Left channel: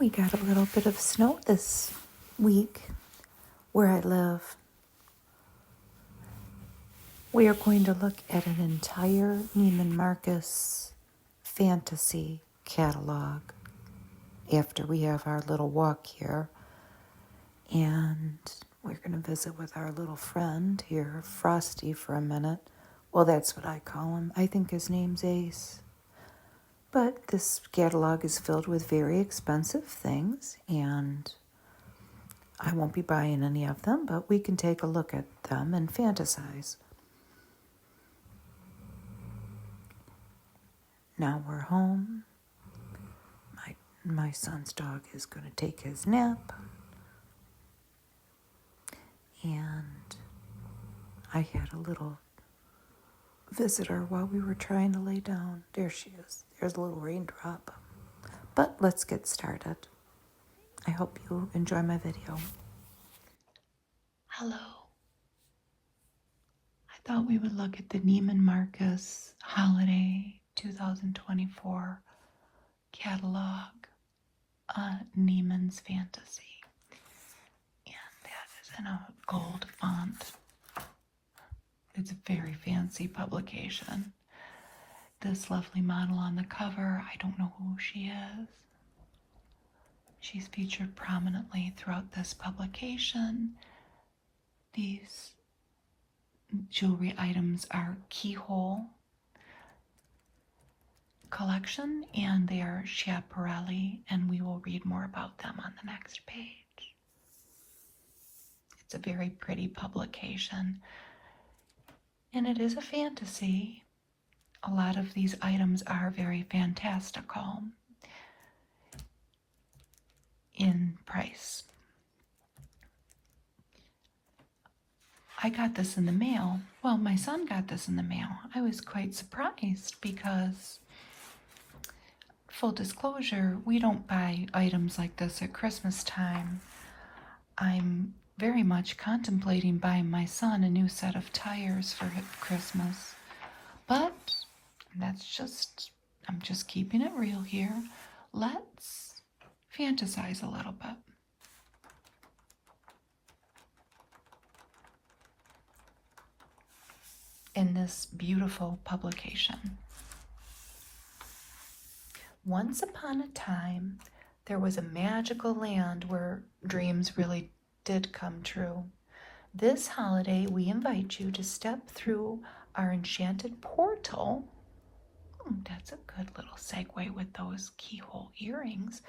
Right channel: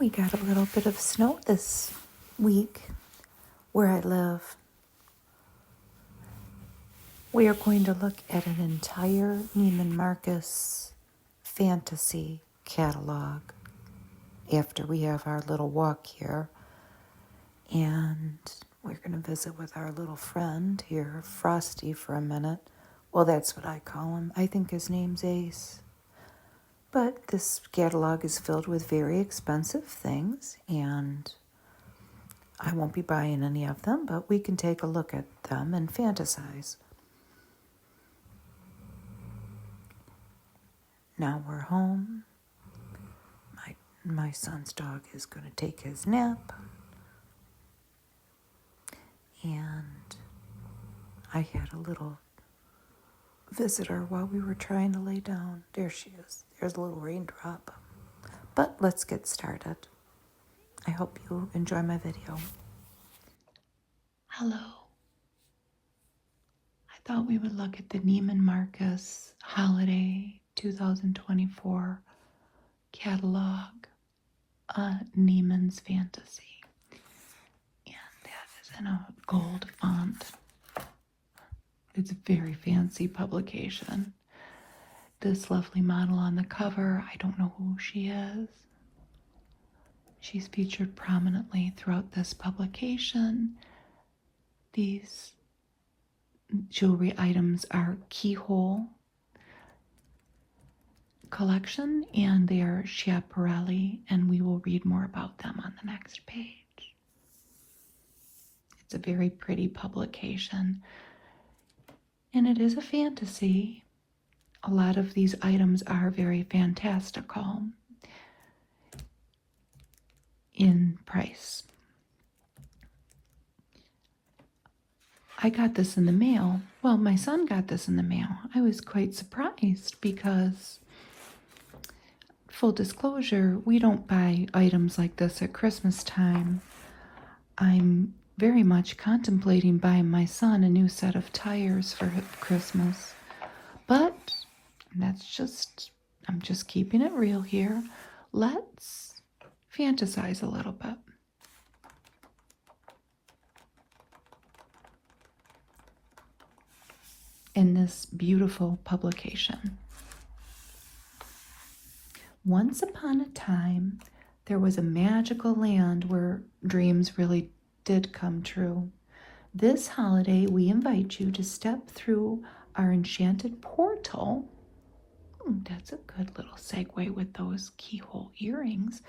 We got a little bit of snow this week where I live. We are going to look at an entire Neiman Marcus Fantasy Catalog after we have our little walk here. And we're going to visit with our little friend here, Frosty, for a minute. Well, that's what I call him. I think his name's Ace. But this catalog is filled with very expensive things, and I won't be buying any of them, but we can take a look at them and fantasize. Now we're home. My son's dog is going to take his nap. And I had a little visitor while we were trying to lay down. There she is. There's a little raindrop. But let's get started. I hope you enjoy my video. Hello. I thought we would look at the Neiman Marcus Holiday 2024 catalog on Neiman's Fantasy. And gold font. It's a very fancy publication. This lovely model on the cover, I don't know who she is. She's featured prominently throughout this publication. These jewelry items are keyhole collection, and they are Schiaparelli, and we will read more about them on the next page. It's a very pretty publication, and it is a fantasy. A lot of these items are very fantastical in price. I got this in the mail. Well, my son got this in the mail. I was quite surprised because, full disclosure, we don't buy items like this at Christmas time. I'm very much contemplating buying my son a new set of tires for Christmas. But I'm just keeping it real here. Let's fantasize a little bit. In this beautiful publication. Once upon a time, there was a magical land where dreams really did come true. This holiday, we invite you to step through our enchanted portal. That's a good little segue with those keyhole earrings,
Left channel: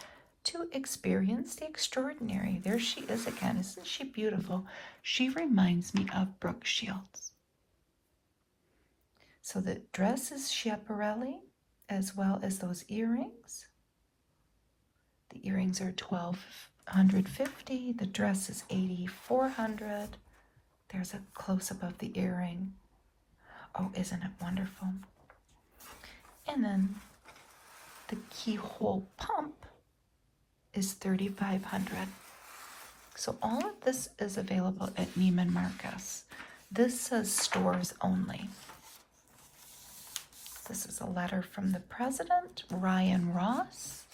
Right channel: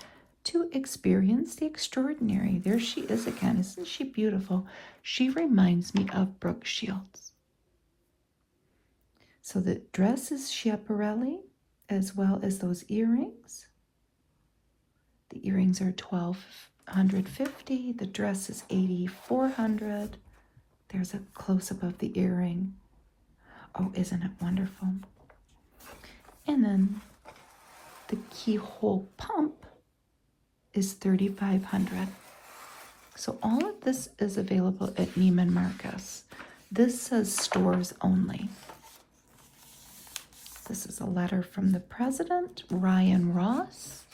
to experience the extraordinary. There she is again. Isn't she beautiful? She reminds me of Brooke Shields. So the dress is Schiaparelli, as well as those earrings. The earrings are $1,250. The dress is $8,400. There's a close-up of the earring. Oh, isn't it wonderful? And then the keyhole pump is $3,500. So all of this is available at Neiman Marcus. This is stores only. This is a letter from the president, Ryan Ross.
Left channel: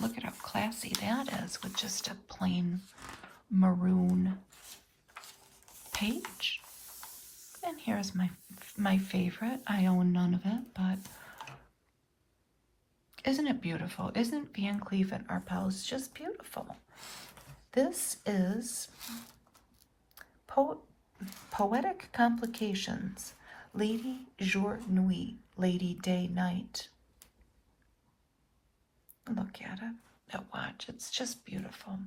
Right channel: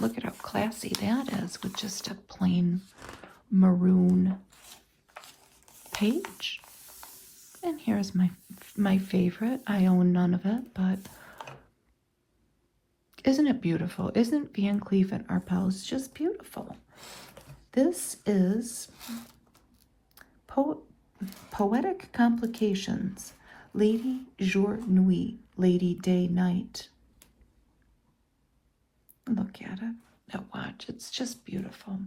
Look at how classy that is with just a plain maroon page. And here's my favorite. I own none of it, but isn't it beautiful? Isn't Cleef and Arpels just beautiful? This is Poetic Complications. Lady Jour Nuit, Lady Day Night. Look at it. You watch. It's just beautiful.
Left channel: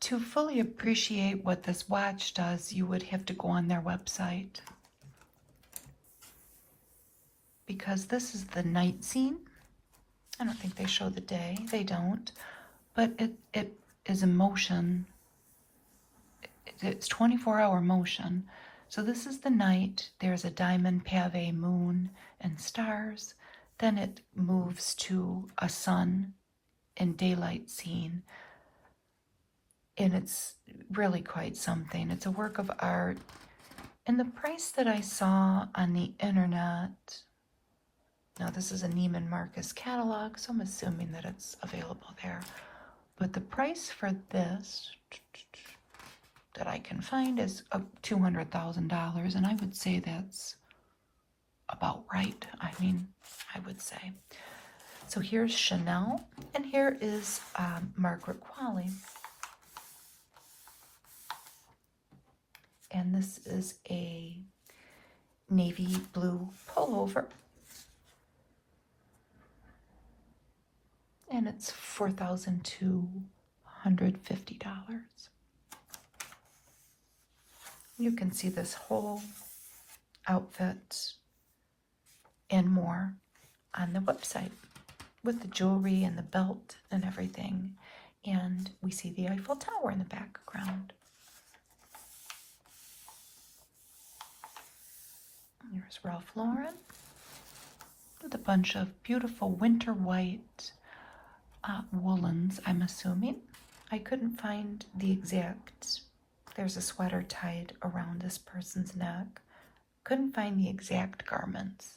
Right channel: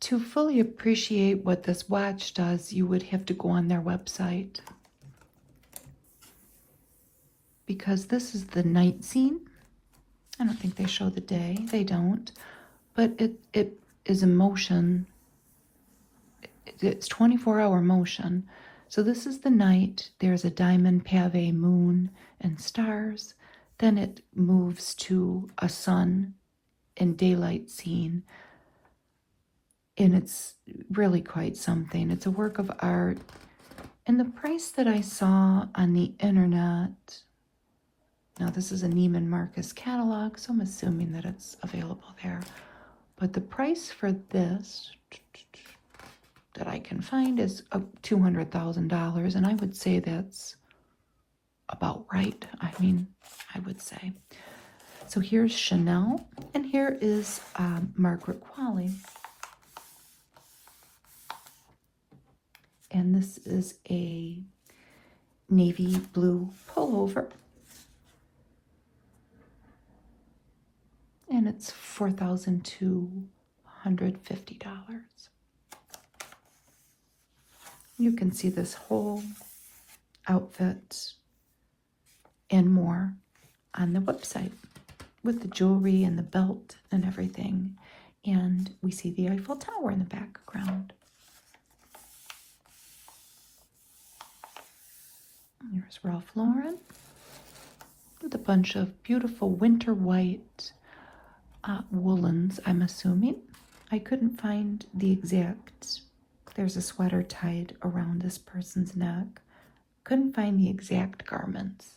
To fully appreciate what this watch does, you would have to go on their website. Because this is the night scene. I don't think they show the day. They don't. But it is in motion. It's 24-hour motion. So this is the night. There's a diamond pave moon and stars. Then it moves to a sun and daylight scene. And it's really quite something. It's a work of art. And the price that I saw on the internet, now this is a Neiman Marcus catalog, so I'm assuming that it's available there. But the price for this that I can find is $200,000, and I would say that's about right. I mean, I would say. So here's Chanel, and here is Marco Qualley. And this is a navy blue pullover. And it's $4,250. You can see this whole outfit and more on the website with the jewelry and the belt and everything. And we see the Eiffel Tower in the background. There's Ralph Lauren with a bunch of beautiful winter white woolens, I'm assuming. I couldn't find the exact. There's a sweater tied around this person's neck. Couldn't find the exact garments,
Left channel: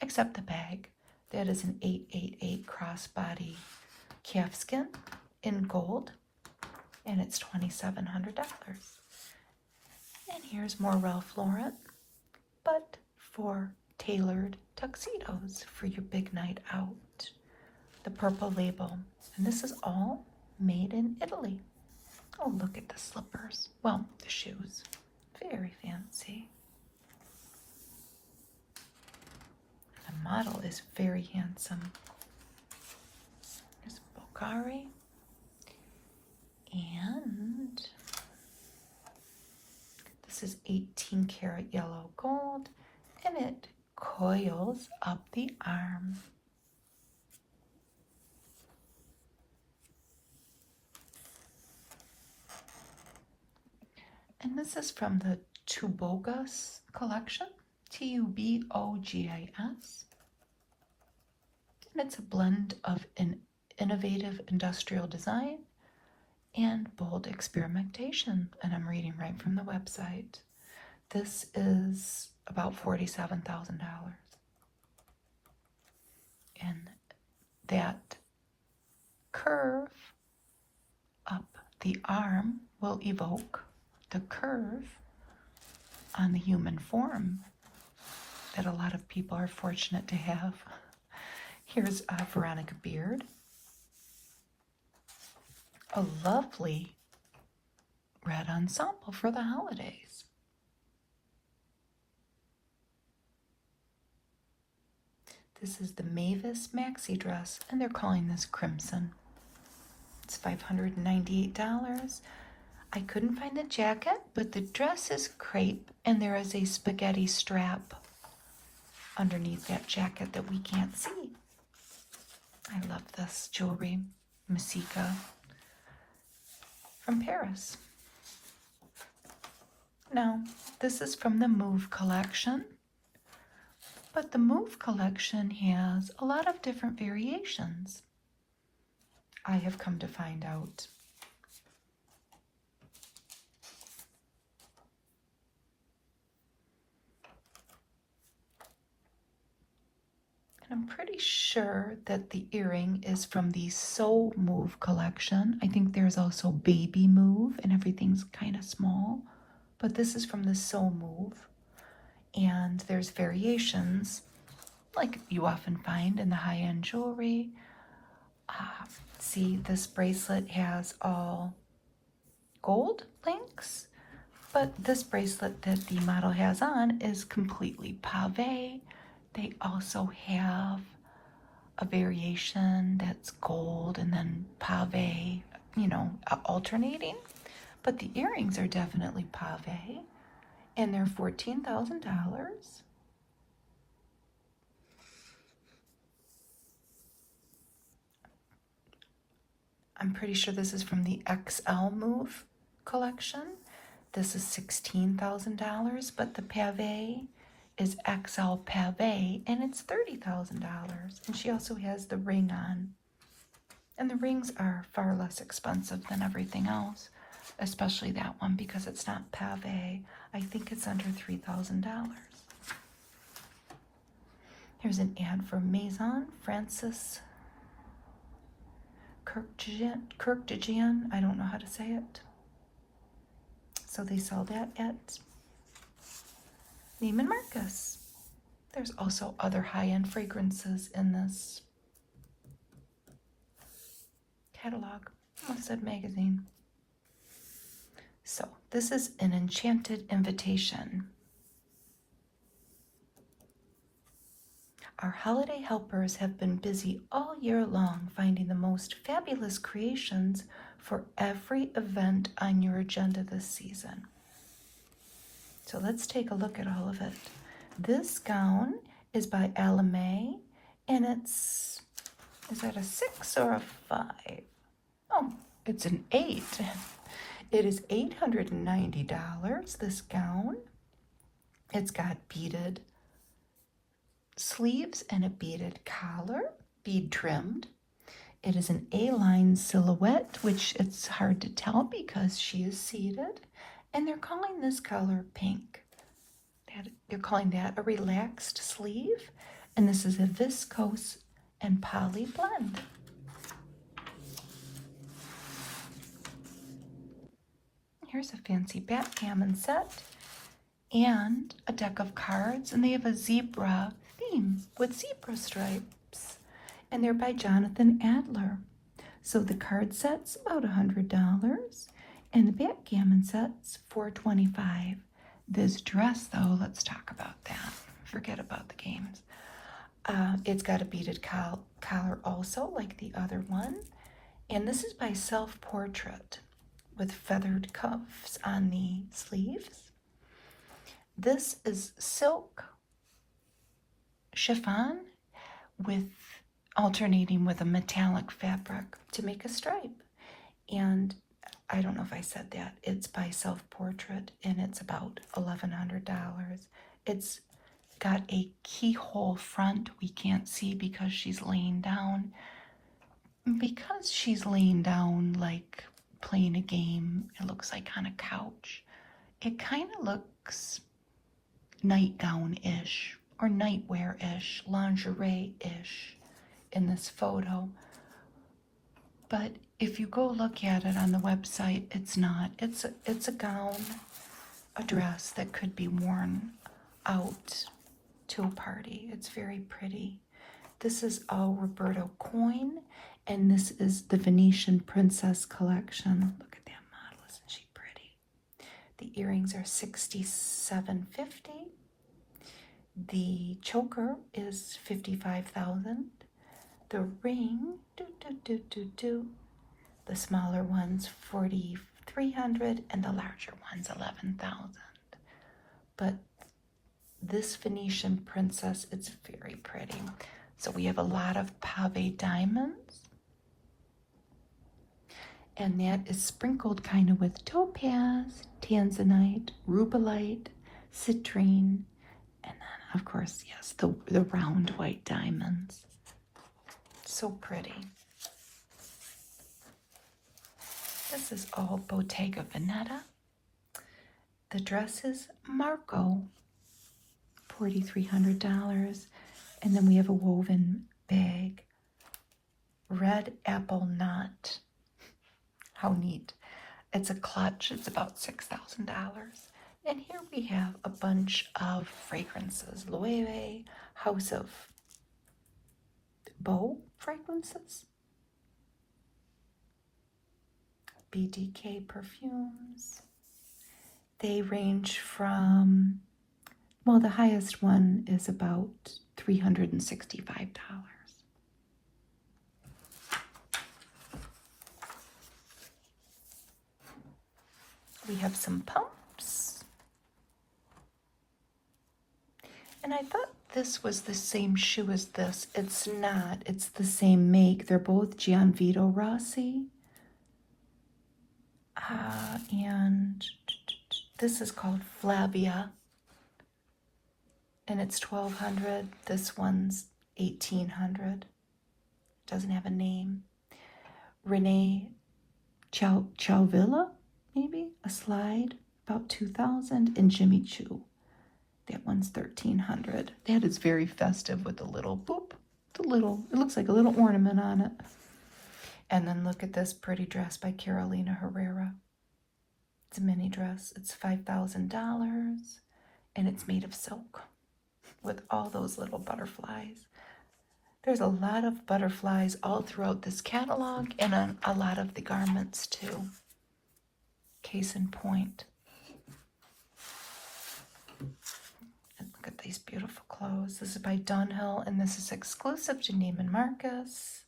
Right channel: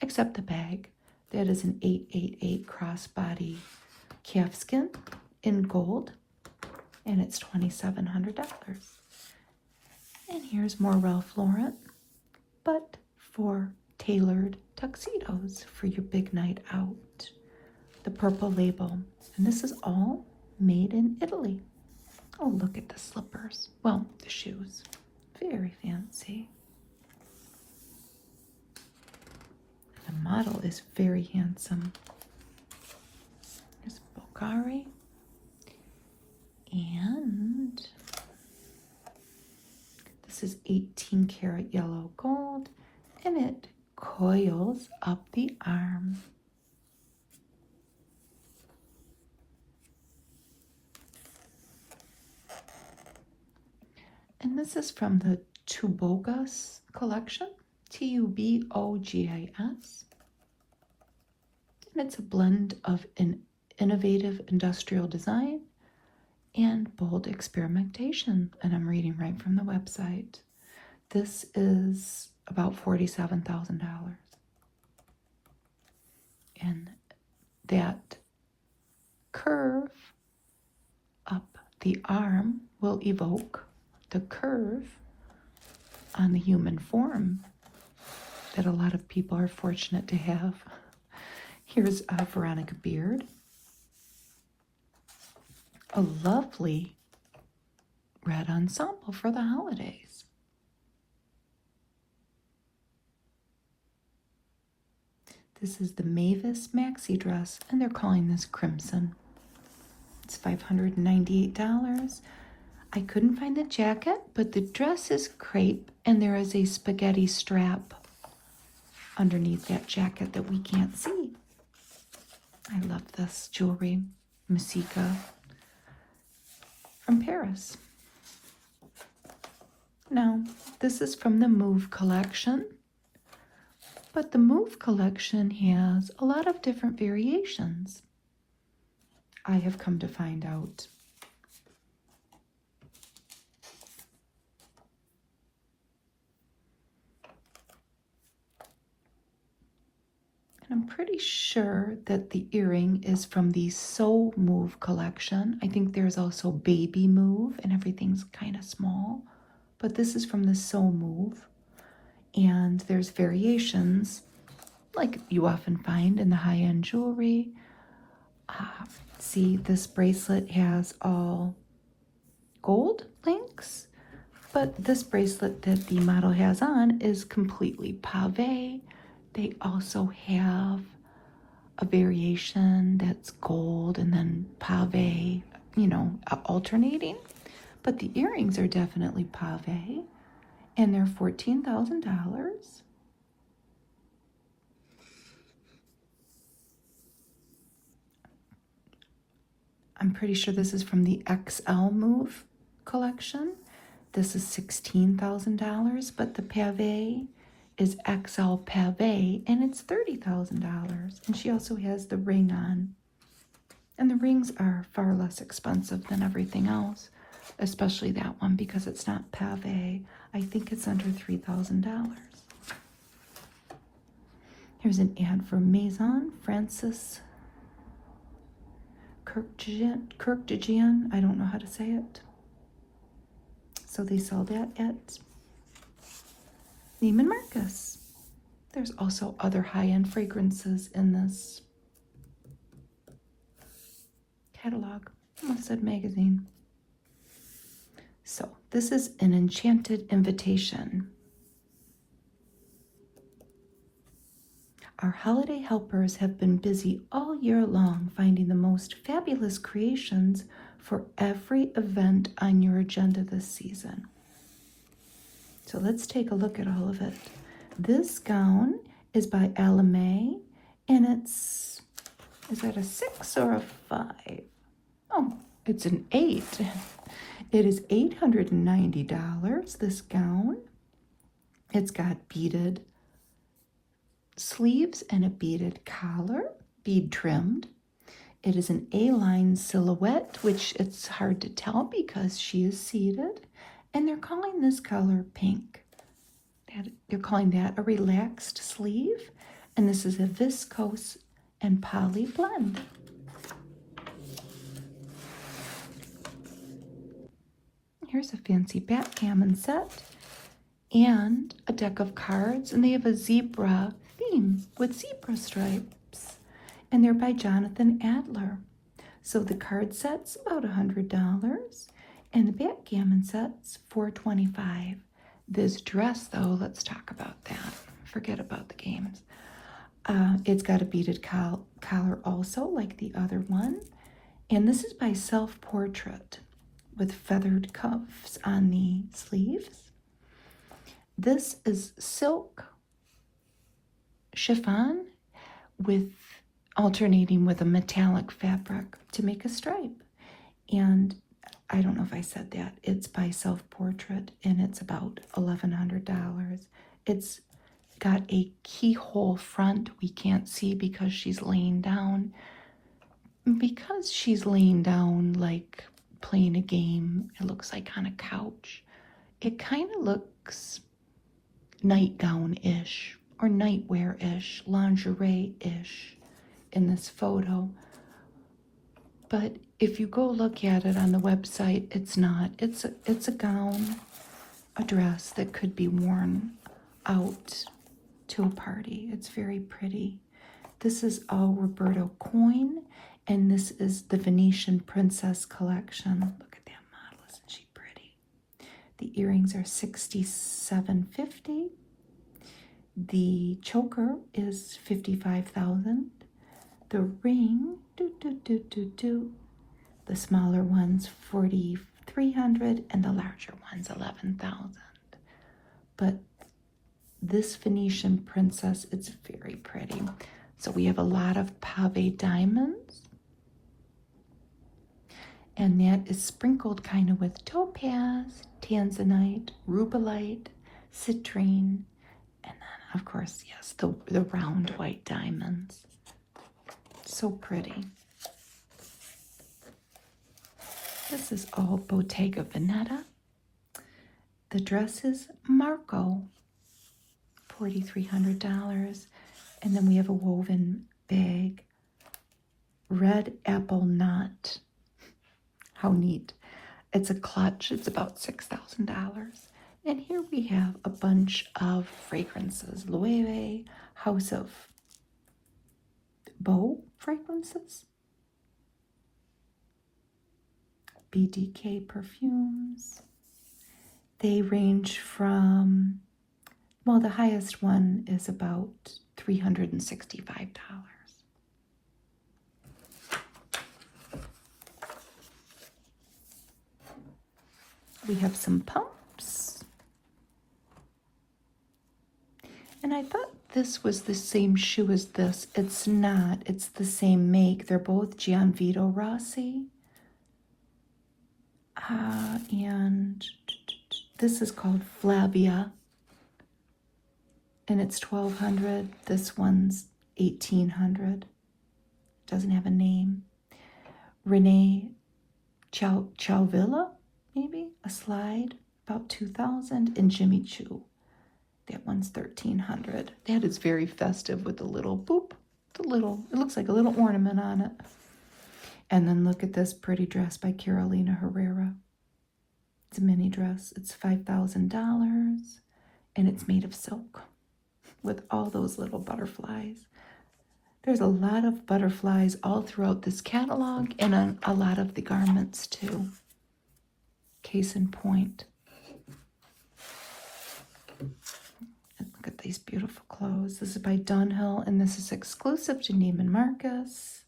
except the bag. That is an 888 crossbody calfskin in gold, and it's $2,700. And here's more Ralph Lauren, but for tailored tuxedos for your big night out. The purple label. And this is all made in Italy. Oh, look at the slippers. Well, the shoes. Very fancy. The model is very handsome. Bulgari. And this is 18 karat yellow gold. And it coils up the arm. And this is from the Tubogas collection, Tubogas. And it's a blend of an innovative industrial design and bold experimentation. And I'm reading right from the website. This is about $47,000. And that curve up the arm will evoke the curve on the human form that a lot of people are fortunate to have. Here's Veronica Beard. A lovely red ensemble for the holidays. This is the Mavis maxi dress, and they're calling this Crimson. It's $598. I couldn't find the jacket, but the dress is crepe, and there is a spaghetti strap underneath that jacket that we can't see. I love this jewelry, Musica in Paris. Now, this is from the Move collection, but the Move collection has a lot of different variations. I have come to find out. I'm pretty sure that the earring is from the So Move collection. I think there's also Baby Move, and everything's kind of small. But this is from the So Move. And there's variations, like you often find in the high-end jewelry. See, this bracelet has all gold links. But this bracelet that the model has on is completely pavé. They also have a variation that's gold and then pavé, alternating. But the earrings are definitely pavé, and they're $14,000. I'm pretty sure this is from the XL Move collection. This is $16,000, but the pavé is XL pavé, and it's $30,000. And she also has the ring on. And the rings are far less expensive than everything else, especially that one because it's not pavé. I think it's under $3,000. Here's an ad for Maison Francis Kurkdjian. I don't know how to say it. So they sold that at Neiman Marcus. There's also other high-end fragrances in this catalog. It's a magazine. So this is an enchanted invitation. Our holiday helpers have been busy all year long finding the most fabulous creations for every event on your agenda this season. So let's take a look at all of it. This gown is by Alame, and is that a 6 or a 5? Oh, it's an 8. It is $890, this gown. It's got beaded sleeves and a beaded collar, bead trimmed. It is an A-line silhouette, which it's hard to tell because she is seated. And they're calling this color pink. They're calling that a relaxed sleeve. And this is a viscose and poly blend. Here's a fancy backgammon set and a deck of cards. And they have a zebra themes with zebra stripes. And they're by Jonathan Adler. So the card set's about $100. And the backgammon set's $425. This dress, though, let's talk about that. Forget about the games. It's got a beaded collar also, like the other one. And this is by Self Portrait with feathered cuffs on the sleeves. This is silk chiffon with alternating with a metallic fabric to make a stripe. And I don't know if I said that. It's by Self Portrait, and it's about $1,100. It's got a keyhole front we can't see because she's laying down. Because she's laying down like playing a game, it looks like on a couch. It kind of looks nightgown-ish or nightwear-ish, lingerie-ish in this photo. But if you go look at it on the website, it's not. It's a gown, a dress that could be worn out to a party. It's very pretty. This is all Roberto Coin, and this is the Venetian Princess collection. Look at that model, isn't she pretty? The earrings are $67.50. The choker is $55,000. The ring, the smaller one's $4,300, and the larger one's $11,000. But this Venetian Princess, it's very pretty. So we have a lot of pave diamonds. And that is sprinkled kind of with topaz, tanzanite, rubellite, citrine, and then, of course, yes, the round white diamonds. So pretty. This is the Bottega Veneta. The dress is Marco, $4,300. And then we have a woven bag, red apple nut. How neat. It's a clutch. It's about $6,000. And here we have a bunch of fragrances. Loewe, House of Vogue fragrances. BDK perfumes. They range from, well, the highest one is about $365. We have some pumps. And I thought this was the same shoe as this. It's not. It's the same make. They're both Gianvito Rossi. And this is called Flavia. And it's $1,200. This one's $1,800. Doesn't have a name. Renee Ciavilla, maybe? A slide. about $2,000. And Jimmy Choo, that one's $1,300. That is very festive with a little boop. It looks like a little ornament on it. And then look at this pretty dress by Carolina Herrera. It's a mini dress. It's $5,000. And it's made of silk with all those little butterflies. There's a lot of butterflies all throughout this catalog and on a lot of the garments too. Case in point. With these beautiful clothes. This is by Dunhill and this is exclusive to Neiman Marcus.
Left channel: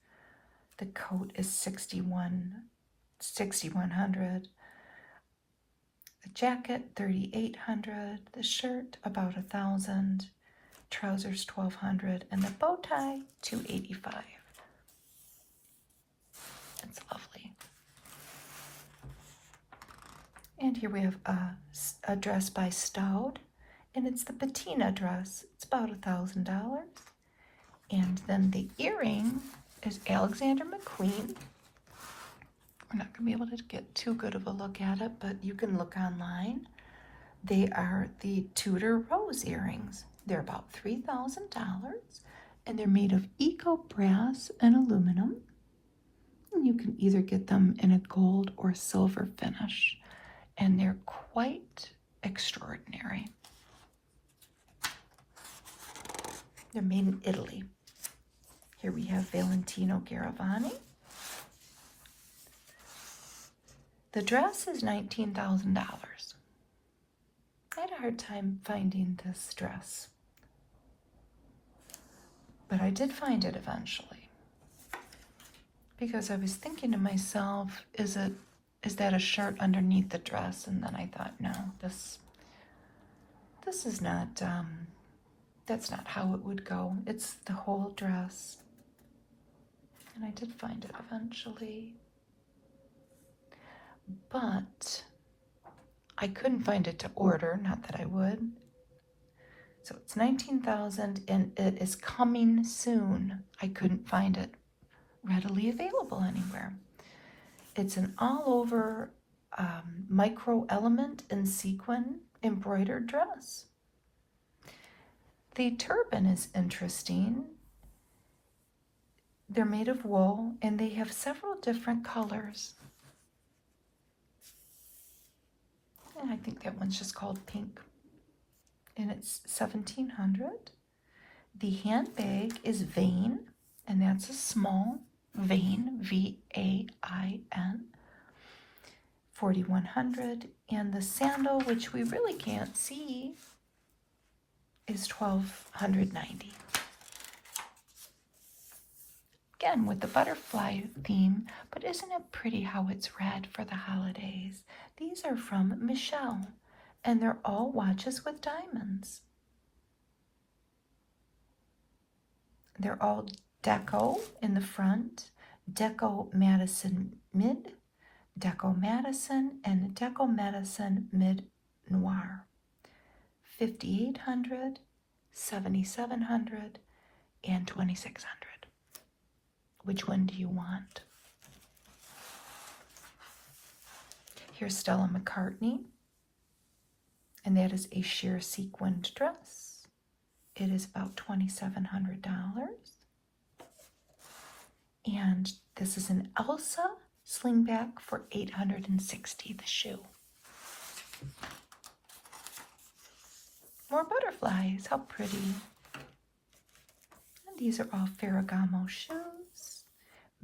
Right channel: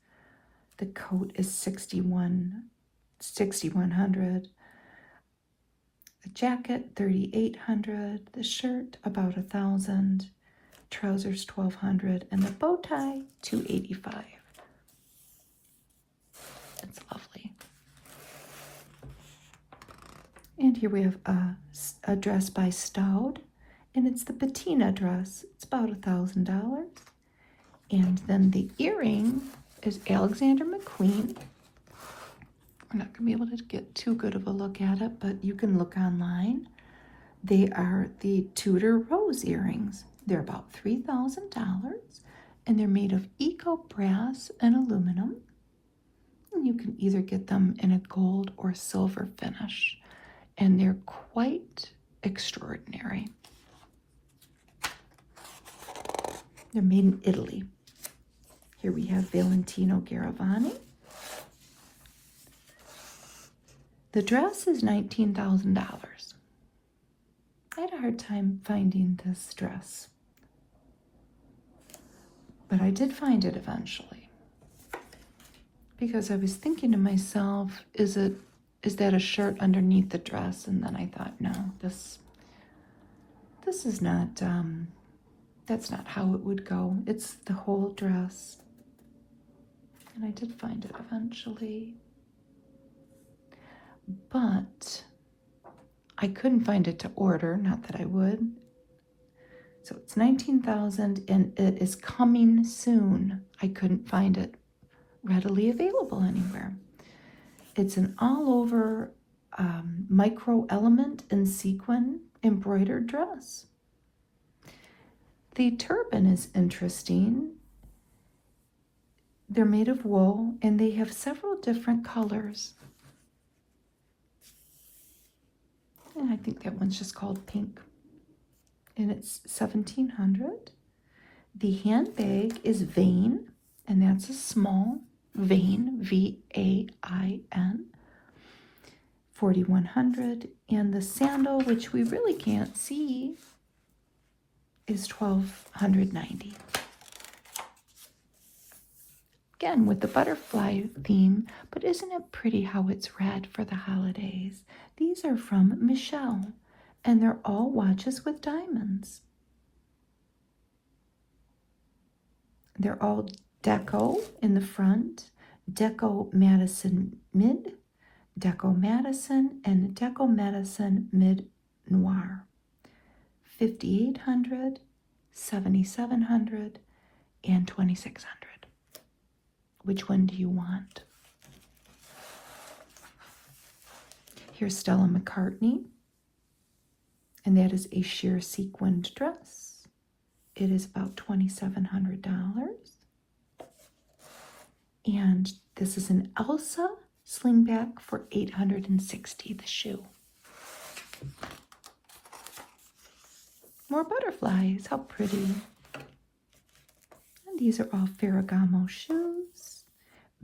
The coat is $6,100. The jacket $3,800. The shirt about $1,000. Trousers $1,200 and the bow tie $285. That's lovely. And here we have a dress by Staud, and it's the patina dress. It's about $1,000. And then the earring is Alexander McQueen. I'm not gonna be able to get too good of a look at it, but you can look online. They are the Tudor rose earrings. They're about $3,000 and they're made of eco brass and aluminum. And you can either get them in a gold or silver finish. And they're quite extraordinary. They're made in Italy. Here we have Valentino Garavani. The dress is $19,000. I had a hard time finding this dress, but I did find it eventually, because I was thinking to myself, is that a shirt underneath the dress? And then I thought, no, this is not, that's not how it would go. It's the whole dress. And I did find it eventually, but I couldn't find it to order, not that I would. So it's $19,000 and it is coming soon. I couldn't find it readily available anywhere. It's an all over micro element and sequin embroidered dress. The turban is interesting. They're made of wool and they have several different colors. And I think that one's just called pink. And it's $1,700. The handbag is Vain, and that's a small Vain, V-A-I-N, $4,100. And the sandal, which we really can't see, is $1,290. Again, with the butterfly theme, but isn't it pretty how it's red for the holidays? These are from Michelle, and they're all watches with diamonds. They're all deco in the front, deco Madison mid, deco Madison, and deco Madison mid noir. $5,800, $7,700, and $2,600. Which one do you want? Here's Stella McCartney, and that is a sheer sequined dress. It is about $2,700. And this is an Elsa swingback for $860, the shoe. More butterflies, how pretty. These are all Ferragamo shoes.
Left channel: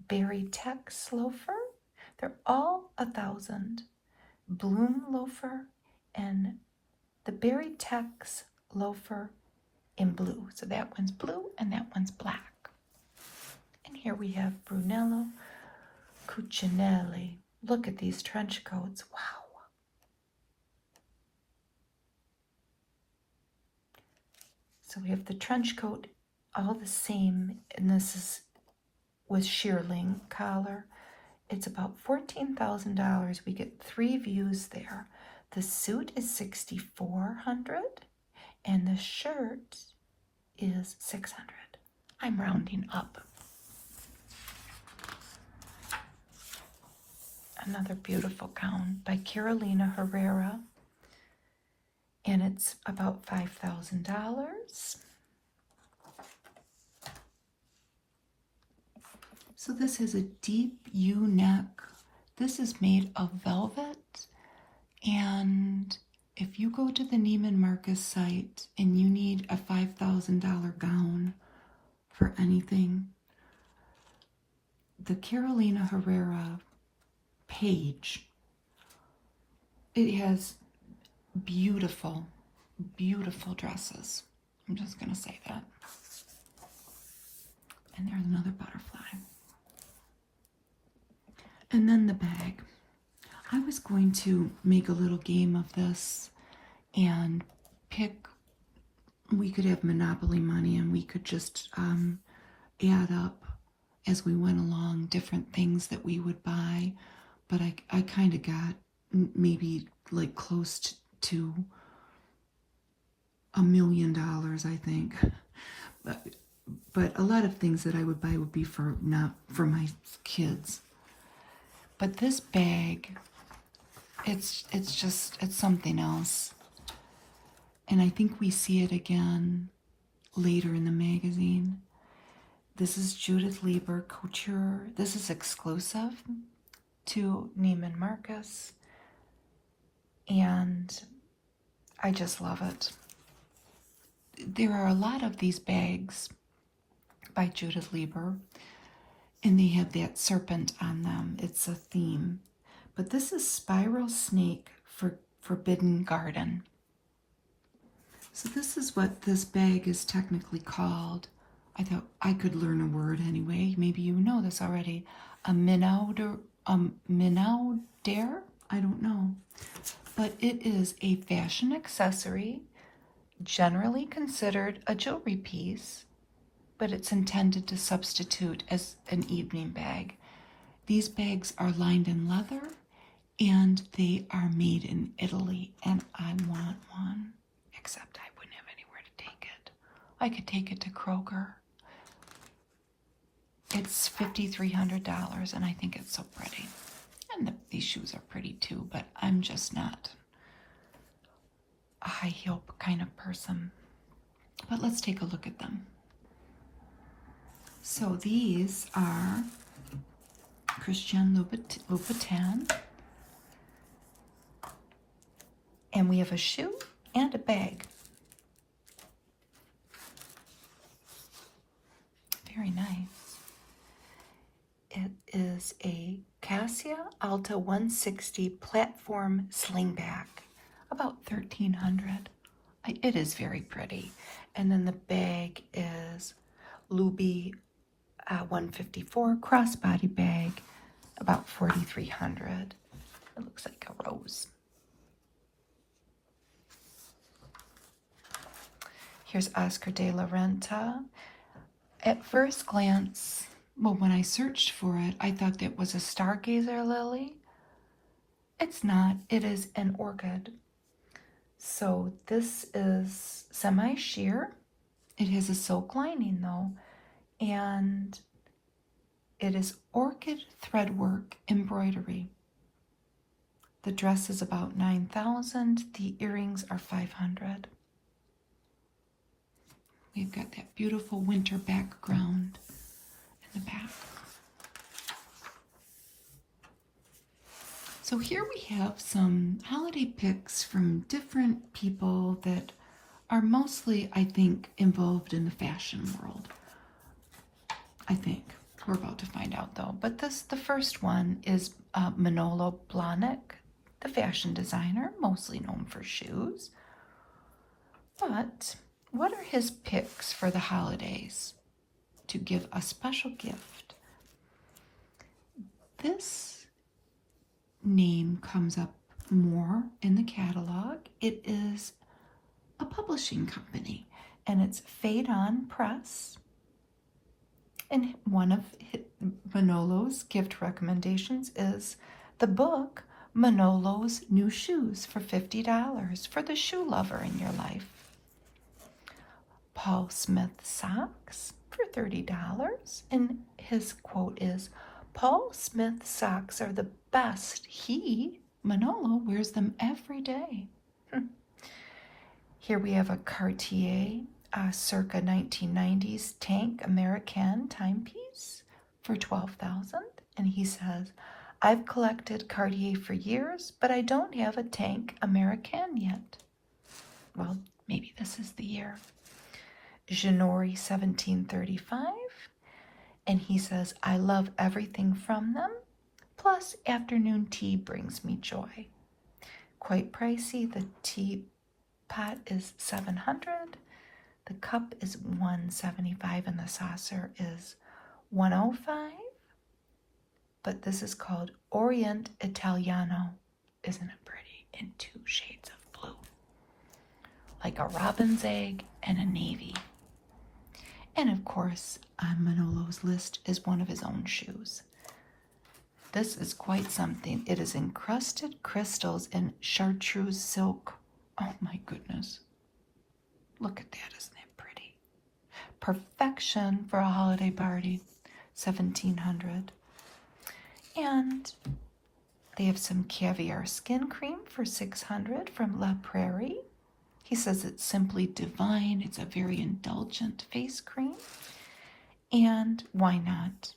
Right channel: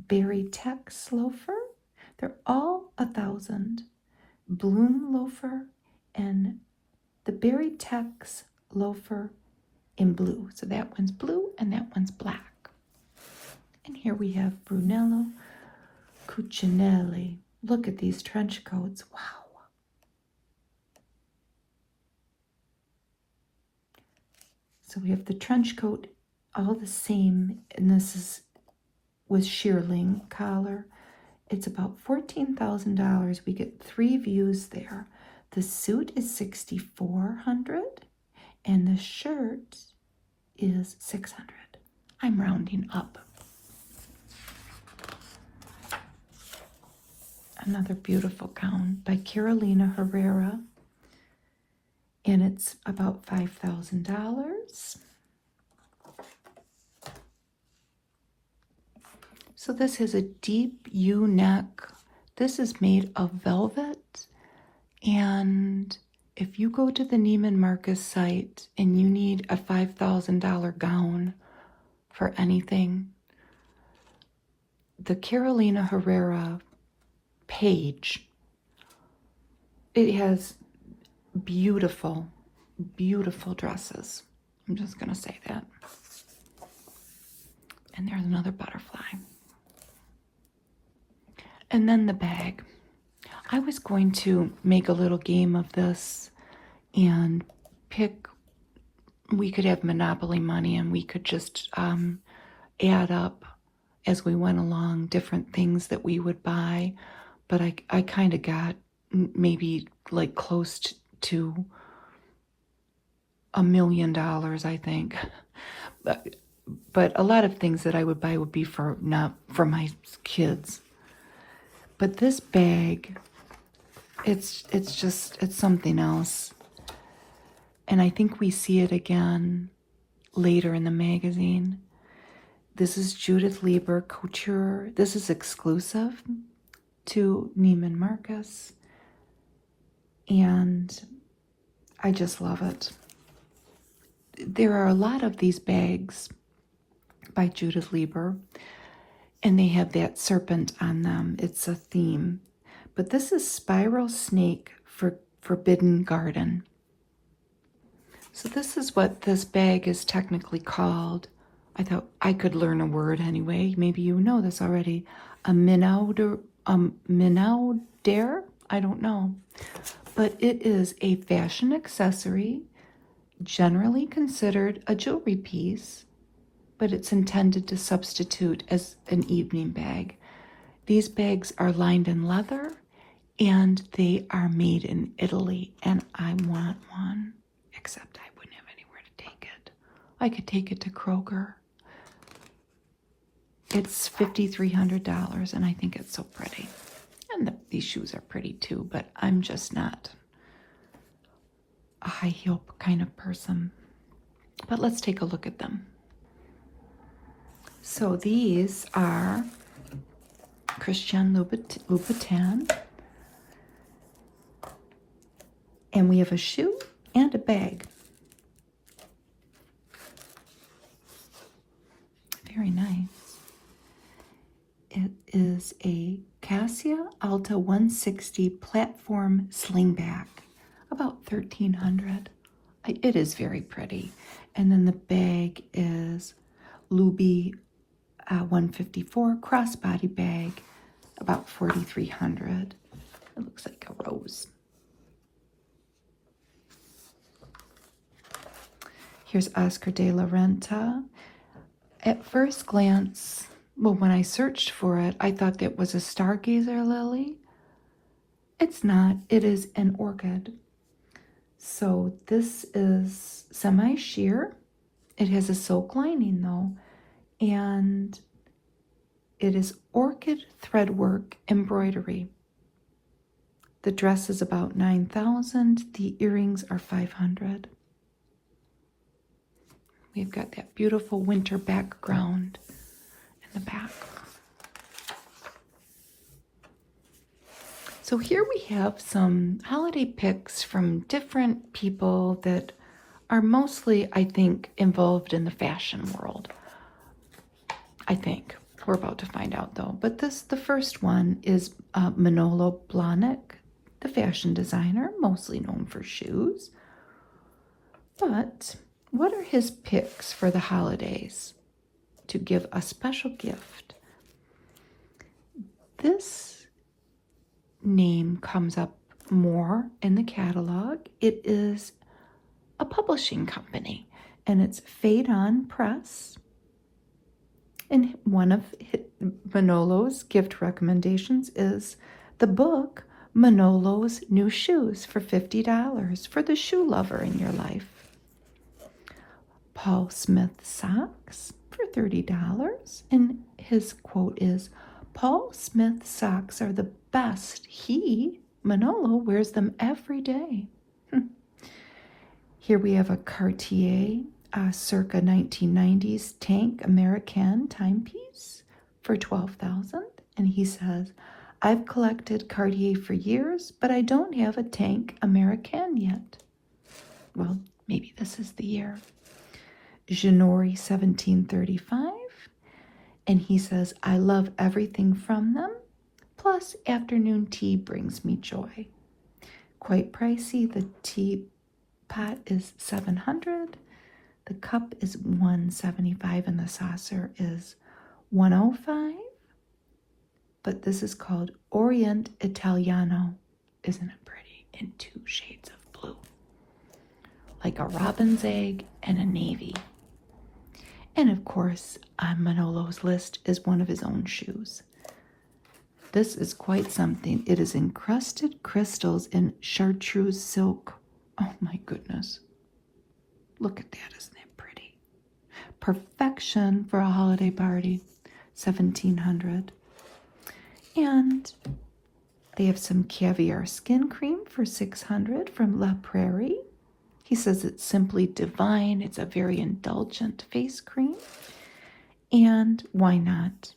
Berry Tex loafer. They're all $1,000. Bloom loafer and the Berry Tex loafer in blue. So that one's blue and that one's black. And here we have Brunello Cucinelli. Look at these trench coats. Wow. So we have the trench coat, all the same, and this is with shearling collar. It's about $14,000. We get 3 views there. The suit is $6,400 and the shirt is $600. I'm rounding up. Another beautiful gown by Carolina Herrera. and it's about $5,000. So this has a deep U neck. This is made of velvet, and if you go to the Neiman Marcus site and you need a $5,000 gown for anything, the Carolina Herrera page, it has beautiful, beautiful dresses. I'm just going to say that. And there's another butterfly. And then the bag. I was going to make a little game of this and pick, we could have Monopoly money and we could just add up as we went along different things that we would buy. But I kind of got maybe like close to $1 million, I think. But a lot of things that I would buy would be for not for my kids. But this bag, it's something else. And I think we see it again later in the magazine. This is Judith Lieber Couture. This is exclusive to Neiman Marcus. And I just love it. There are a lot of these bags by Judith Lieber, and they have that serpent on them. It's a theme. But this is Spiral Snake for Forbidden Garden. So this is what this bag is technically called. I thought I could learn a word anyway. Maybe you know this already. A minauder, I don't know. But it is a fashion accessory, generally considered a jewelry piece, but it's intended to substitute as an evening bag. These bags are lined in leather, and they are made in Italy, and I want one, except I wouldn't have anywhere to take it. I could take it to Kroger. It's $5,300, and I think it's so pretty. And these shoes are pretty too, but I'm just not a high heel kind of person. But let's take a look at them. So these are Christian Louboutin. And we have a shoe and a bag. Very nice. It is a Cassia Alta 160 platform slingback, about $1,300. It is very pretty. And then the bag is Luby 154 crossbody bag, about $4,300. It looks like a rose. Here's Oscar de la Renta. At first glance, well, when I searched for it, I thought that was a stargazer lily. It's not. It is an orchid. So this is semi-sheer. It has a silk lining though, and it is orchid threadwork embroidery. The dress is about $9,000. The earrings are $500. We've got that beautiful winter background in the back. So here we have some holiday picks from different people that are mostly, I think, involved in the fashion world. I think. We're about to find out though. But the first one is Manolo Blahnik, the fashion designer, mostly known for shoes. But what are his picks for the holidays to give a special gift? This name comes up more in the catalog. It is a publishing company, and it's Fade On Press. And one of Manolo's gift recommendations is the book Manolo's New Shoes for $50 for the shoe lover in your life. Paul Smith socks for $30. And his quote is, Paul Smith socks are the best. Manolo, wears them every day. Here we have a Cartier circa 1990s tank American timepiece for $12,000. And he says, I've collected Cartier for years, but I don't have a tank American yet. Well, maybe this is the year. January 1735. And he says, I love everything from them. Plus, afternoon tea brings me joy. Quite pricey. The teapot is $700. The cup is $175 and the saucer is $105. But this is called Orient Italiano. Isn't it pretty? In 2 shades of blue. Like a robin's egg and a navy. And of course, on Manolo's list is one of his own shoes. This is quite something. It is encrusted crystals in chartreuse silk. Oh my goodness. Look at that, isn't it pretty? Perfection for a holiday party. $1,700. And they have some caviar skin cream for $600 from La Prairie. He says it's simply divine. It's a very indulgent face cream. And why not?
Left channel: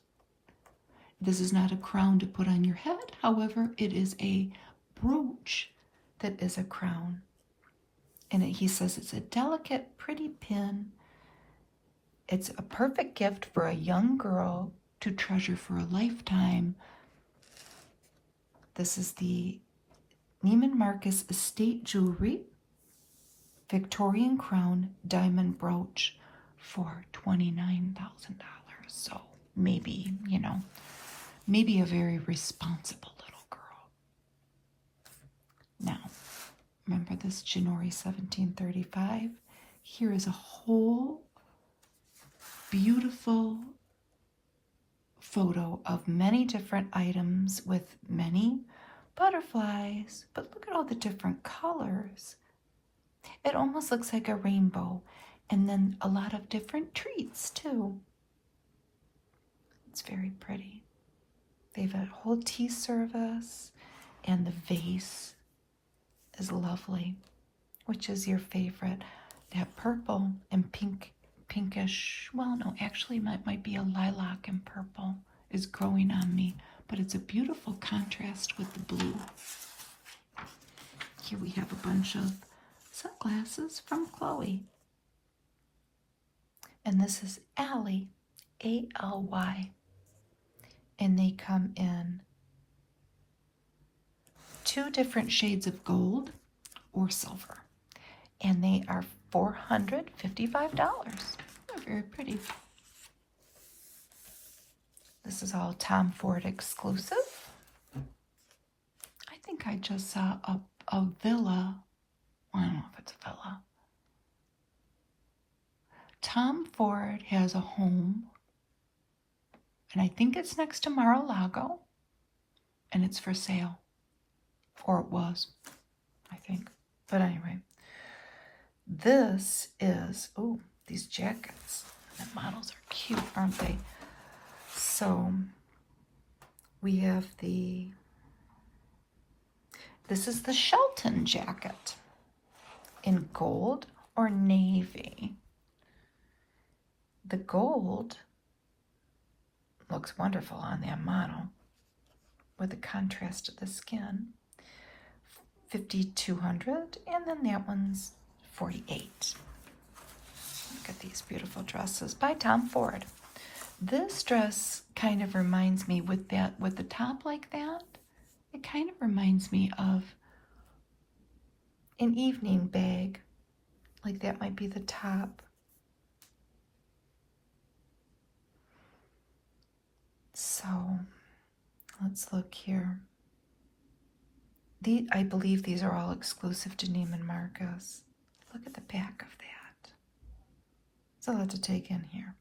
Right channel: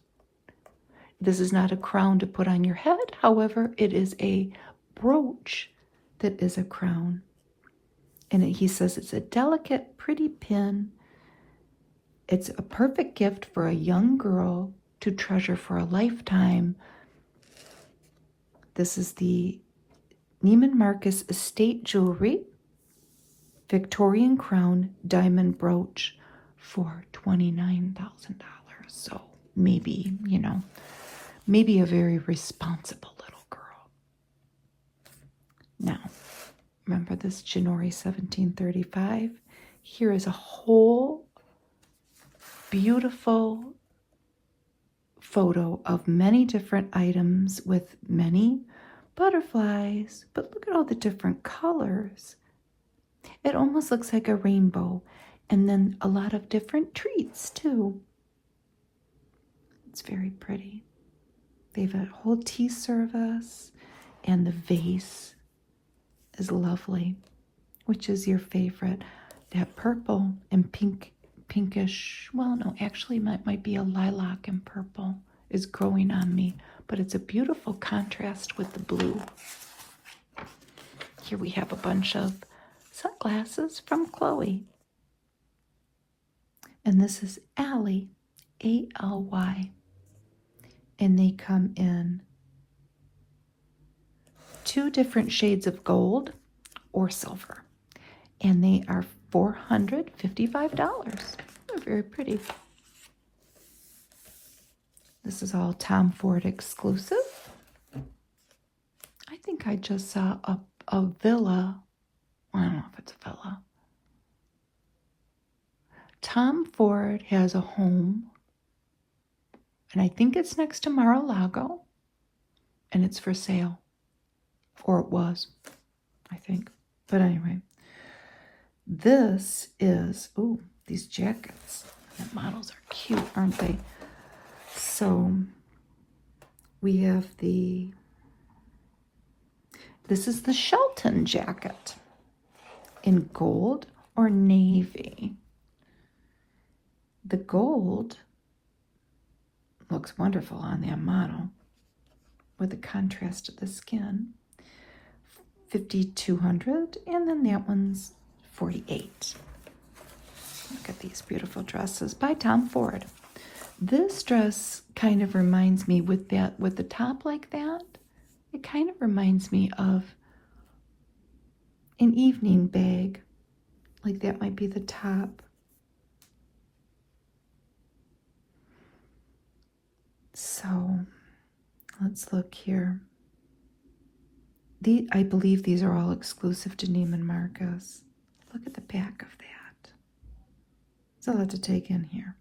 This is not a crown to put on your head. However, it is a brooch that is a crown. And he says it's a delicate, pretty pin. It's a perfect gift for a young girl to treasure for a lifetime. This is the Neiman Marcus Estate Jewelry Victorian Crown Diamond Brooch for $29,000. So maybe, maybe a very responsible little girl. Now, remember this January 1735? Here is a whole beautiful photo of many different items with many butterflies. But look at all the different colors. It almost looks like a rainbow. And then a lot of different treats too. It's very pretty. They have a whole tea service. And the vase is lovely. Which is your favorite? That purple and pinkish, well, no, actually that might be a lilac and purple is growing on me, but it's a beautiful contrast with the blue. Here we have a bunch of sunglasses from Chloe. And this is Ally, E-L-Y. And they come in 2 different shades of gold or silver. And they are $455. They're very pretty. This is all Tom Ford exclusive. I think I just saw a villa. I don't know if it's a villa. Tom Ford has a home, and I think it's next to Mar-a-Lago, and it's for sale. Or it was, I think. But anyway. This is, oh, these jackets. Those are cute, aren't they? So, we have this is the Shelton jacket in gold or navy. The gold looks wonderful on that model with the contrast of the skin. $5,200, and then that one's $48. Look at these beautiful dresses by Tom Ford. This dress kind of reminds me with the top like that. It kind of reminds me of an evening bag. Like that might be the top. So let's look here. I believe these are all exclusive to Neiman Marcus. Look at the back of that. It's a lot to take in here.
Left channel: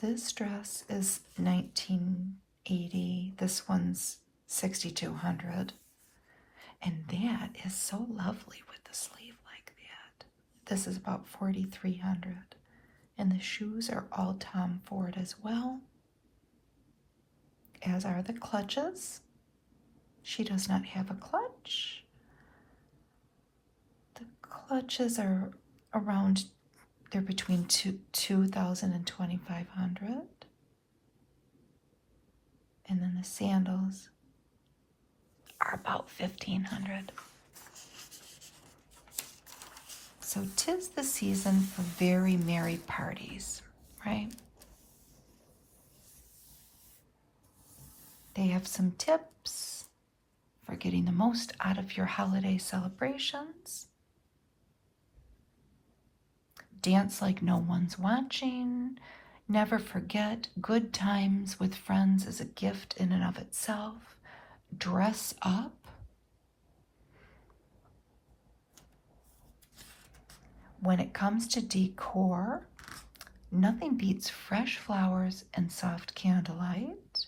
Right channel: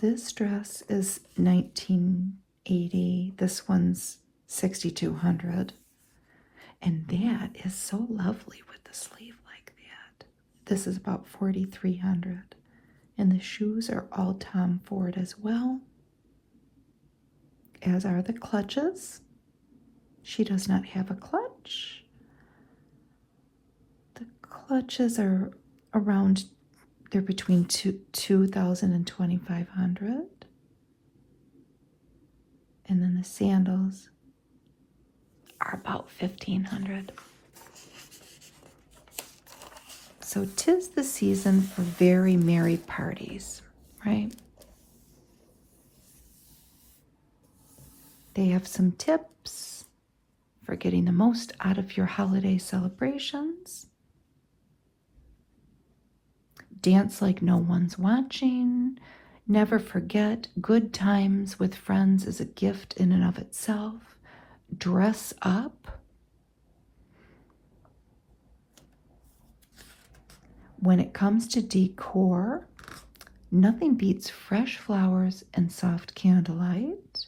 This dress is $1,980. This one's $6,200. And that is so lovely with the sleeve like that. This is about $4,300. And the shoes are all Tom Ford as well. As are the clutches. She does not have a clutch. clutches are around, they're between 2,000 and 2,500. And then the sandals are about 1,500. So 'tis the season for very merry parties, right? They have some tips for getting the most out of your holiday celebrations. Dance like no one's watching. Never forget, good times with friends is a gift in and of itself. Dress up. When it comes to decor, nothing beats fresh flowers and soft candlelight.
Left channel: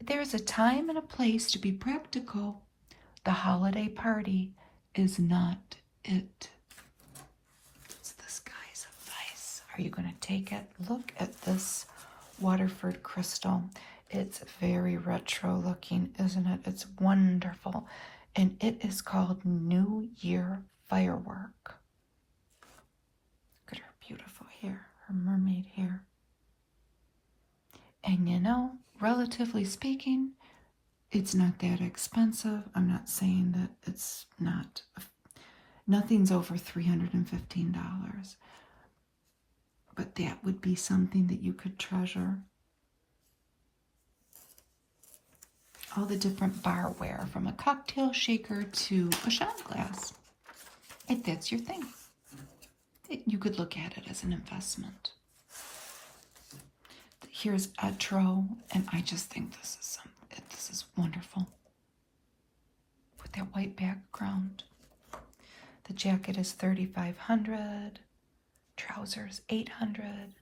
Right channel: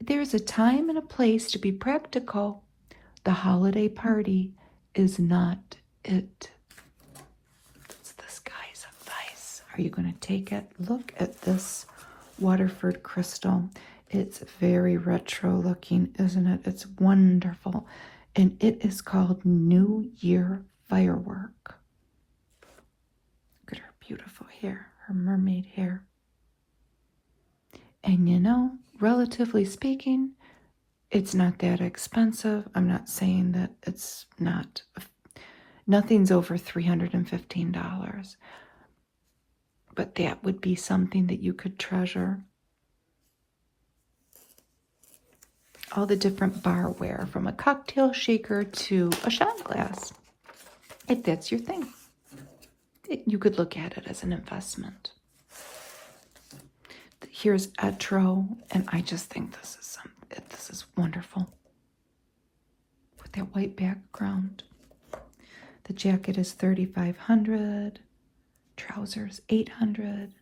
There's a time and a place to be practical. The holiday party is not it. It's the skies of ice. Are you going to take it? Look at this Waterford crystal. It's very retro looking, isn't it? It's wonderful. And it is called New Year Firework. Look at her beautiful hair, her mermaid hair. And you know, relatively speaking, it's not that expensive. I'm not saying that it's not. Nothing's over $315. But that would be something that you could treasure. All the different barware, from a cocktail shaker to a shot glass. If that's your thing, you could look at it as an investment. Here's Etro, and I just think this is wonderful. That white background. The jacket is $3,500, trousers $800,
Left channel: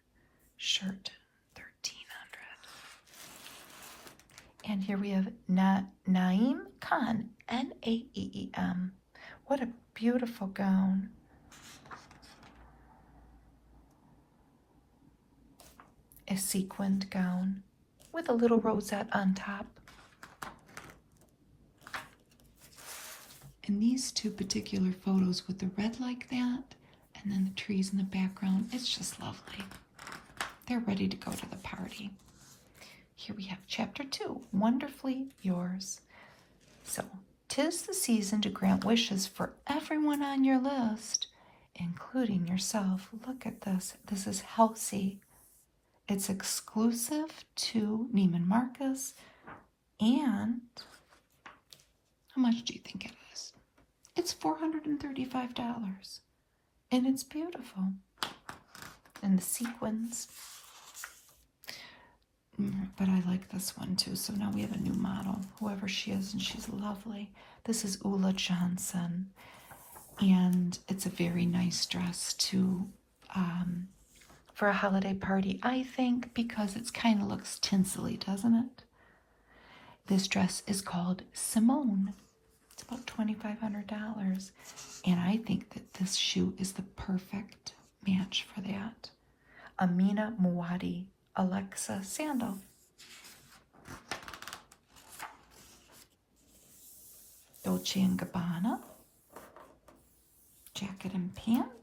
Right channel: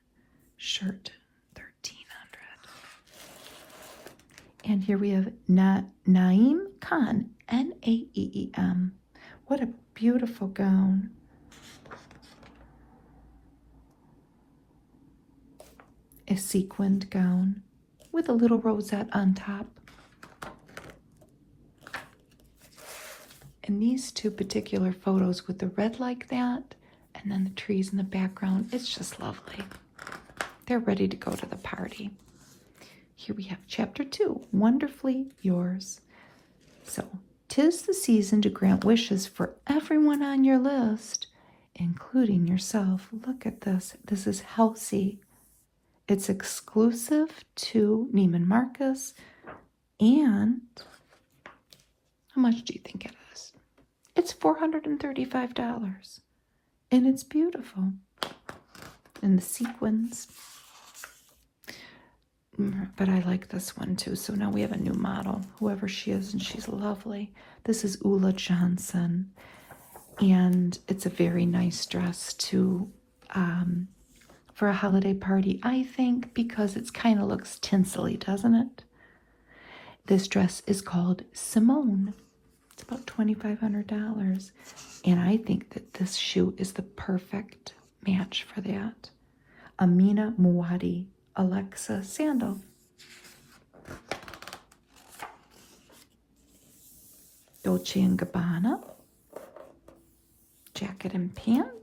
shirt $1,300. And here we have Naeem Khan, Naeem. What a beautiful gown. A sequined gown with a little rosette on top. And these two particular photos with the red like that, and then the trees in the background, it's just lovely. They're ready to go to the party. Here we have chapter 2, Wonderfully Yours. So, 'tis the season to grant wishes for everyone on your list, including yourself. Look at this. This is Halsey. It's exclusive to Neiman Marcus. And how much do you think it is? It's $435. And it's beautiful. And the sequins. But I like this one too. So now we have a new model, whoever she is, and she's lovely. This is Ula Johnson. And it's a very nice dress to for a holiday party, I think, because it kind of looks tinsely, doesn't it? This dress is called Simone. It's about $2,500. And I think that this shoe is the perfect match for that. Amina Muadi, Alexa sandal. Dolce & Gabbana. Jacket and pants.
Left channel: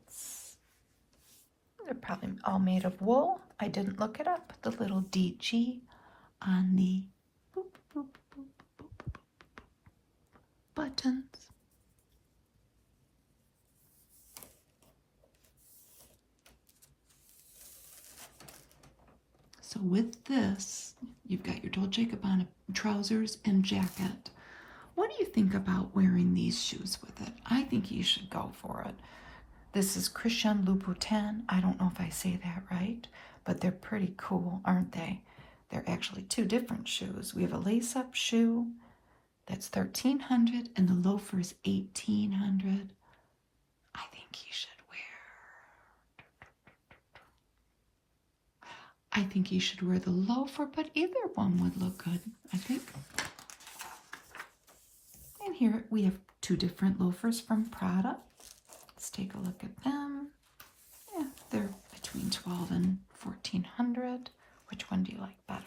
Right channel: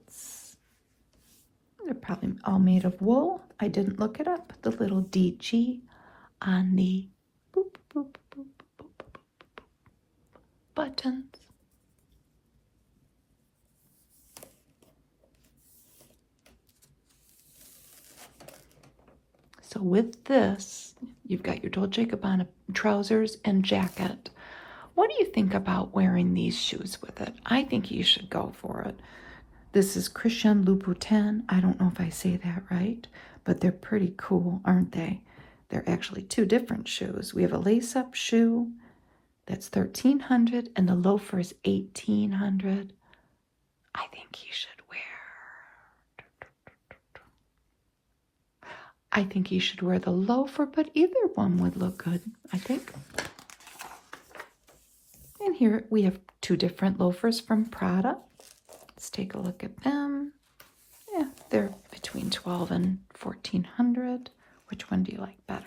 They're probably all made of wool. I didn't look it up. The little DG on the boop, boop, boop, boop, boop, boop, buttons. So with this, you've got your Dolce & Gabbana trousers and jacket. What do you think about wearing these shoes with it? I think you should go for it. This is Christian Louboutin. I don't know if I say that right, but they're pretty cool, aren't they? They're actually two different shoes. We have a lace-up shoe that's $1,300, and the loafer is $1,800. I think you should wear the loafer, but either one would look good, I think. And here we have two different loafers from Prada. Let's take a look at them. Yeah, they're between $1,200 and $1,400. Which one do you like better?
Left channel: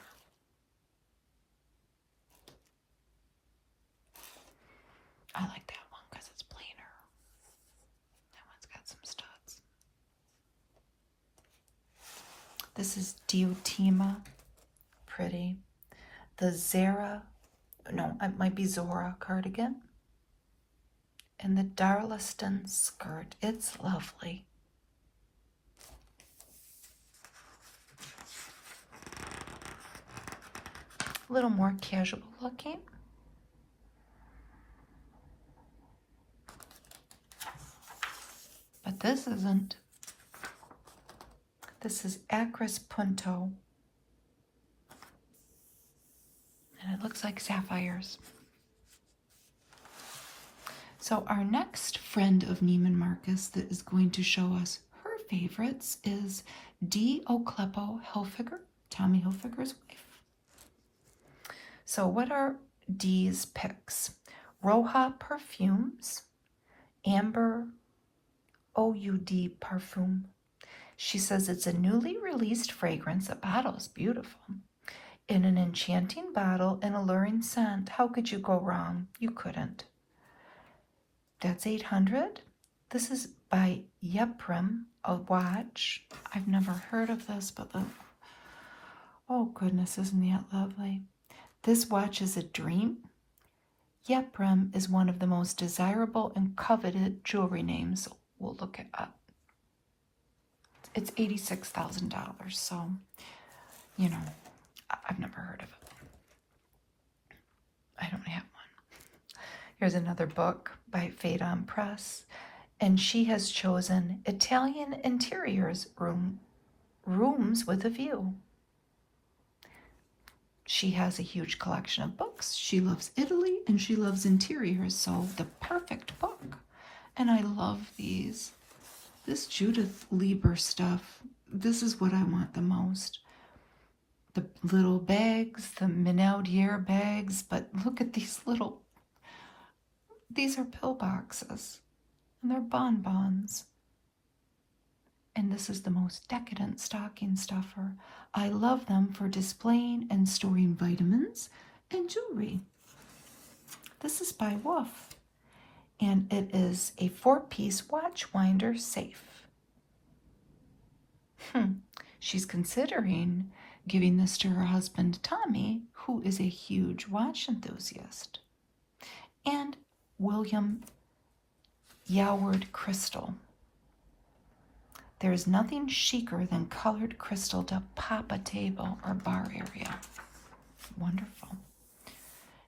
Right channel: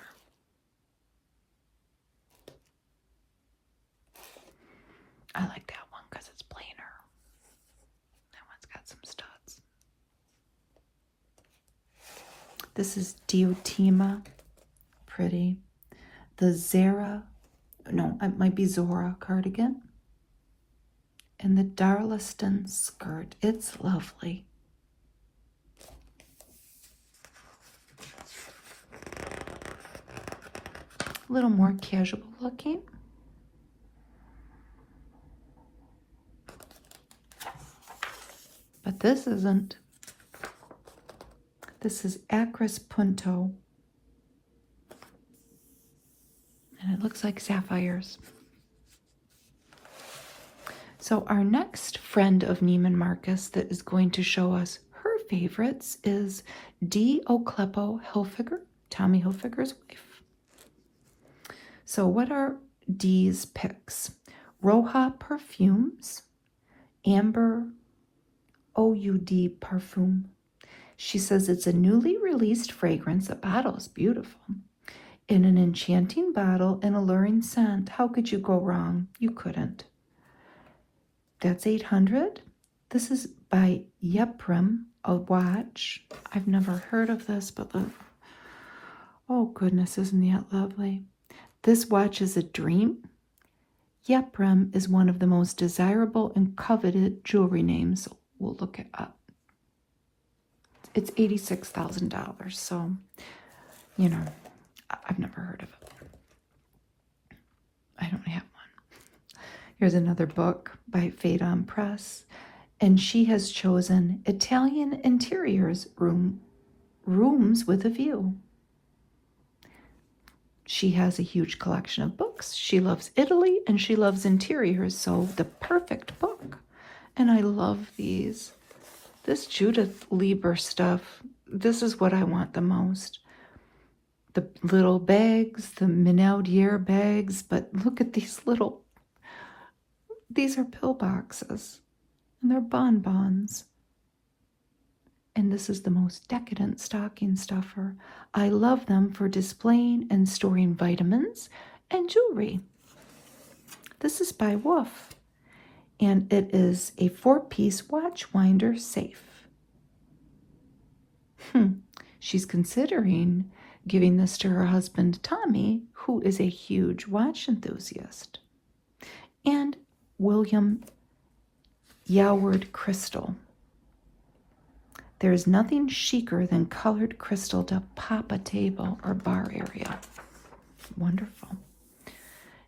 I like that one because it's plainer. This is Diotima. Pretty. The Zara, no, it might be Zora cardigan. And the Darlaston skirt. It's lovely. A little more casual looking. But this isn't. This is Acris Punto. And it looks like sapphires. So our next friend of Neiman Marcus that is going to show us her favorites is D. O'Kleppo Hilfiger, Tommy Hilfiger's wife. So what are D's picks? Roja Perfumes, Amber OUD Parfum. She says it's a newly released fragrance. The bottle's beautiful. In an enchanting bottle and alluring scent. How could you go wrong? You couldn't. That's 800. This is by Yeprim, a watch. I've never heard of this, but oh goodness, isn't that lovely? This watch is a dream. Yeprim is one of the most desirable and coveted jewelry names. We'll look it up. It's $86,000, so, you know, I've never heard of it. I don't have one. Here's another book by Phaedon Press, and she has chosen Italian Interiors, Rooms with a View. She has a huge collection of books. She loves Italy and she loves interiors, so the perfect book. And I love these. This Judith Lieber stuff, this is what I want the most. The little bags, the Menaldier bags, but look at these these are pill boxes. And they're bonbons. And this is the most decadent stocking stuffer. I love them for displaying and storing vitamins and jewelry. This is by Wolf. And it is a 4-piece watch winder safe. She's considering giving this to her husband, Tommy, who is a huge watch enthusiast. And William Yoward Crystal. There's nothing chicer than colored crystal to pop a table or bar area. Wonderful.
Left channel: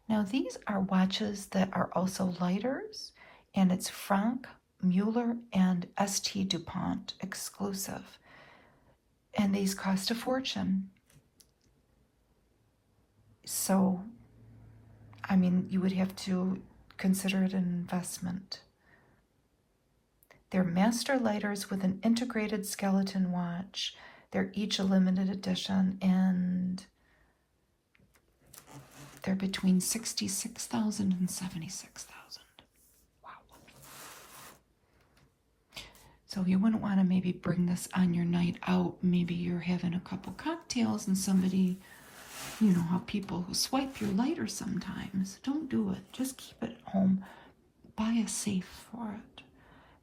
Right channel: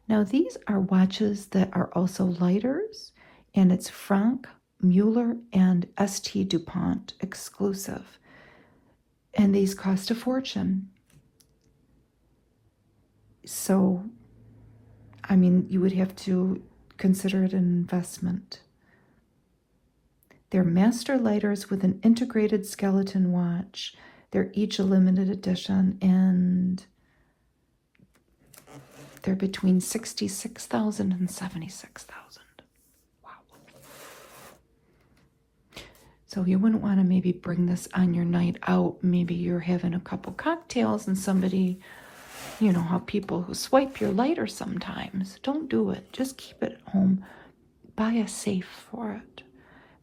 Now these are watches that are also lighters, and it's Franck Mueller and St. DuPont exclusive. And these cost a fortune. So, I mean, you would have to consider it an investment. They're master lighters with an integrated skeleton watch. They're each a limited edition, and they're between $66,000 and $76,000. So you wouldn't want to maybe bring this on your night out. Maybe you're having a couple cocktails and somebody, you know how people who swipe your lighter sometimes. Don't do it. Just keep it at home. Buy a safe for it.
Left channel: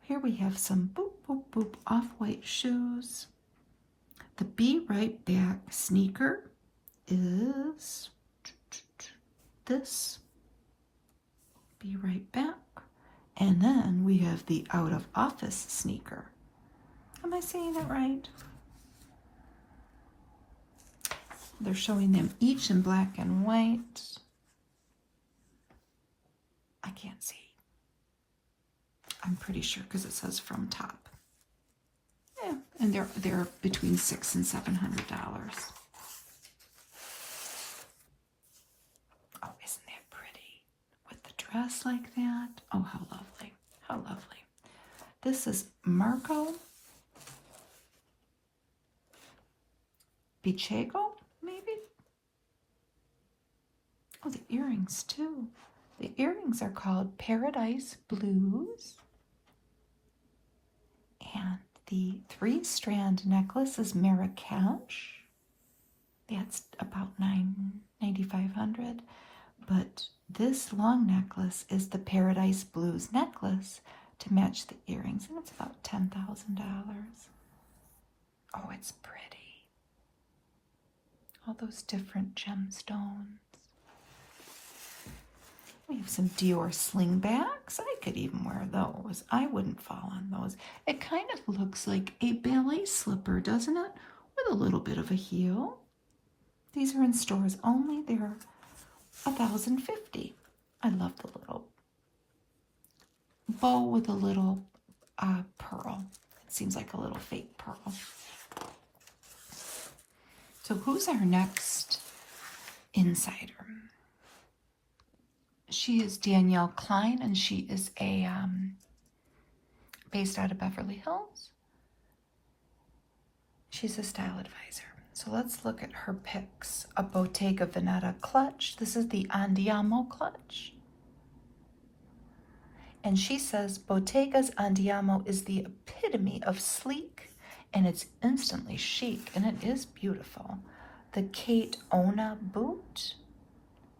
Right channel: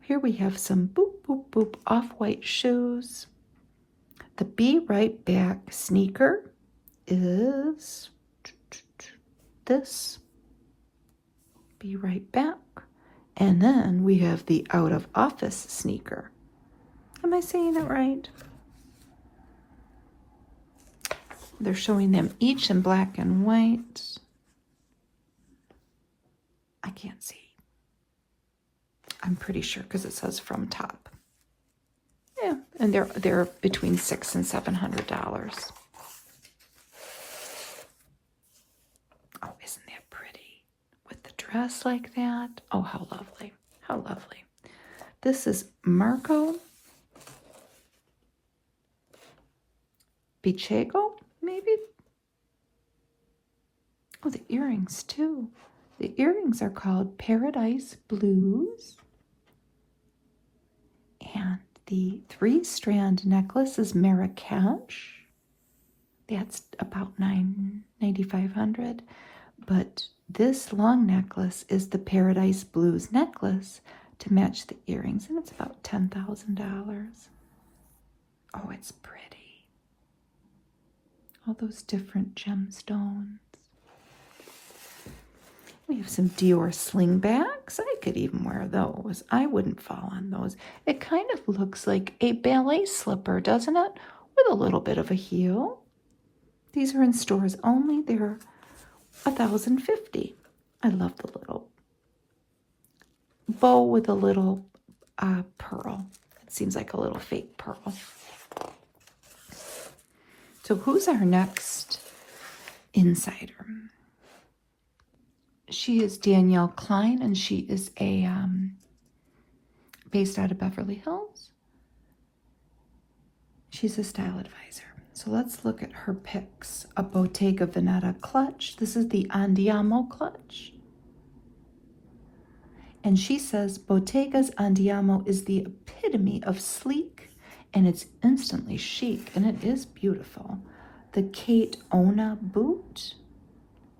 Here we have some boop, boop, boop off-white shoes. The Be Right Back sneaker is this. Be Right Back. And then we have the Out of Office sneaker. Am I saying it right? They're showing them each in black and white. I can't see. I'm pretty sure because it says from top. Yeah, and they're between $600 and $700. Oh, isn't that pretty? With the dress like that. Oh, how lovely. How lovely. This is Marco Bichego, maybe? Oh, the earrings too. The earrings are called Paradise Blues. And the 3-strand necklace is Marrakesh. That's about $9,500. But this long necklace is the Paradise Blues necklace to match the earrings, and it's about $10,000. Oh, it's pretty. All those different gemstones. We have some Dior slingbacks. I could even wear those. I wouldn't fall on those. It kind of looks like a ballet slipper, doesn't it? With a little bit of a heel. These are in stores only. They're $1,050. I love the little bow with a little pearl. It seems like a little fake pearl. So who's our next insider? She is Danielle Klein, and she is based out of Beverly Hills. She's a style advisor. So let's look at her picks. A Bottega Veneta clutch. This is the Andiamo clutch. And she says Bottega's Andiamo is the epitome of sleek, and it's instantly chic, and it is beautiful. The Kate Ona boot.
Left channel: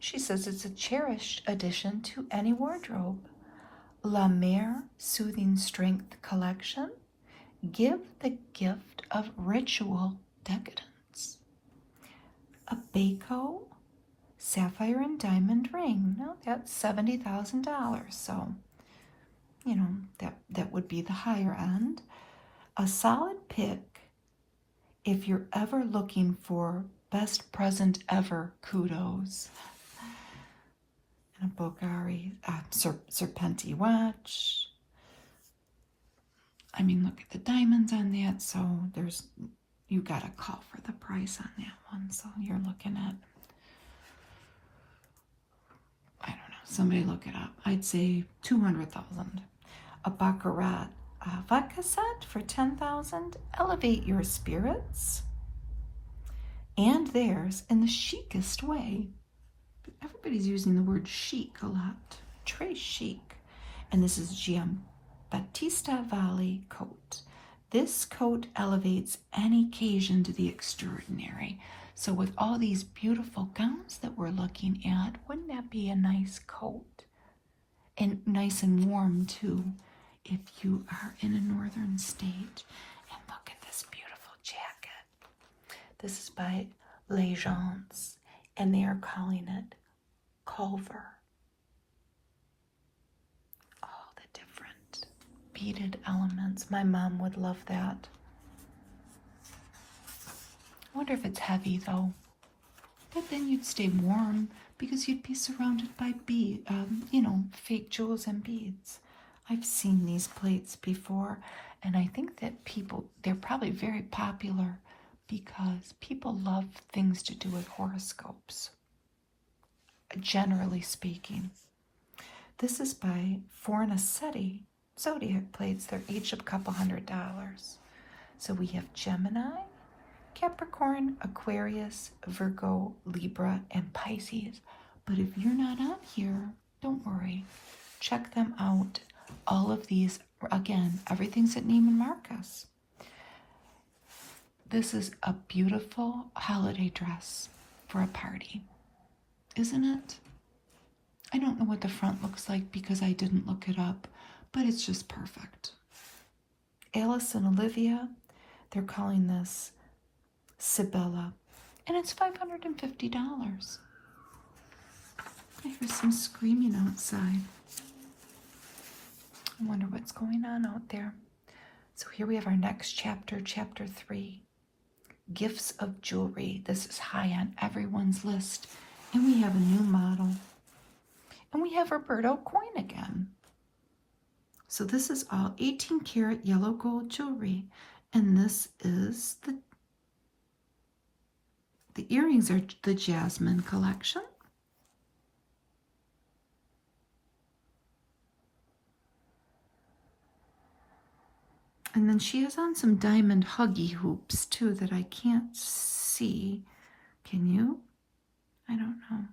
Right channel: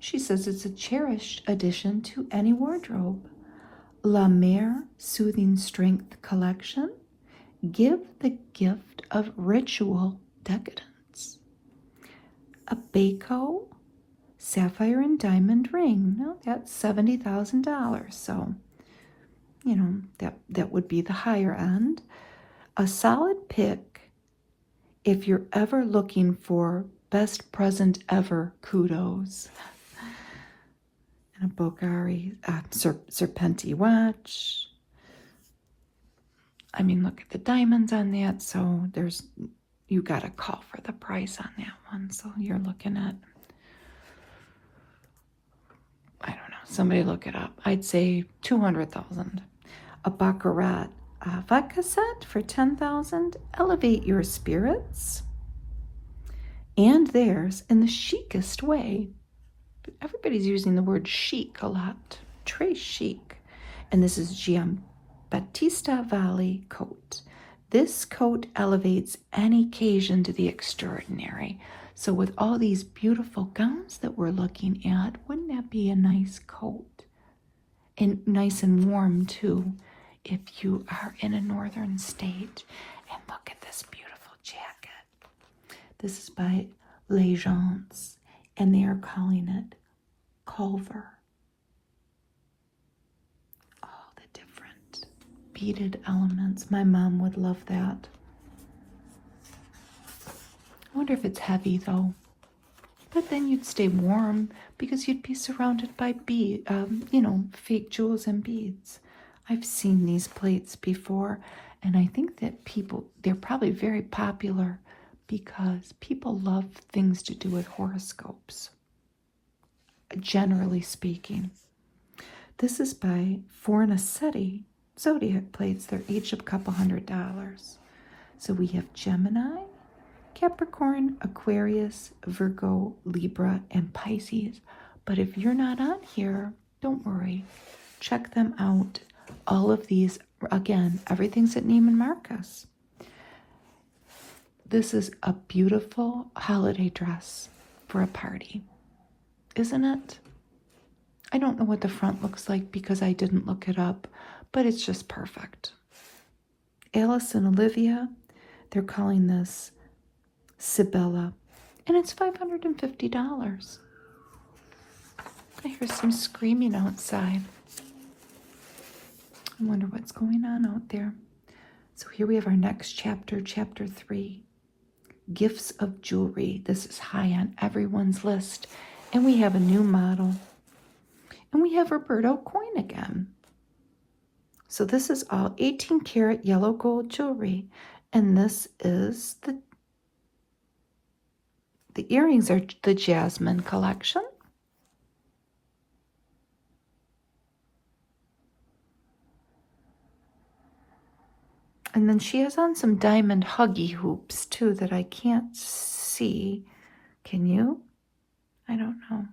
She says it's a cherished addition to any wardrobe. La Mer Soothing Strength Collection. Give the gift of ritual decadence. A Baco Sapphire and Diamond ring. Now that's $70,000. So, you know, that would be the higher end. A solid pick if you're ever looking for best present ever kudos. A Bulgari Serpenti watch. I mean, look at the diamonds on that. So you got to call for the price on that one. So you're looking at, I don't know, somebody look it up. I'd say $200,000. A Baccarat vodka set for $10,000. Elevate your spirits and theirs in the chicest way. Everybody's using the word chic a lot. Très chic. And this is Giambattista Valli coat. This coat elevates any occasion to the extraordinary. So with all these beautiful gowns that we're looking at, wouldn't that be a nice coat? And nice and warm too, if you are in a northern state. And look at this beautiful jacket. This is by Legence, and they are calling it Culver. Oh, the different beaded elements. My mom would love that. I wonder if it's heavy though. But then you'd stay warm because you'd be surrounded by fake jewels and beads. I've seen these plates before, and I think that they're probably very popular because people love things to do with horoscopes, generally speaking. This is by Fornacetti zodiac plates. They're each a couple $100. So we have Gemini, Capricorn, Aquarius, Virgo, Libra, and Pisces. But if you're not on here, don't worry. Check them out. All of these, again, everything's at Neiman Marcus. This is a beautiful holiday dress for a party, isn't it? I don't know what the front looks like because I didn't look it up, but it's just perfect. Alice and Olivia, they're calling this Sibella, and it's $550. I hear some screaming outside. I wonder what's going on out there. So here we have our next chapter, chapter 3. Gifts of jewelry. This is high on everyone's list. And we have a new model. And we have Roberto Coin again. So this is all 18 karat yellow gold jewelry. And this is the earrings are the Jasmine collection. And then she has on some diamond huggy hoops too that I can't see. Can you? I don't know.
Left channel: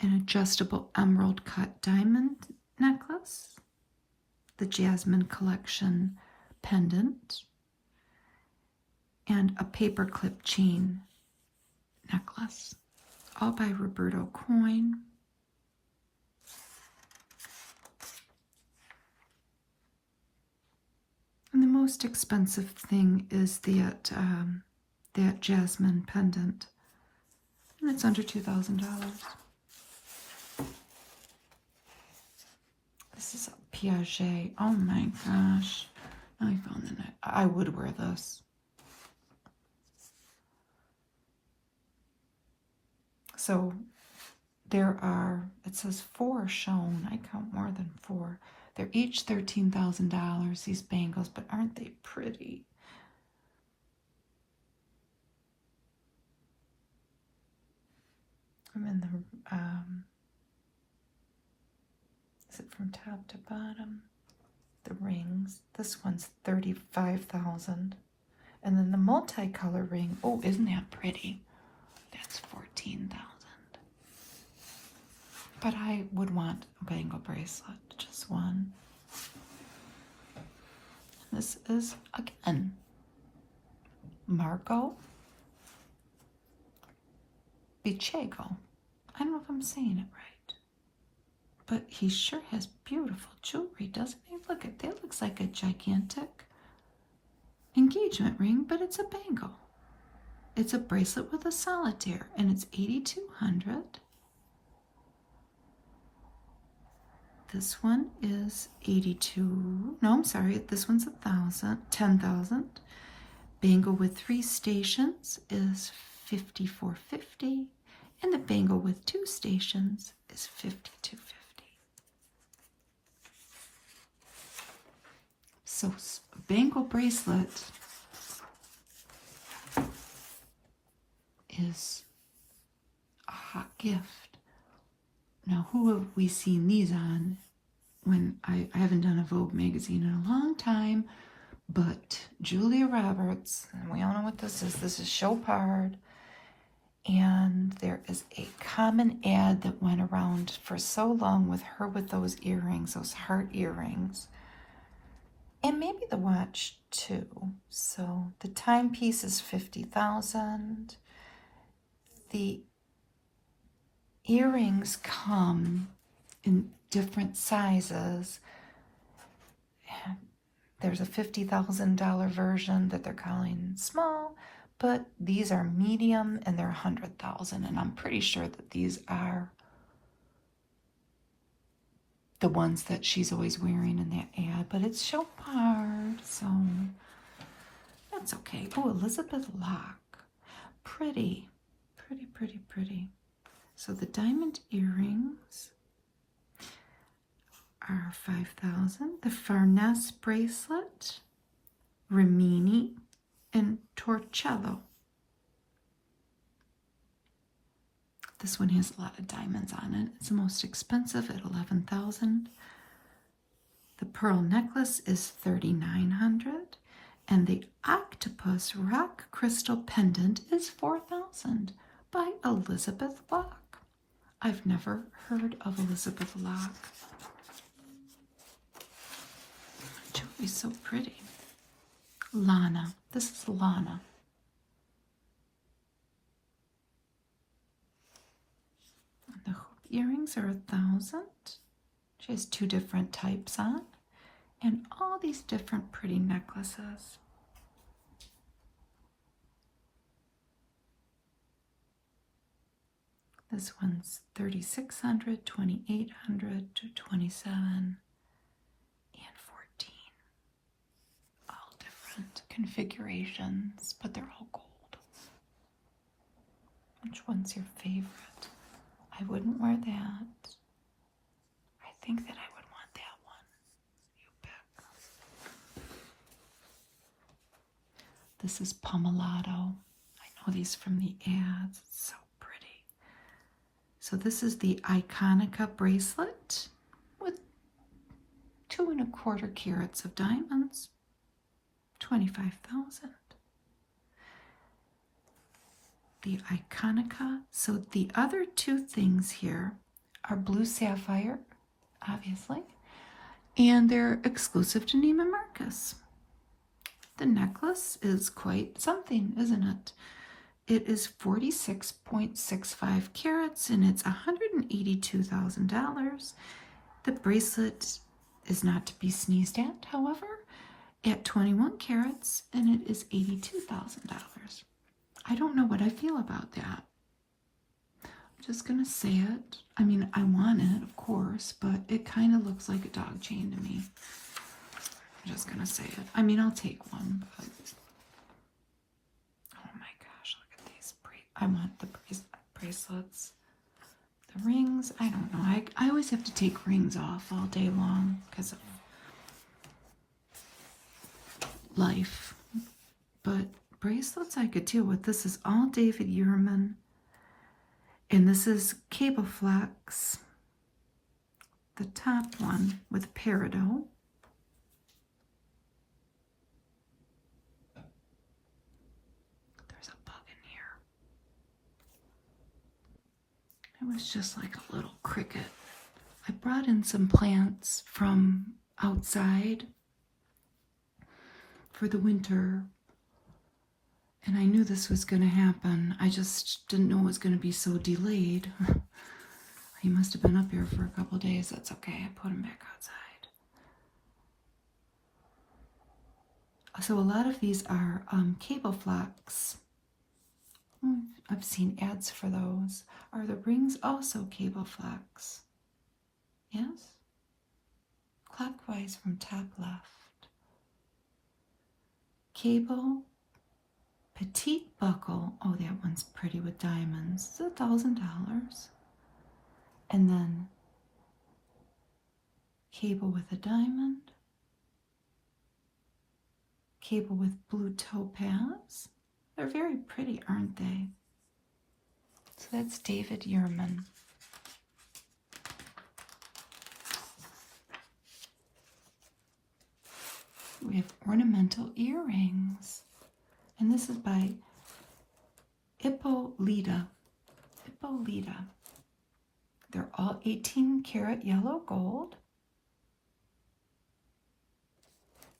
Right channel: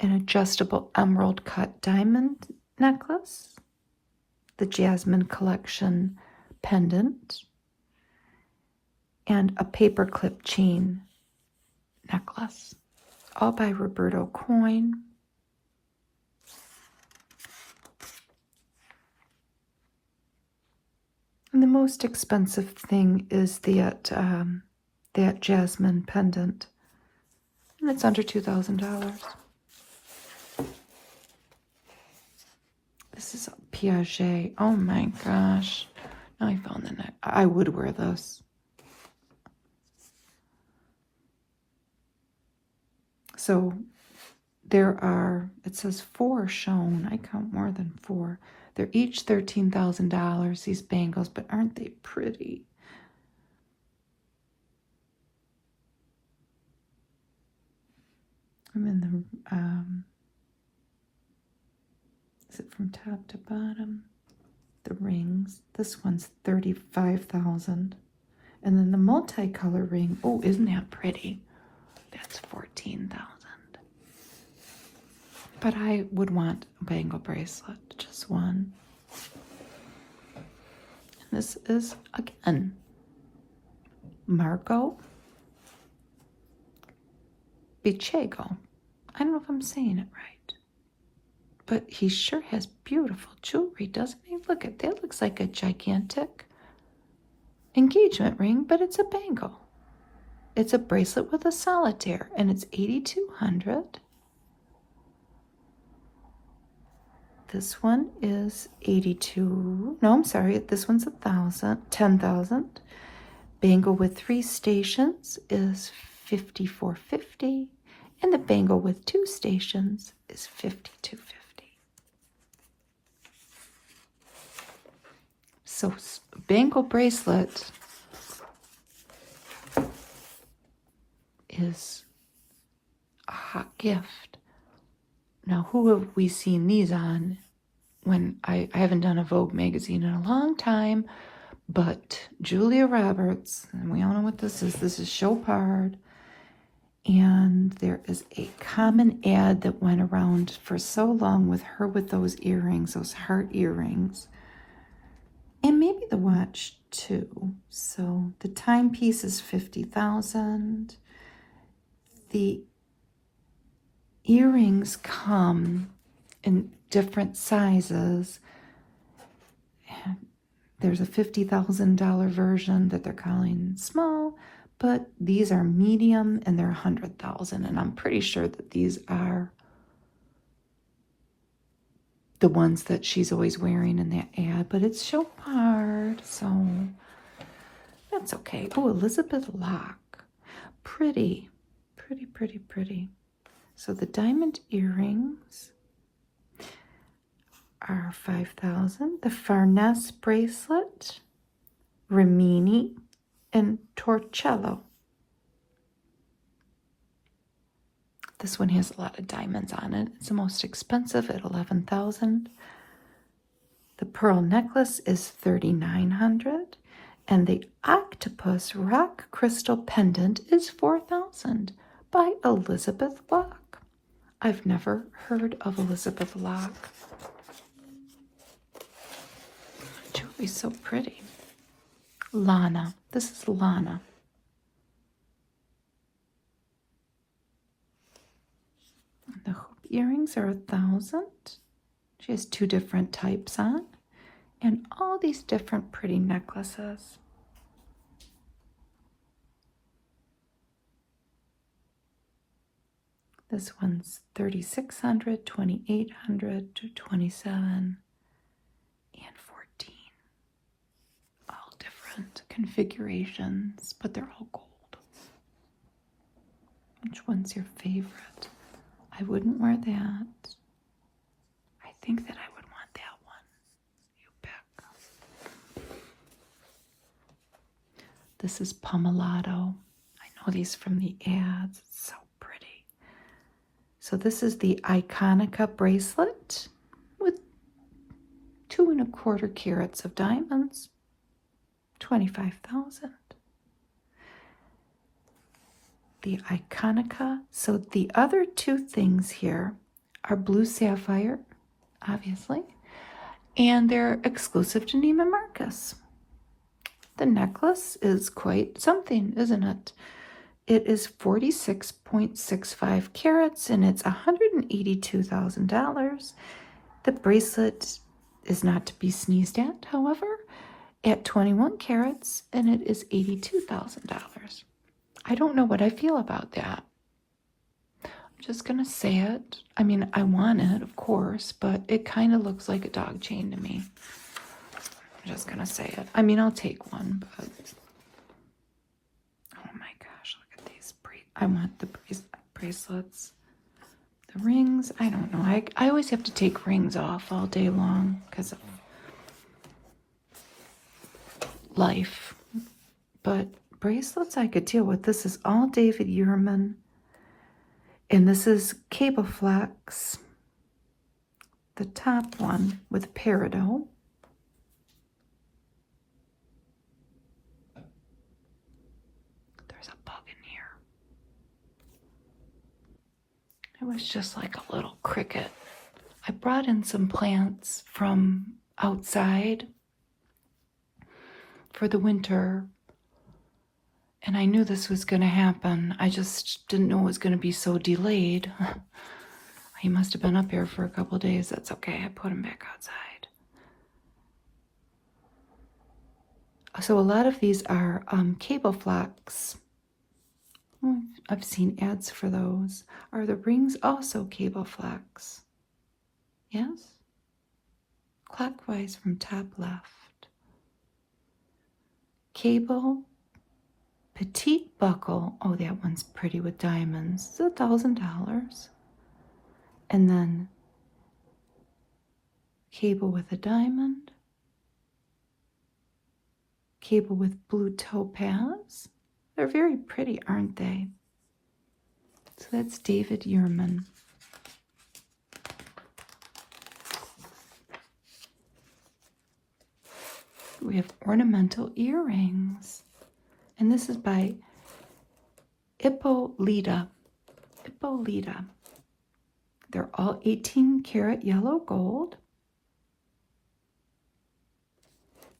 An adjustable emerald cut diamond necklace. The Jasmine collection pendant. And a paperclip chain necklace. All by Roberto Coin. And the most expensive thing is that jasmine pendant. And it's under $2,000. This is Piaget. Oh my gosh. Now I found the net. I would wear this. So there are, it says 4 shown. I count more than 4. They're each $13,000, these bangles, but aren't they pretty? And then is it from top to bottom? The rings. This one's $35,000. And then the multicolor ring. Oh, isn't that pretty? That's $14,000. But I would want a bangle bracelet, just one. And this is, again, Marco Bichego. I don't know if I'm saying it right. But he sure has beautiful jewelry, doesn't he? Look at that. Looks like a gigantic engagement ring, but it's a bangle. It's a bracelet with a solitaire, and it's $8,200. This one is 82. No, I'm sorry. This one's 10,000. Bangle with 3 stations is $54.50, and the bangle with 2 stations is $52.50. So bangle bracelet is a hot gift. Now, who have we seen these on? When I haven't done a Vogue magazine in a long time, but Julia Roberts, and we all know what this is. This is Chopard. And there is a common ad that went around for so long with her with those earrings, those heart earrings. And maybe the watch too. So the timepiece is $50,000. The earrings come in different sizes. There's a $50,000 version that they're calling small, but these are medium and they're $100,000. And I'm pretty sure that these are the ones that she's always wearing in that ad, but it's so hard, so that's okay. Oh, Elizabeth Locke. Pretty. So the diamond earrings are $5,000. The Farnese bracelet, Rimini, and Torcello. This one has a lot of diamonds on it. It's the most expensive at $11,000. The pearl necklace is $3,900, and the octopus rock crystal pendant is $4,000 by Elizabeth Locke. I've never heard of Elizabeth Locke. Jewelry's so pretty. Lana. This is Lana. The hoop earrings are $1,000. She has 2 different types on, and all these different pretty necklaces. This one's $3,600, $2,800, $227, and $14. All different configurations, but they're all gold. Which one's your favorite? I wouldn't wear that. I think that I would want that one. You pick. This is Pomellato. I know these from the ads. It's so pretty. So this is the Iconica bracelet with 2 1/4 carats of diamonds. $25,000. The Iconica. So the other 2 things here are blue sapphire, obviously, and they're exclusive to Neiman Marcus. The necklace is quite something, isn't it? It is 46.65 carats, and it's $182,000. The bracelet is not to be sneezed at, however. at 21 carats, and it is $82,000. I don't know what I feel about that. I'm just gonna say it. I mean, I want it, of course, but it kind of looks like a dog chain to me. I'm just gonna say it. I mean, I'll take one, but oh my gosh, look at these. I want the bracelets. The rings, I don't know. I always have to take rings off all day long because of life. But bracelets I could deal with. This is all David Yurman. And this is Cable Flex. The top one with peridot. There's a bug in here. It was just like a little cricket. I brought in some plants from outside for the winter, and I knew this was going to happen. I just didn't know it was going to be so delayed. He must have been up here for a couple of days. That's okay. I put him back outside. So a lot of these are cable flax. I've seen ads for those. Are the rings also cable flax? Yes? Clockwise from top left. Cable petite buckle. Oh, that one's pretty with diamonds. It's $1,000. And then cable with a diamond. Cable with blue topaz. They're very pretty, aren't they? So that's David Yurman. We have ornamental earrings. And this is by Ippolita. Ippolita. They're all 18 karat yellow gold.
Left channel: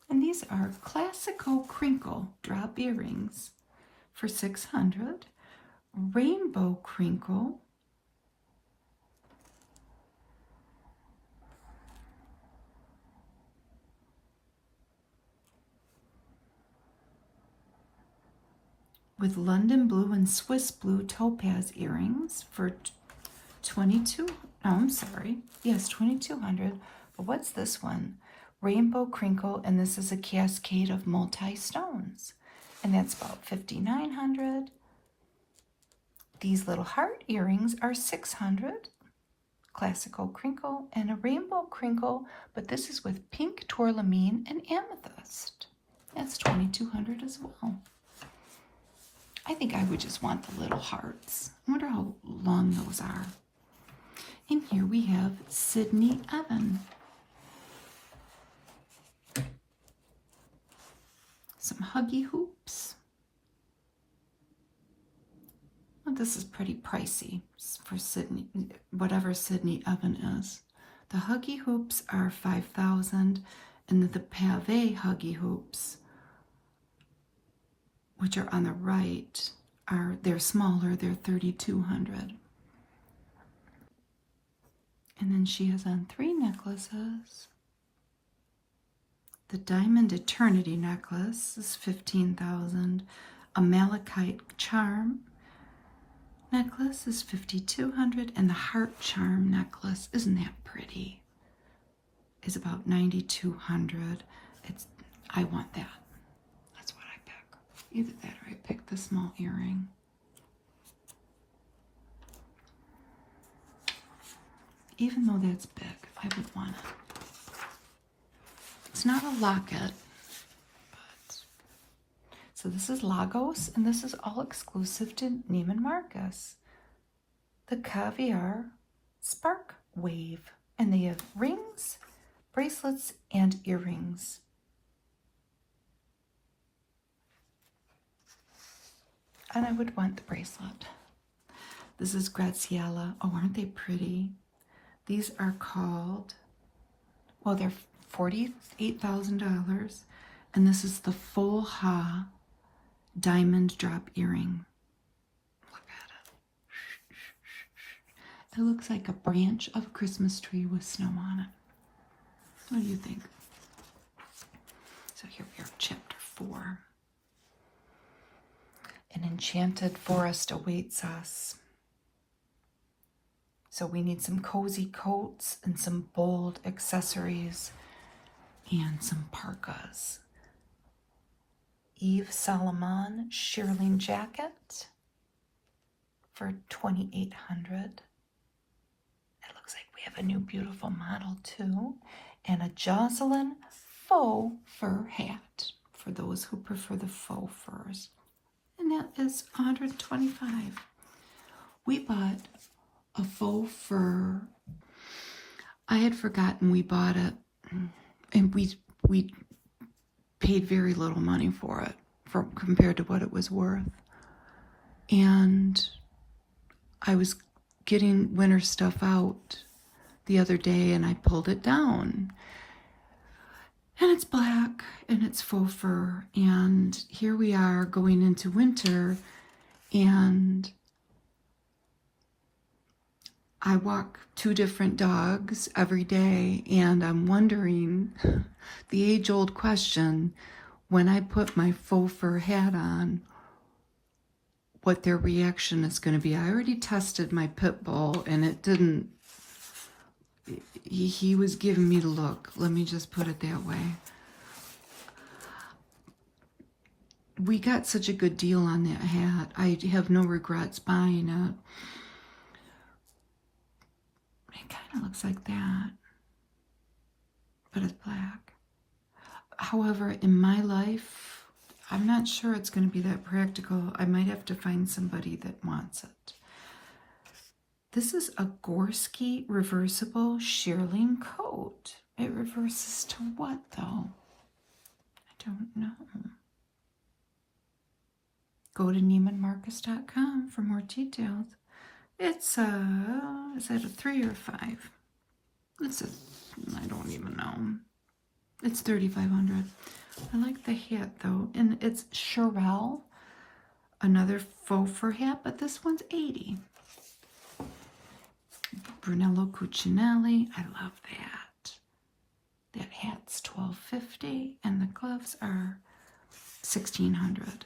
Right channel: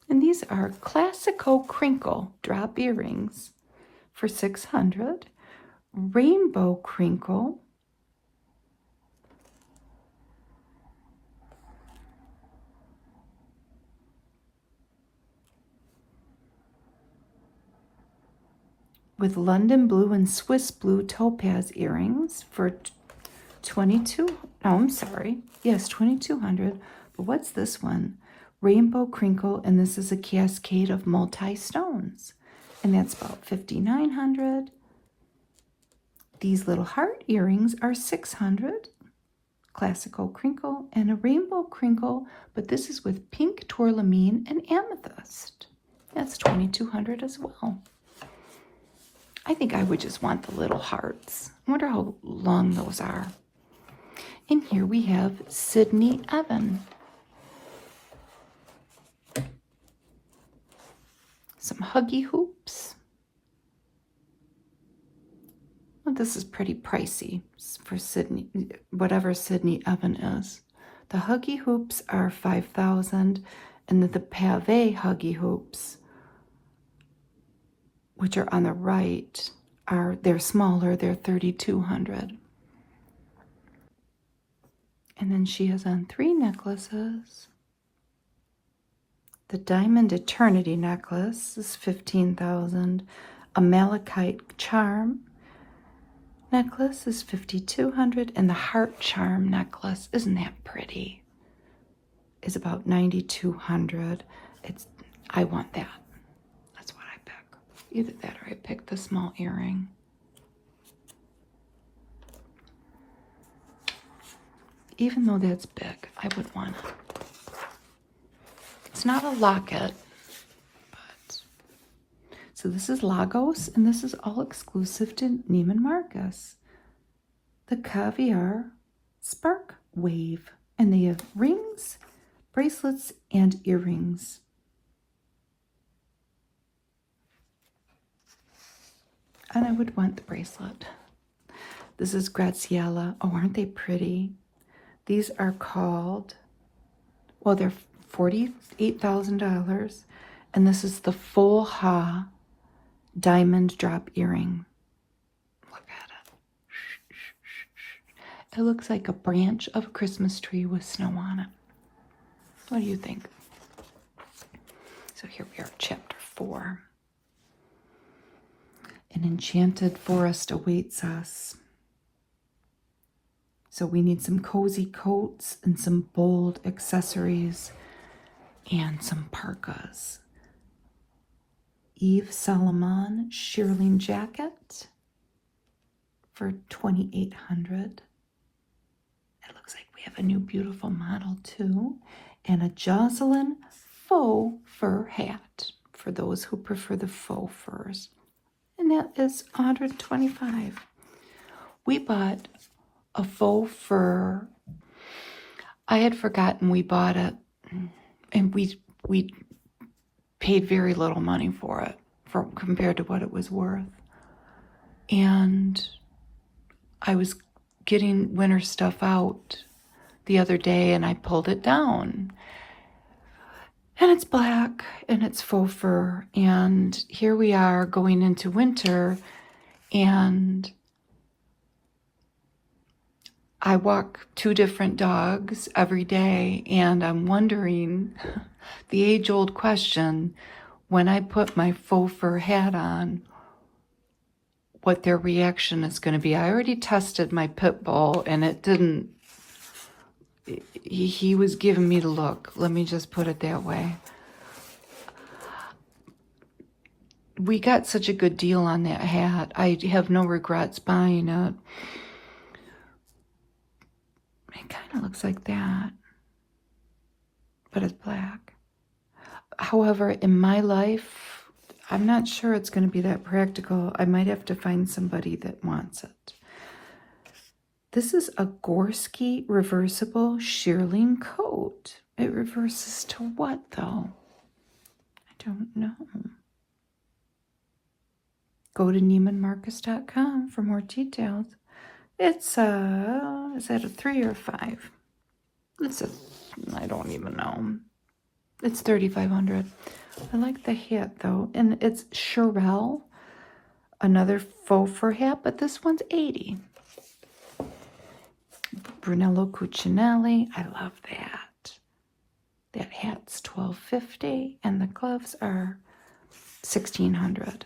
And these are Classico Crinkle drop earrings for $600. Rainbow Crinkle. With London blue and Swiss blue topaz earrings for $2,200. But what's this one? Rainbow Crinkle, and this is a cascade of multi-stones. And that's about $5,900. These little heart earrings are $600. Classical crinkle and a rainbow crinkle, but this is with pink tourmaline and amethyst. That's $2,200 as well. I think I would just want the little hearts. I wonder how long those are. In here we have Sydney Evan. Some huggy hoops. Well, this is pretty pricey for Sydney, whatever Sydney Evan is. The huggy hoops are $5,000, and the pave huggy hoops, which are on the right, they're smaller. They're $3,200. And then she has on 3 necklaces. The Diamond Eternity necklace is $15,000. A Malachite Charm necklace is $5,200, and the Heart Charm necklace, isn't that pretty, is about $9,200. I want that. That's what I pick. Either that or I pick the small earring. Even though that's big, I would want it. It's not a locket, but so this is Lagos, and this is all exclusive to Neiman Marcus. The Caviar Spark Wave, and they have rings, bracelets, and earrings. And I would want the bracelet. This is Graziella. Oh, aren't they pretty? These are called, well, they're $48,000, and this is the Full Ha diamond drop earring. Look at it. It looks like a branch of a Christmas tree with snow on it. What do you think? So here we are, chapter 4. An enchanted forest awaits us. So we need some cozy coats and some bold accessories and some parkas. Yves Salomon shearling jacket for $2,800. It looks like we have a new beautiful model too. And a Jocelyn faux fur hat for those who prefer the faux furs. And that is $125. We bought a faux fur. I had forgotten we bought it, and we paid very little money for it compared to what it was worth. And I was getting winter stuff out the other day, and I pulled it down. And it's black, and it's faux fur, and here we are going into winter, and I walk 2 different dogs every day, and I'm wondering the age-old question, when I put my faux fur hat on, what their reaction is going to be. I already tested my pit bull, and it didn't, he was giving me the look. Let me just put it that way. We got such a good deal on that hat. I have no regrets buying it. It kind of looks like that, but it's black. However, in my life, I'm not sure it's going to be that practical. I might have to find somebody that wants it. This is a Gorski reversible shearling coat. It reverses to what, though? I don't know. Go to NeimanMarcus.com for more details. It's is that a 3 or 5? I don't even know. It's $3,500. I like the hat though, and it's Cherelle, another faux fur hat, but this one's $80. Brunello Cucinelli, I love that. That hat's $12.50, and the gloves are $1,600.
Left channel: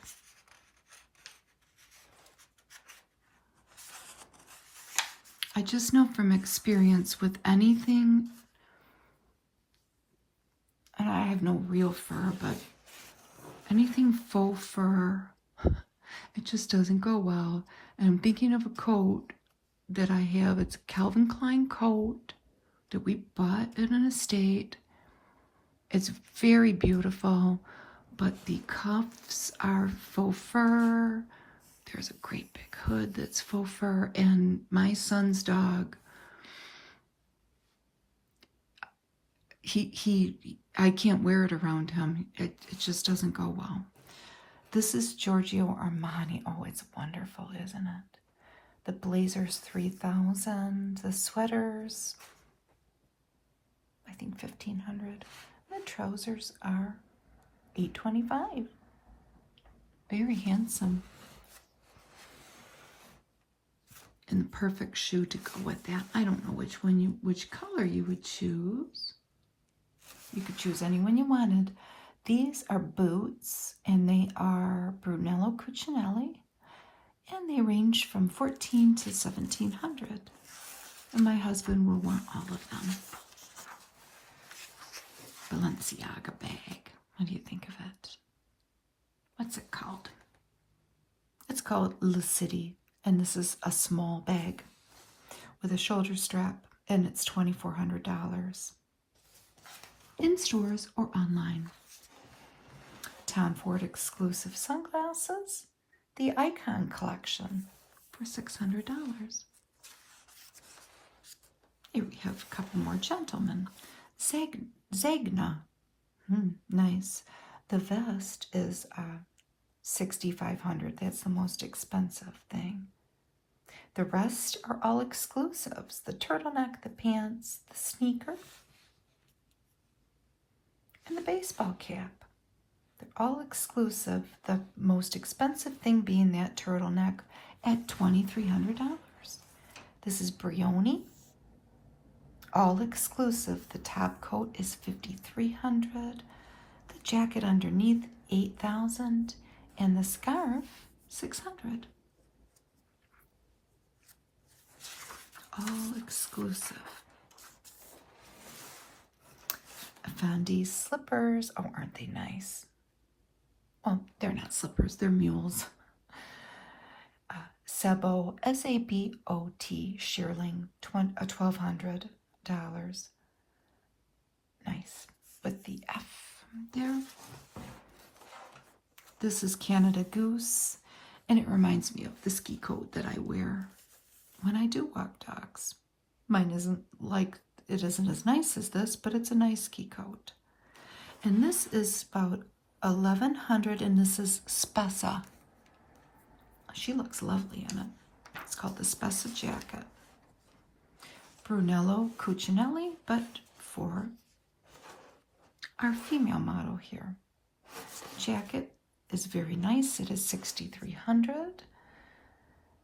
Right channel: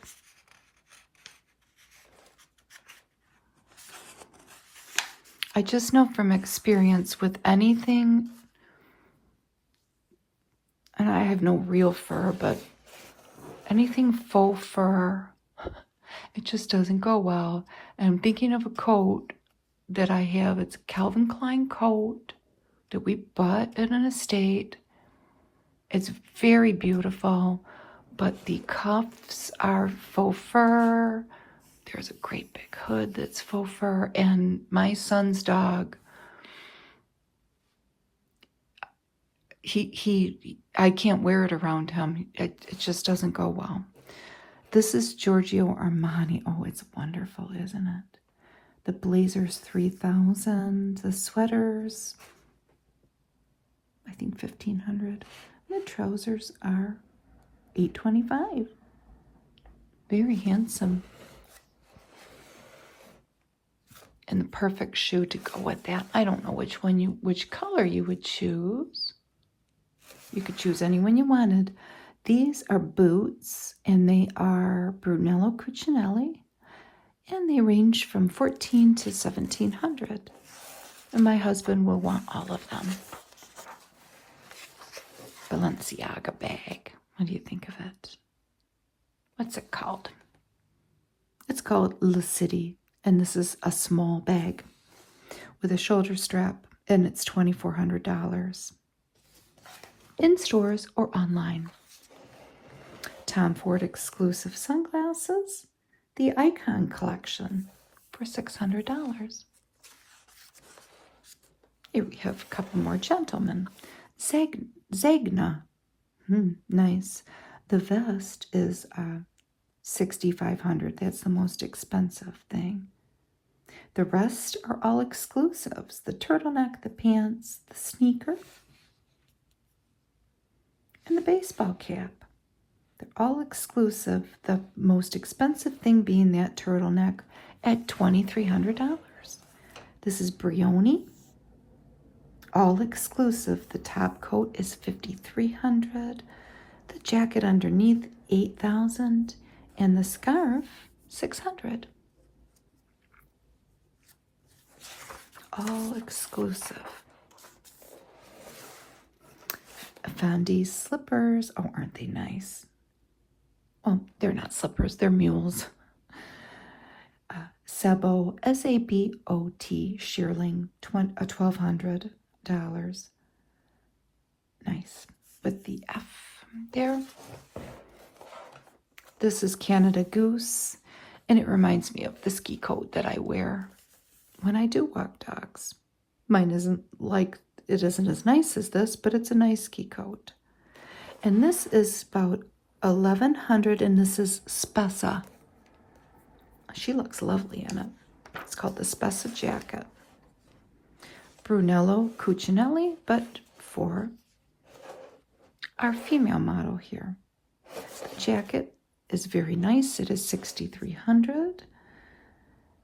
I just know from experience with anything, and I have no real fur, but anything faux fur, it just doesn't go well. And I'm thinking of a coat that I have. It's a Calvin Klein coat that we bought at an estate. It's very beautiful, but the cuffs are faux fur. There's a great big hood that's faux fur, and my son's dog, I can't wear it around him. It just doesn't go well. This is Giorgio Armani. Oh, it's wonderful, isn't it? The blazers, $3,000. The sweaters, I think $1,500. The trousers are $825. Very handsome. And the perfect shoe to go with that. I don't know which color you would choose. You could choose any one you wanted. These are boots, and they are Brunello Cucinelli, and they range from $1,400 to $1,700. And my husband will want all of them. Balenciaga bag. What do you think of it? What's it called? It's called La City. And this is a small bag with a shoulder strap, and it's $2,400 in stores or online. Tom Ford exclusive sunglasses, the Icon collection for $600. Here we have a couple more gentlemen. Zegna, nice. The vest is $6,500. That's the most expensive thing. The rest are all exclusives. The turtleneck, the pants, the sneaker, and the baseball cap. They're all exclusive. The most expensive thing being that turtleneck at $2,300. This is Brioni. All exclusive. The top coat is $5,300. The Jacket underneath, $8,000. And the scarf, $600. All exclusive. I found these slippers. Oh, aren't they nice? Oh, they're not slippers, they're mules. Sabot, S-A-B-O-T, shearling, $1,200. Nice, with the F there. This is Canada Goose, and it reminds me of the ski coat that I wear when I do walk dogs. Mine isn't as nice as this, but it's a nice ski coat. And this is about $1,100, and this is Spessa. She looks lovely in it. It's called the Spessa jacket. Brunello Cucinelli, but for our female model here. Jacket is very nice. It is $6,300.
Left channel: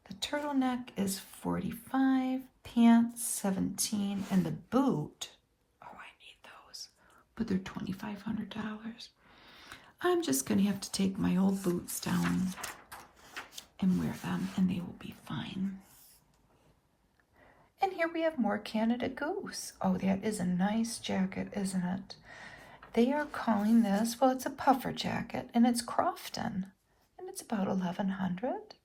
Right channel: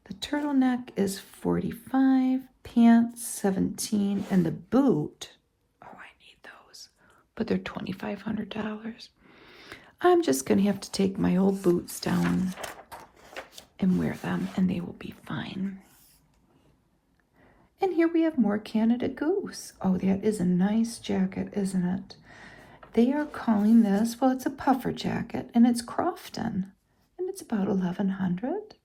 The turtleneck is $45. Pants $17, and the boot. Oh, I need those, but they're $2,500. I'm just gonna have to take my old boots down and wear them, and they will be fine. And here we have more Canada Goose. Oh, that is a nice jacket, isn't it? They are calling this, well, it's a puffer jacket, and it's Crofton, and it's about $1,100.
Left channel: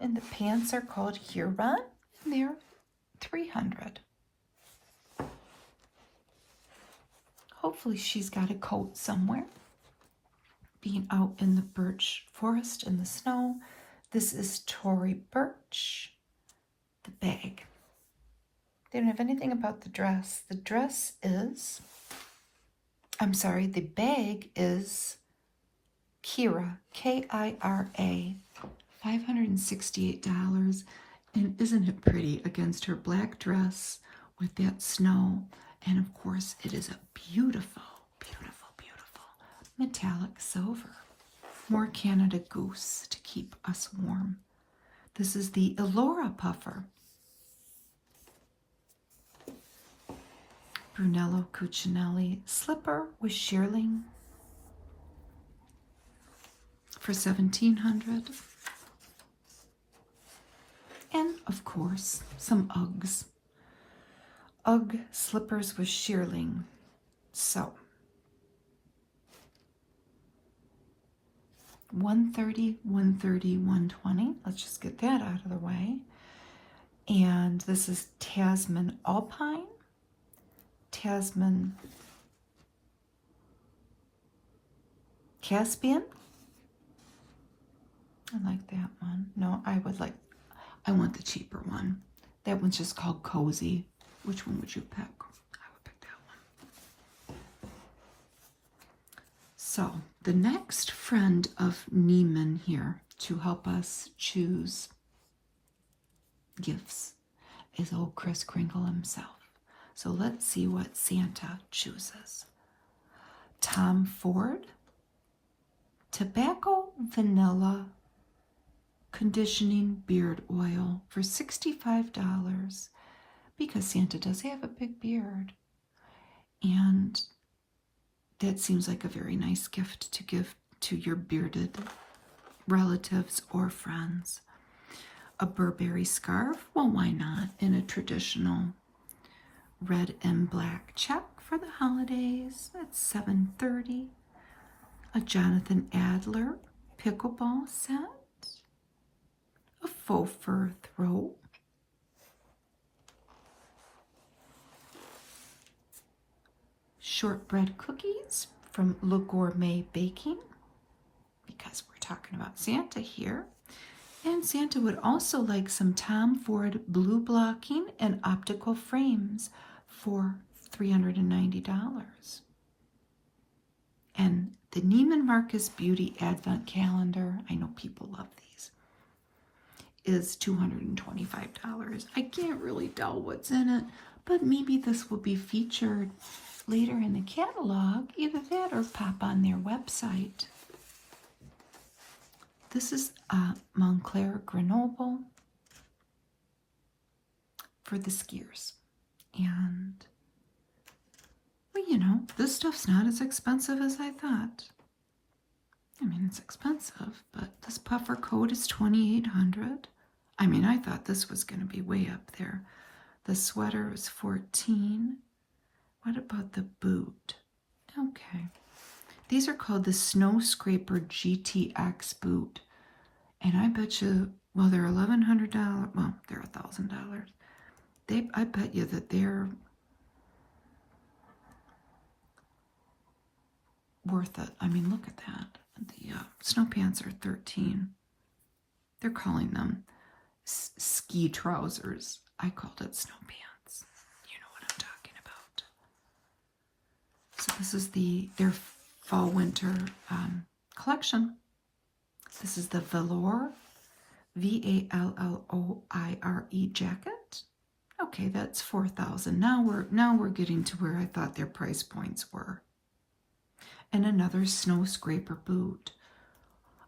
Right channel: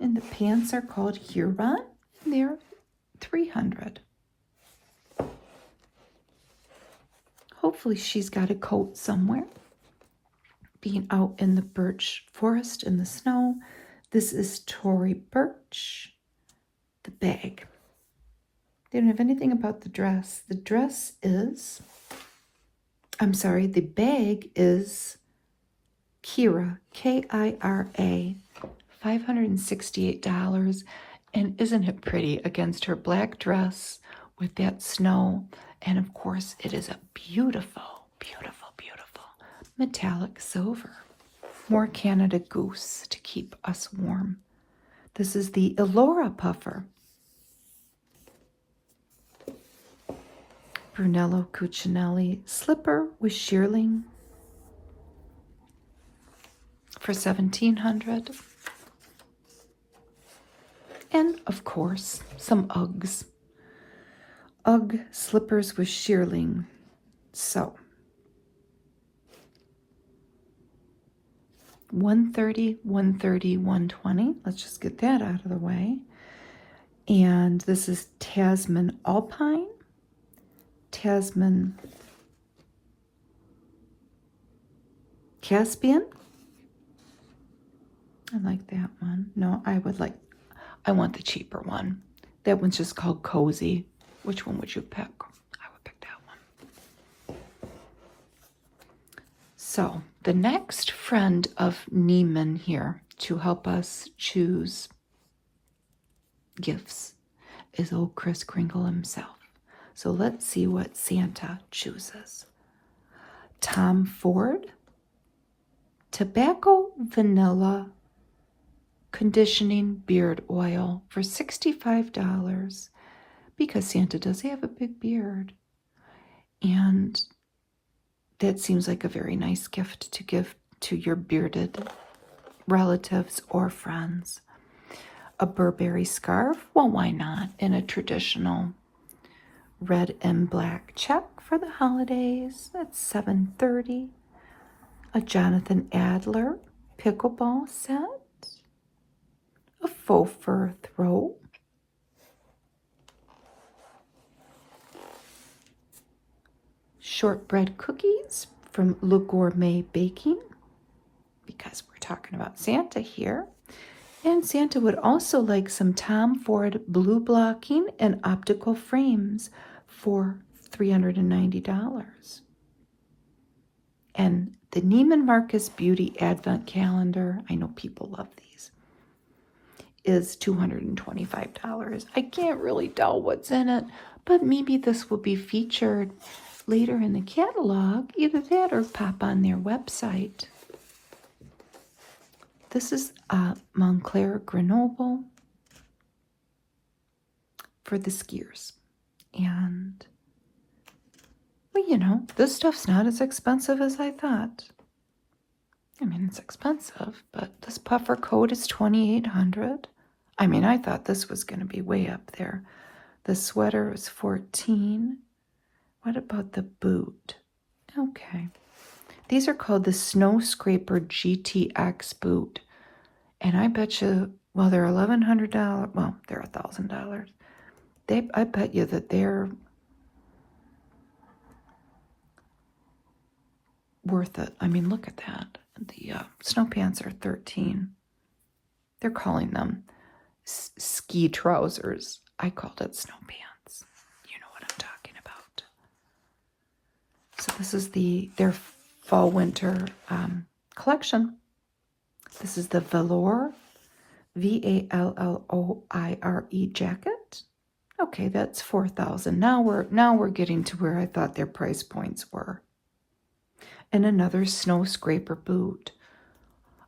And the pants are called Huron, and they're $300. Hopefully she's got a coat somewhere. Being out in the birch forest in the snow. This is Tory Birch. The bag. Didn't have anything about the dress. The dress is, the bag is Kira, K-I-R-A, $568. And isn't it pretty against her black dress with that snow? And of course, it is a beautiful, beautiful, beautiful metallic silver. More Canada Goose to keep us warm. This is the Elora puffer. Brunello Cucinelli slipper with shearling for $1,700. And of course, some Uggs. Ugg slippers with shearling. So, $130, $130, $120. Let's just get that out of the way. And this is Tasman Alpine. Tasman Caspian. I like that one. No, I want the cheaper one. That one's just called Cozy. Which one would you pick? I would pick that one. So the next friend of Neiman here to help us choose gifts is old Kris Kringle himself. So let's see what Santa chooses. Tom Ford, tobacco vanilla conditioning beard oil for $65 because Santa does have a big beard. And that seems like a very nice gift to give to your bearded relatives or friends. A Burberry scarf, well, why not? In a traditional red and black check for the holidays. That's $730. A Jonathan Adler pickleball set. A faux fur throw. Shortbread cookies from Le Gourmet Baking, because we're talking about Santa here. And Santa would also like some Tom Ford blue blocking and optical frames for $390. And the Neiman Marcus Beauty Advent Calendar, I know people love these, is $225. I can't really tell what's in it, but maybe this will be featured later in the catalog, either that or pop on their website. This is Moncler Grenoble for the skiers. And we you know, this stuff's not as expensive as I thought. I mean, it's expensive, but this puffer coat is $2,800. I mean, I thought this was going to be way up there. The sweater was $14. What about the boot? Okay. These are called the Snow Scraper GTX boot. And I bet you, well, they're $1,100. Well, they're $1,000. I bet you that they're worth it. I mean, look at that. The snow pants are $13. They're calling them ski trousers. I called it snow pants. You know what I'm talking about. So this is their fall winter collection. This is the velour, VALLOIRE jacket. Okay, that's $4,000. Now we're getting to where I thought their price points were. And another snow scraper boot.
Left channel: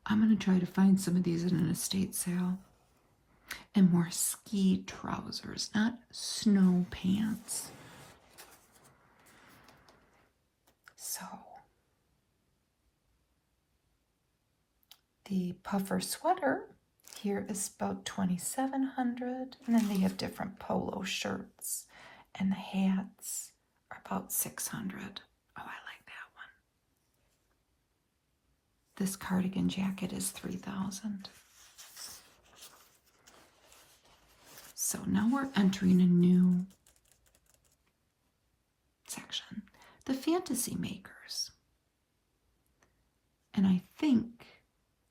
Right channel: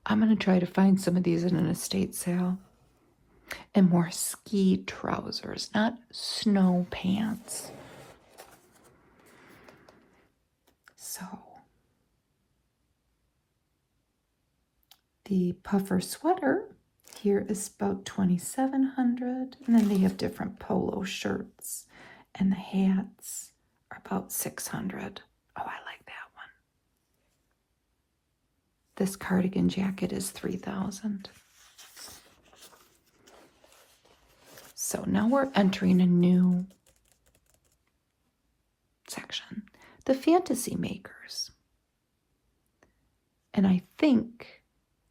I'm going to try to find some of these in an estate sale. And more ski trousers, not snow pants. So, the puffer sweater here is about $2,700. And then they have different polo shirts. And the hats are about $600. Oh, I like that one. This cardigan jacket is $3,000. So now we're entering a new section, the fantasy makers. And I think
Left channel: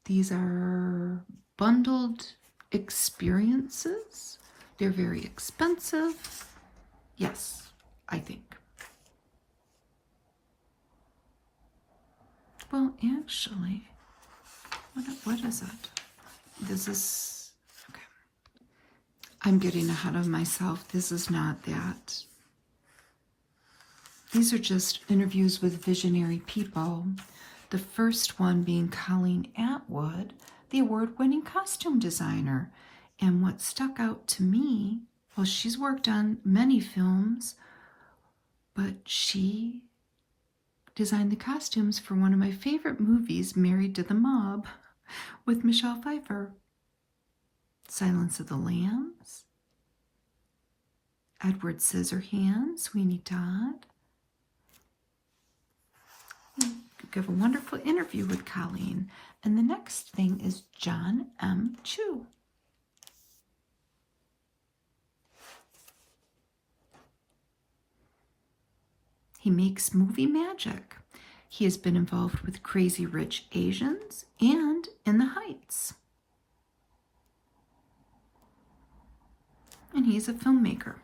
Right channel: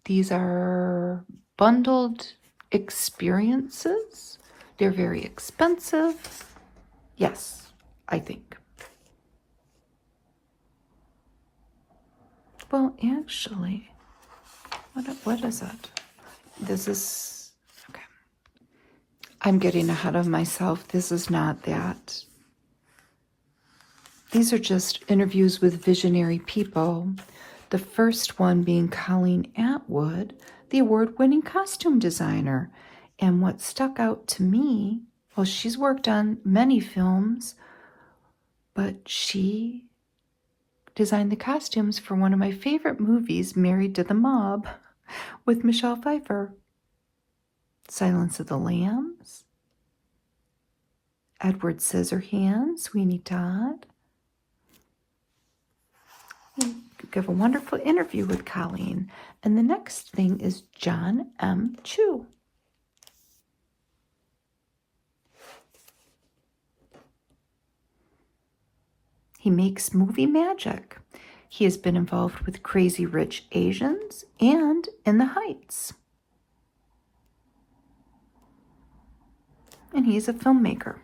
these are bundled experiences. They're very expensive. Yes, I think. Well, actually, what is it? This is, okay. I'm getting ahead of myself. This is not that. These are just interviews with visionary people. The first one being Colleen Atwood, the award-winning costume designer. And what stuck out to me, well, she's worked on many films, but she designed the costumes for one of my favorite movies, Married to the Mob, with Michelle Pfeiffer. Silence of the Lambs, Edward Scissorhands, Sweeney Todd. We give a wonderful interview with Colleen. And the next thing is John M. Chu. He makes movie magic. He has been involved with Crazy Rich Asians and In the Heights. And he's a filmmaker.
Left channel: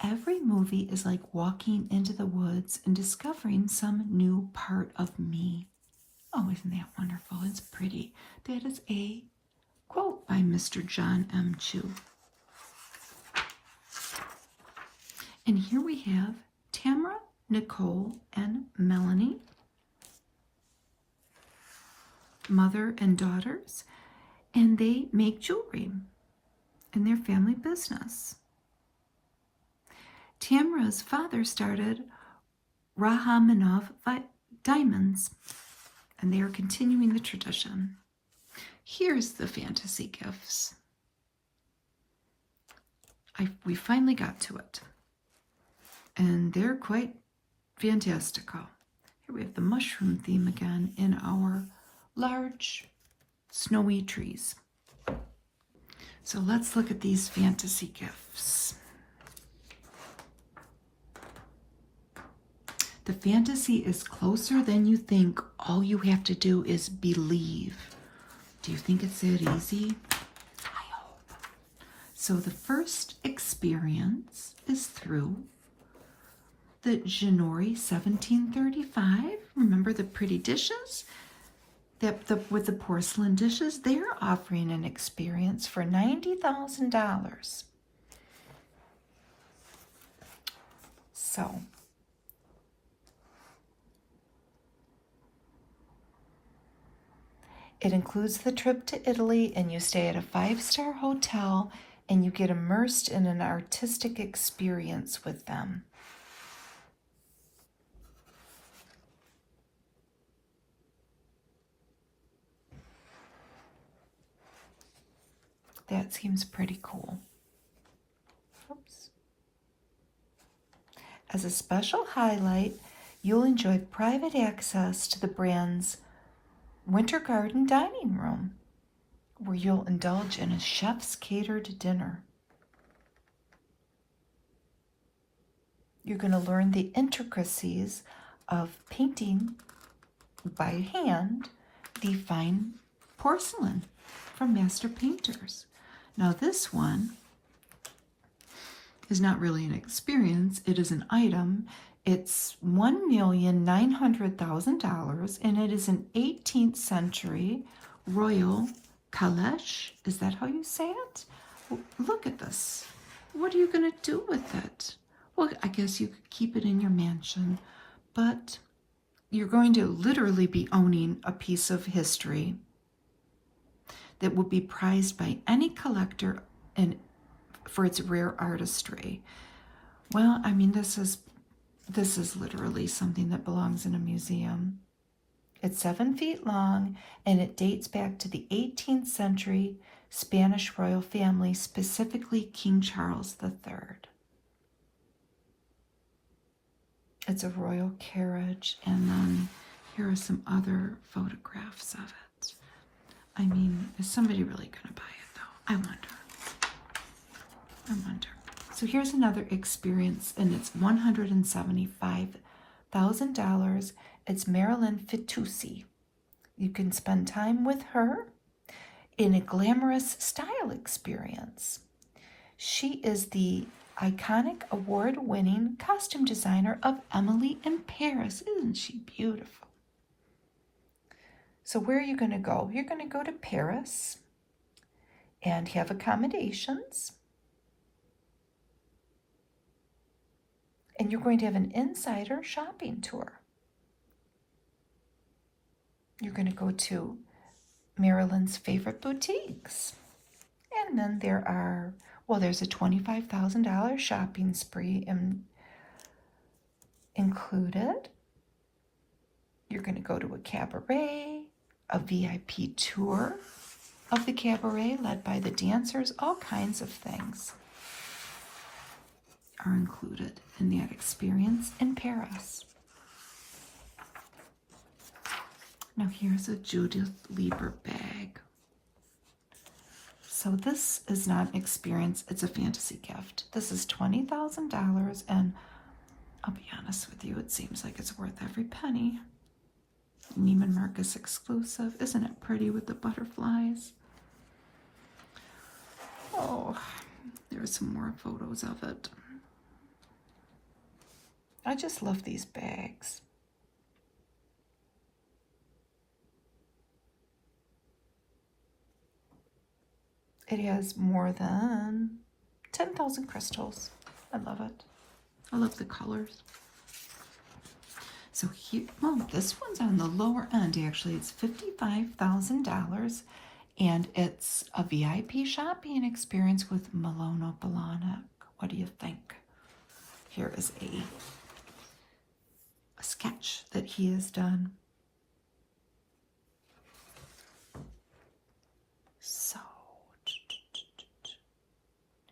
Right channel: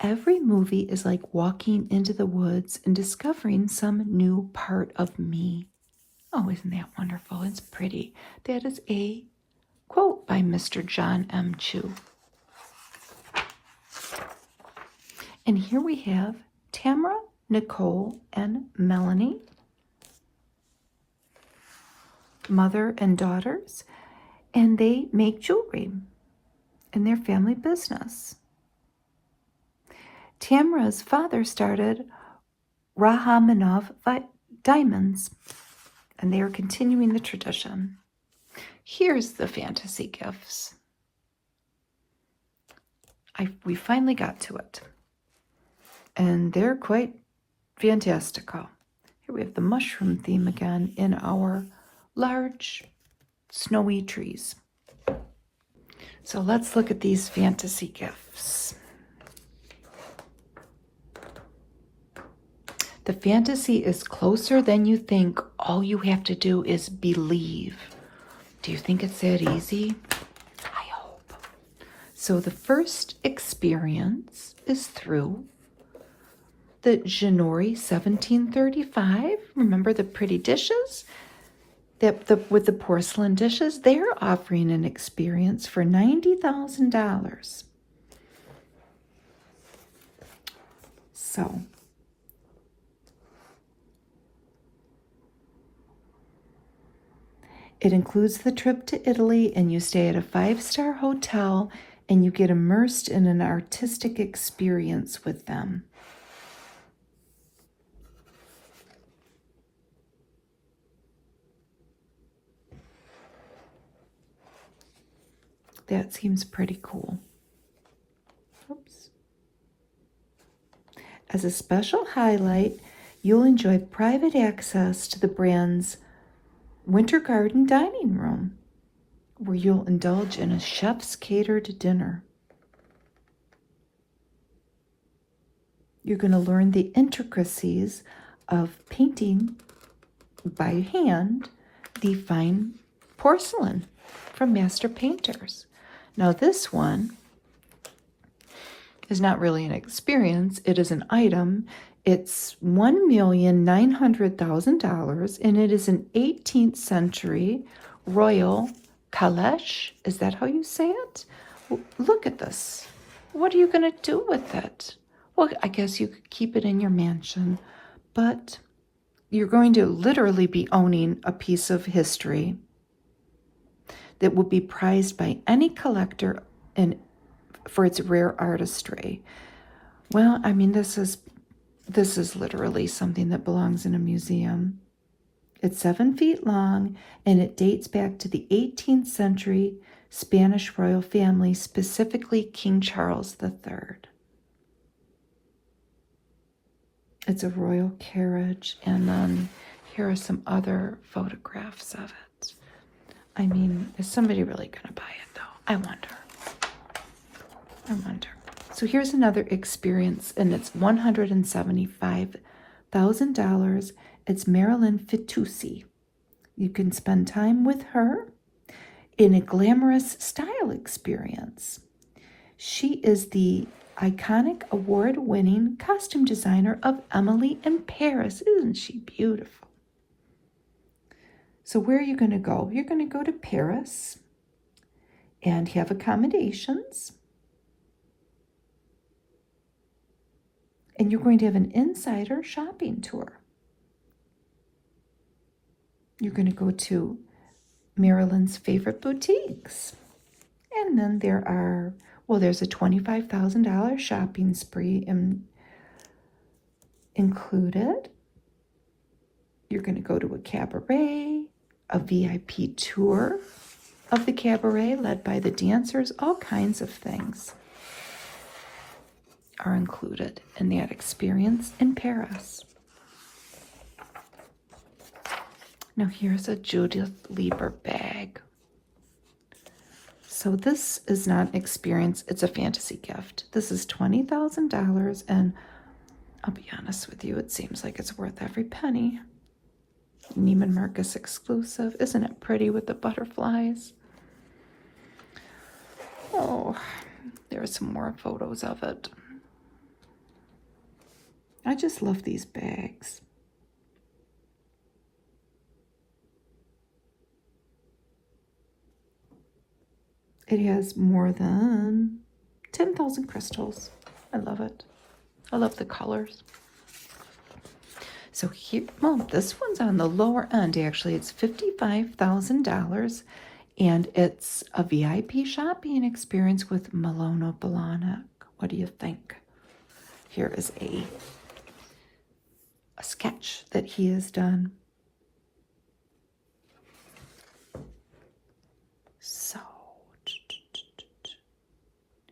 Every movie is like walking into the woods and discovering some new part of me. Oh, isn't that wonderful? It's pretty. That is a quote by Mr. John M. Chu. And here we have Tamara, Nicole, and Melanie, mother and daughters, and they make jewelry in their family business. Tamara's father started Rahamanov Diamonds, and they are continuing the tradition. Here's the fantasy gifts. We finally got to it. And they're quite fantastical. Here we have the mushroom theme again in our large snowy trees. So let's look at these fantasy gifts. The fantasy is closer than you think. All you have to do is believe. Do you think it's that easy? I hope. So the first experience is through the Janori 1735. Remember the pretty dishes? With the porcelain dishes? They're offering an experience for $90,000. So, it includes the trip to Italy, and you stay at a 5-star hotel and you get immersed in an artistic experience with them. That seems pretty cool. Oops. As a special highlight, you'll enjoy private access to the brand's Winter Garden dining room, where you'll indulge in a chef's catered dinner. You're going to learn the intricacies of painting by hand the fine porcelain from master painters. Now this one is not really an experience, it is an item. It's $1,900,000 and it is an 18th century royal caleche. Is that how you say it? Look at this. What are you going to do with it? Well, I guess you could keep it in your mansion, but you're going to literally be owning a piece of history that will be prized by any collector and for its rare artistry. Well, I mean, this is literally something that belongs in a museum. It's 7 feet long and it dates back to the 18th century Spanish royal family, specifically King Charles III. It's a royal carriage, and then here are some other photographs of it. I mean, is somebody really going to buy it, though? I wonder. So here's another experience, and it's $175,000. It's Marilyn Fitoussi. You can spend time with her in a glamorous style experience. She is the iconic award-winning costume designer of Emily in Paris. Isn't she beautiful? So where are you going to go? You're going to go to Paris and have accommodations. And you're going to have an insider shopping tour. You're going to go to Marilyn's favorite boutiques. And then there's a $25,000 shopping spree included. You're going to go to a cabaret, a VIP tour of the cabaret led by the dancers. All kinds of things are included in that experience in Paris. Now here's a Judith Lieber bag. So this is not an experience, it's a fantasy gift. This is $20,000 and I'll be honest with you, it seems like it's worth every penny. Neiman Marcus exclusive. Isn't it pretty with the butterflies? Oh, there are some more photos of it. I just love these bags. It has more than 10,000 crystals. I love it. I love the colors. So here, well, this one's on the lower end, actually. It's $55,000, and it's a VIP shopping experience with Milano Blahnik. What do you think? Here is a sketch that he has done. So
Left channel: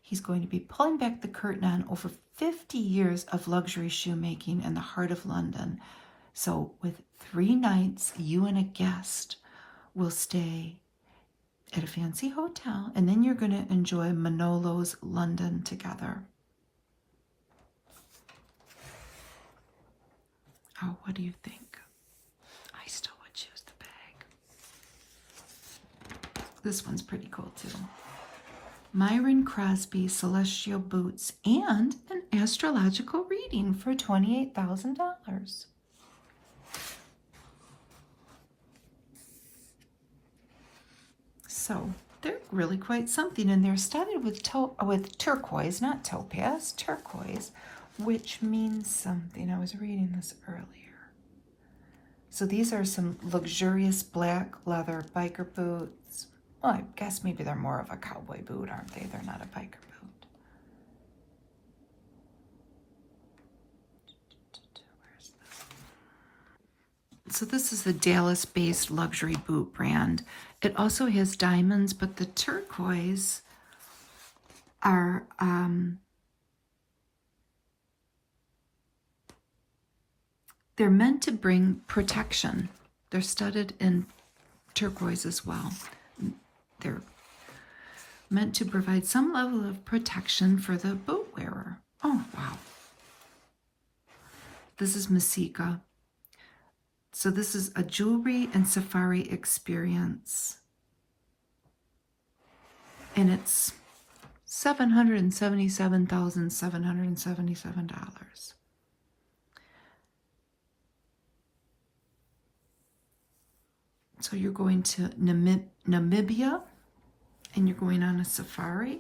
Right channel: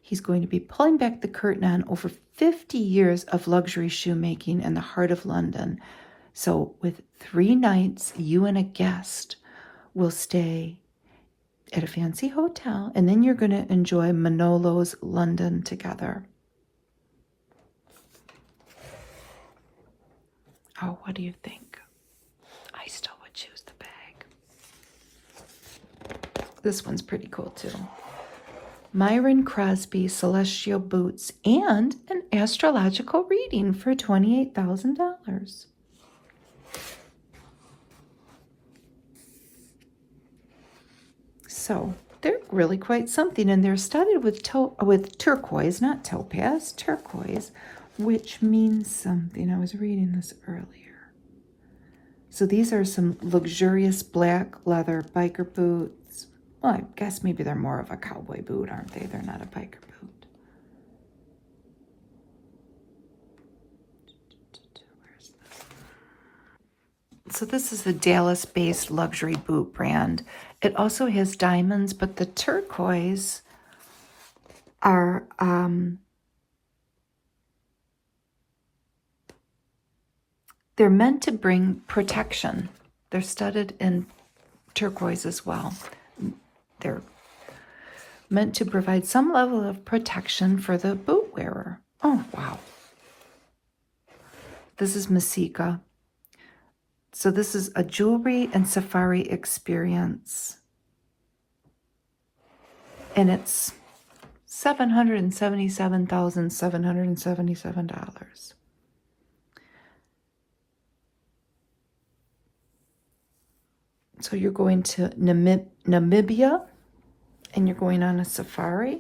he's going to be pulling back the curtain on over 50 years of luxury shoemaking in the heart of London. So with 3 nights, you and a guest will stay at a fancy hotel, and then you're going to enjoy Manolo's London together. Oh, what do you think? I still would choose the bag. This one's pretty cool too. Myron Crosby celestial boots and an astrological reading for $28,000. So they're really quite something, and they're studded with turquoise, not topaz, turquoise, which means something. I was reading this earlier. So these are some luxurious black leather biker boots. Well, I guess maybe they're more of a cowboy boot, aren't they? They're not a biker So this is the Dallas-based luxury boot brand. It also has diamonds, but the turquoise are they're meant to bring protection. They're studded in turquoise as well. They're meant to provide some level of protection for the boot wearer. Oh, wow. This is Masika. So this is a jewelry and safari experience. And it's $777,777. So you're going to Namibia and you're going on a safari.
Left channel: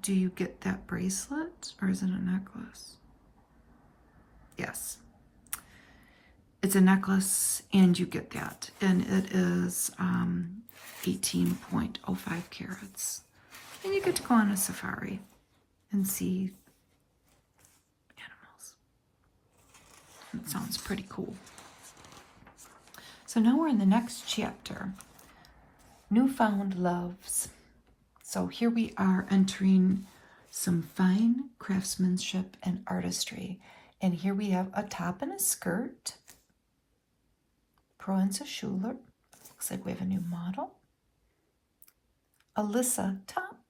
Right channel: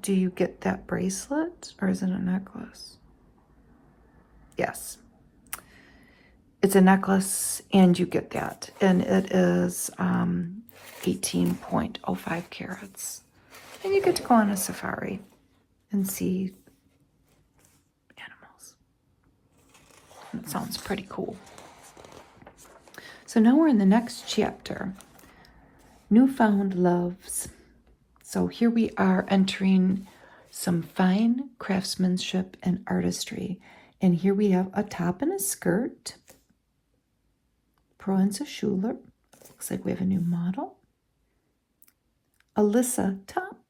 Do you get that bracelet or is it a necklace? Yes. It's a necklace and you get that. And it is 18.05 carats. And you get to go on a safari and see animals. It sounds pretty cool. So now we're in the next chapter, Newfound Loves. So here we are entering some fine craftsmanship and artistry. And here we have a top and a skirt. Proenza Schuler. Looks like we have a new model. Alyssa top,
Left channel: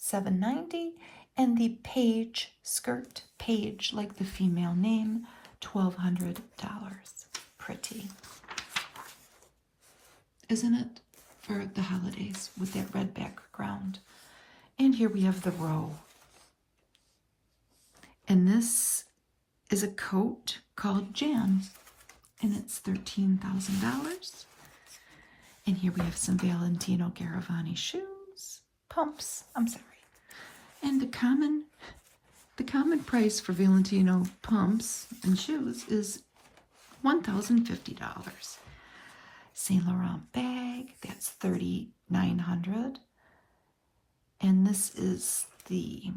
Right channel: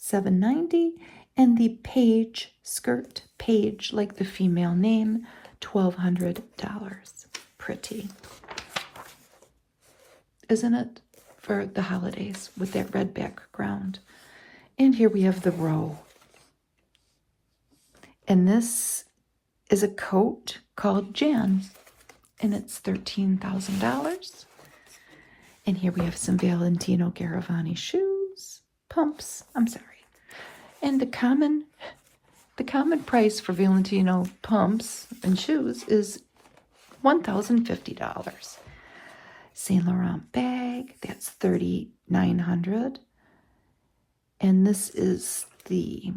$7.90. And the Paige skirt, Paige, like the female name, $1,200. Pretty. Isn't it? For the holidays with that red background. And here we have the row. And this is a coat called Jan. And it's $13,000. And here we have some Valentino Garavani shoes. Pumps. I'm sorry. And the common price for Valentino pumps and shoes is $1,050. Saint Laurent bag, that's $3,900. And this is the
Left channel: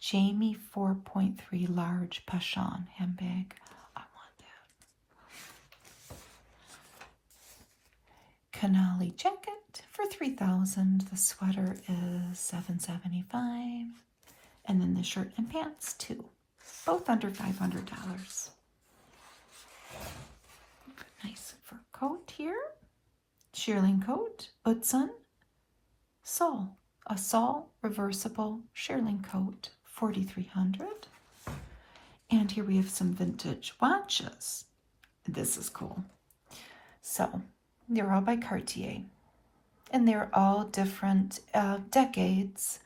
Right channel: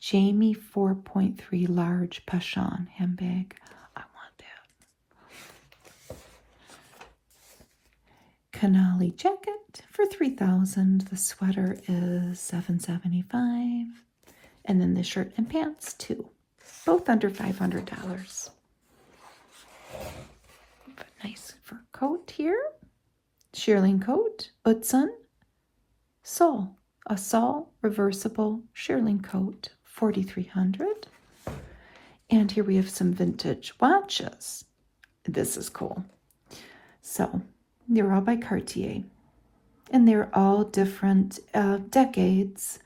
Jamie 4.3 large Pachon handbag. I want that. Canali jacket for $3,000. The sweater is $775. And then the shirt and pants too. Both under $500. Nice fur coat here. Shearling coat. Utzon. Sol. A Sol reversible shearling coat. $4,300. And here we have some vintage watches. This is cool. So, they're all by Cartier. And they're all different decades.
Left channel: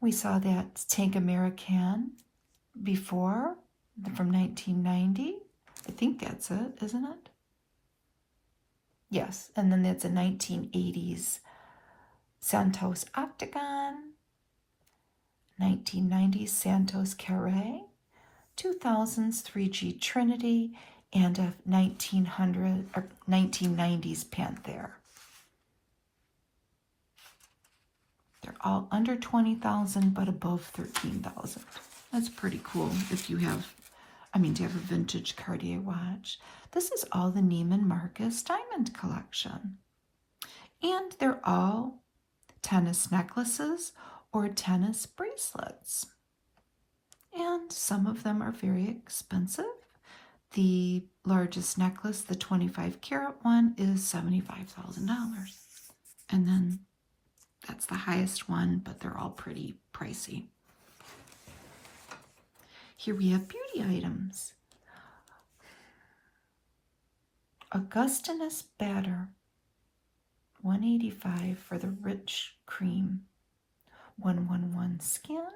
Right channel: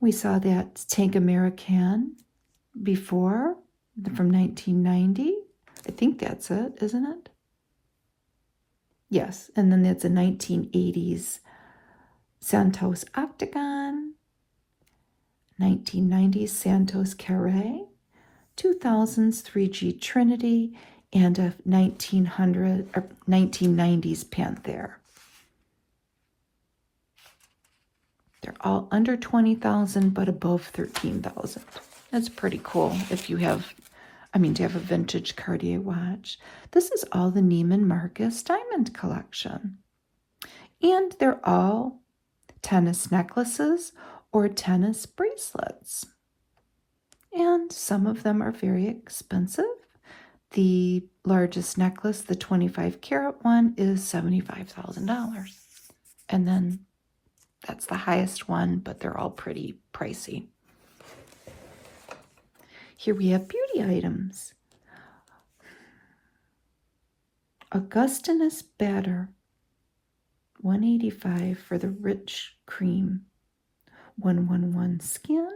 We saw that Tank American before, from 1990. I think that's it, isn't it? Yes, and then that's a 1980s Santos Octagon, 1990s Santos Carré, 2000s 3G Trinity, and a 1990s Panther. They're all under $20,000, but above $13,000. That's pretty cool if you have, to have a vintage Cartier watch. This is all the Neiman Marcus diamond collection. And they're all tennis necklaces or tennis bracelets. And some of them are very expensive. The largest necklace, the 25 karat one, is $75,000. And then that's the highest one, but they're all pretty pricey. Here we have beauty items. Augustinus Batter, $185 for the rich cream. 111 skin.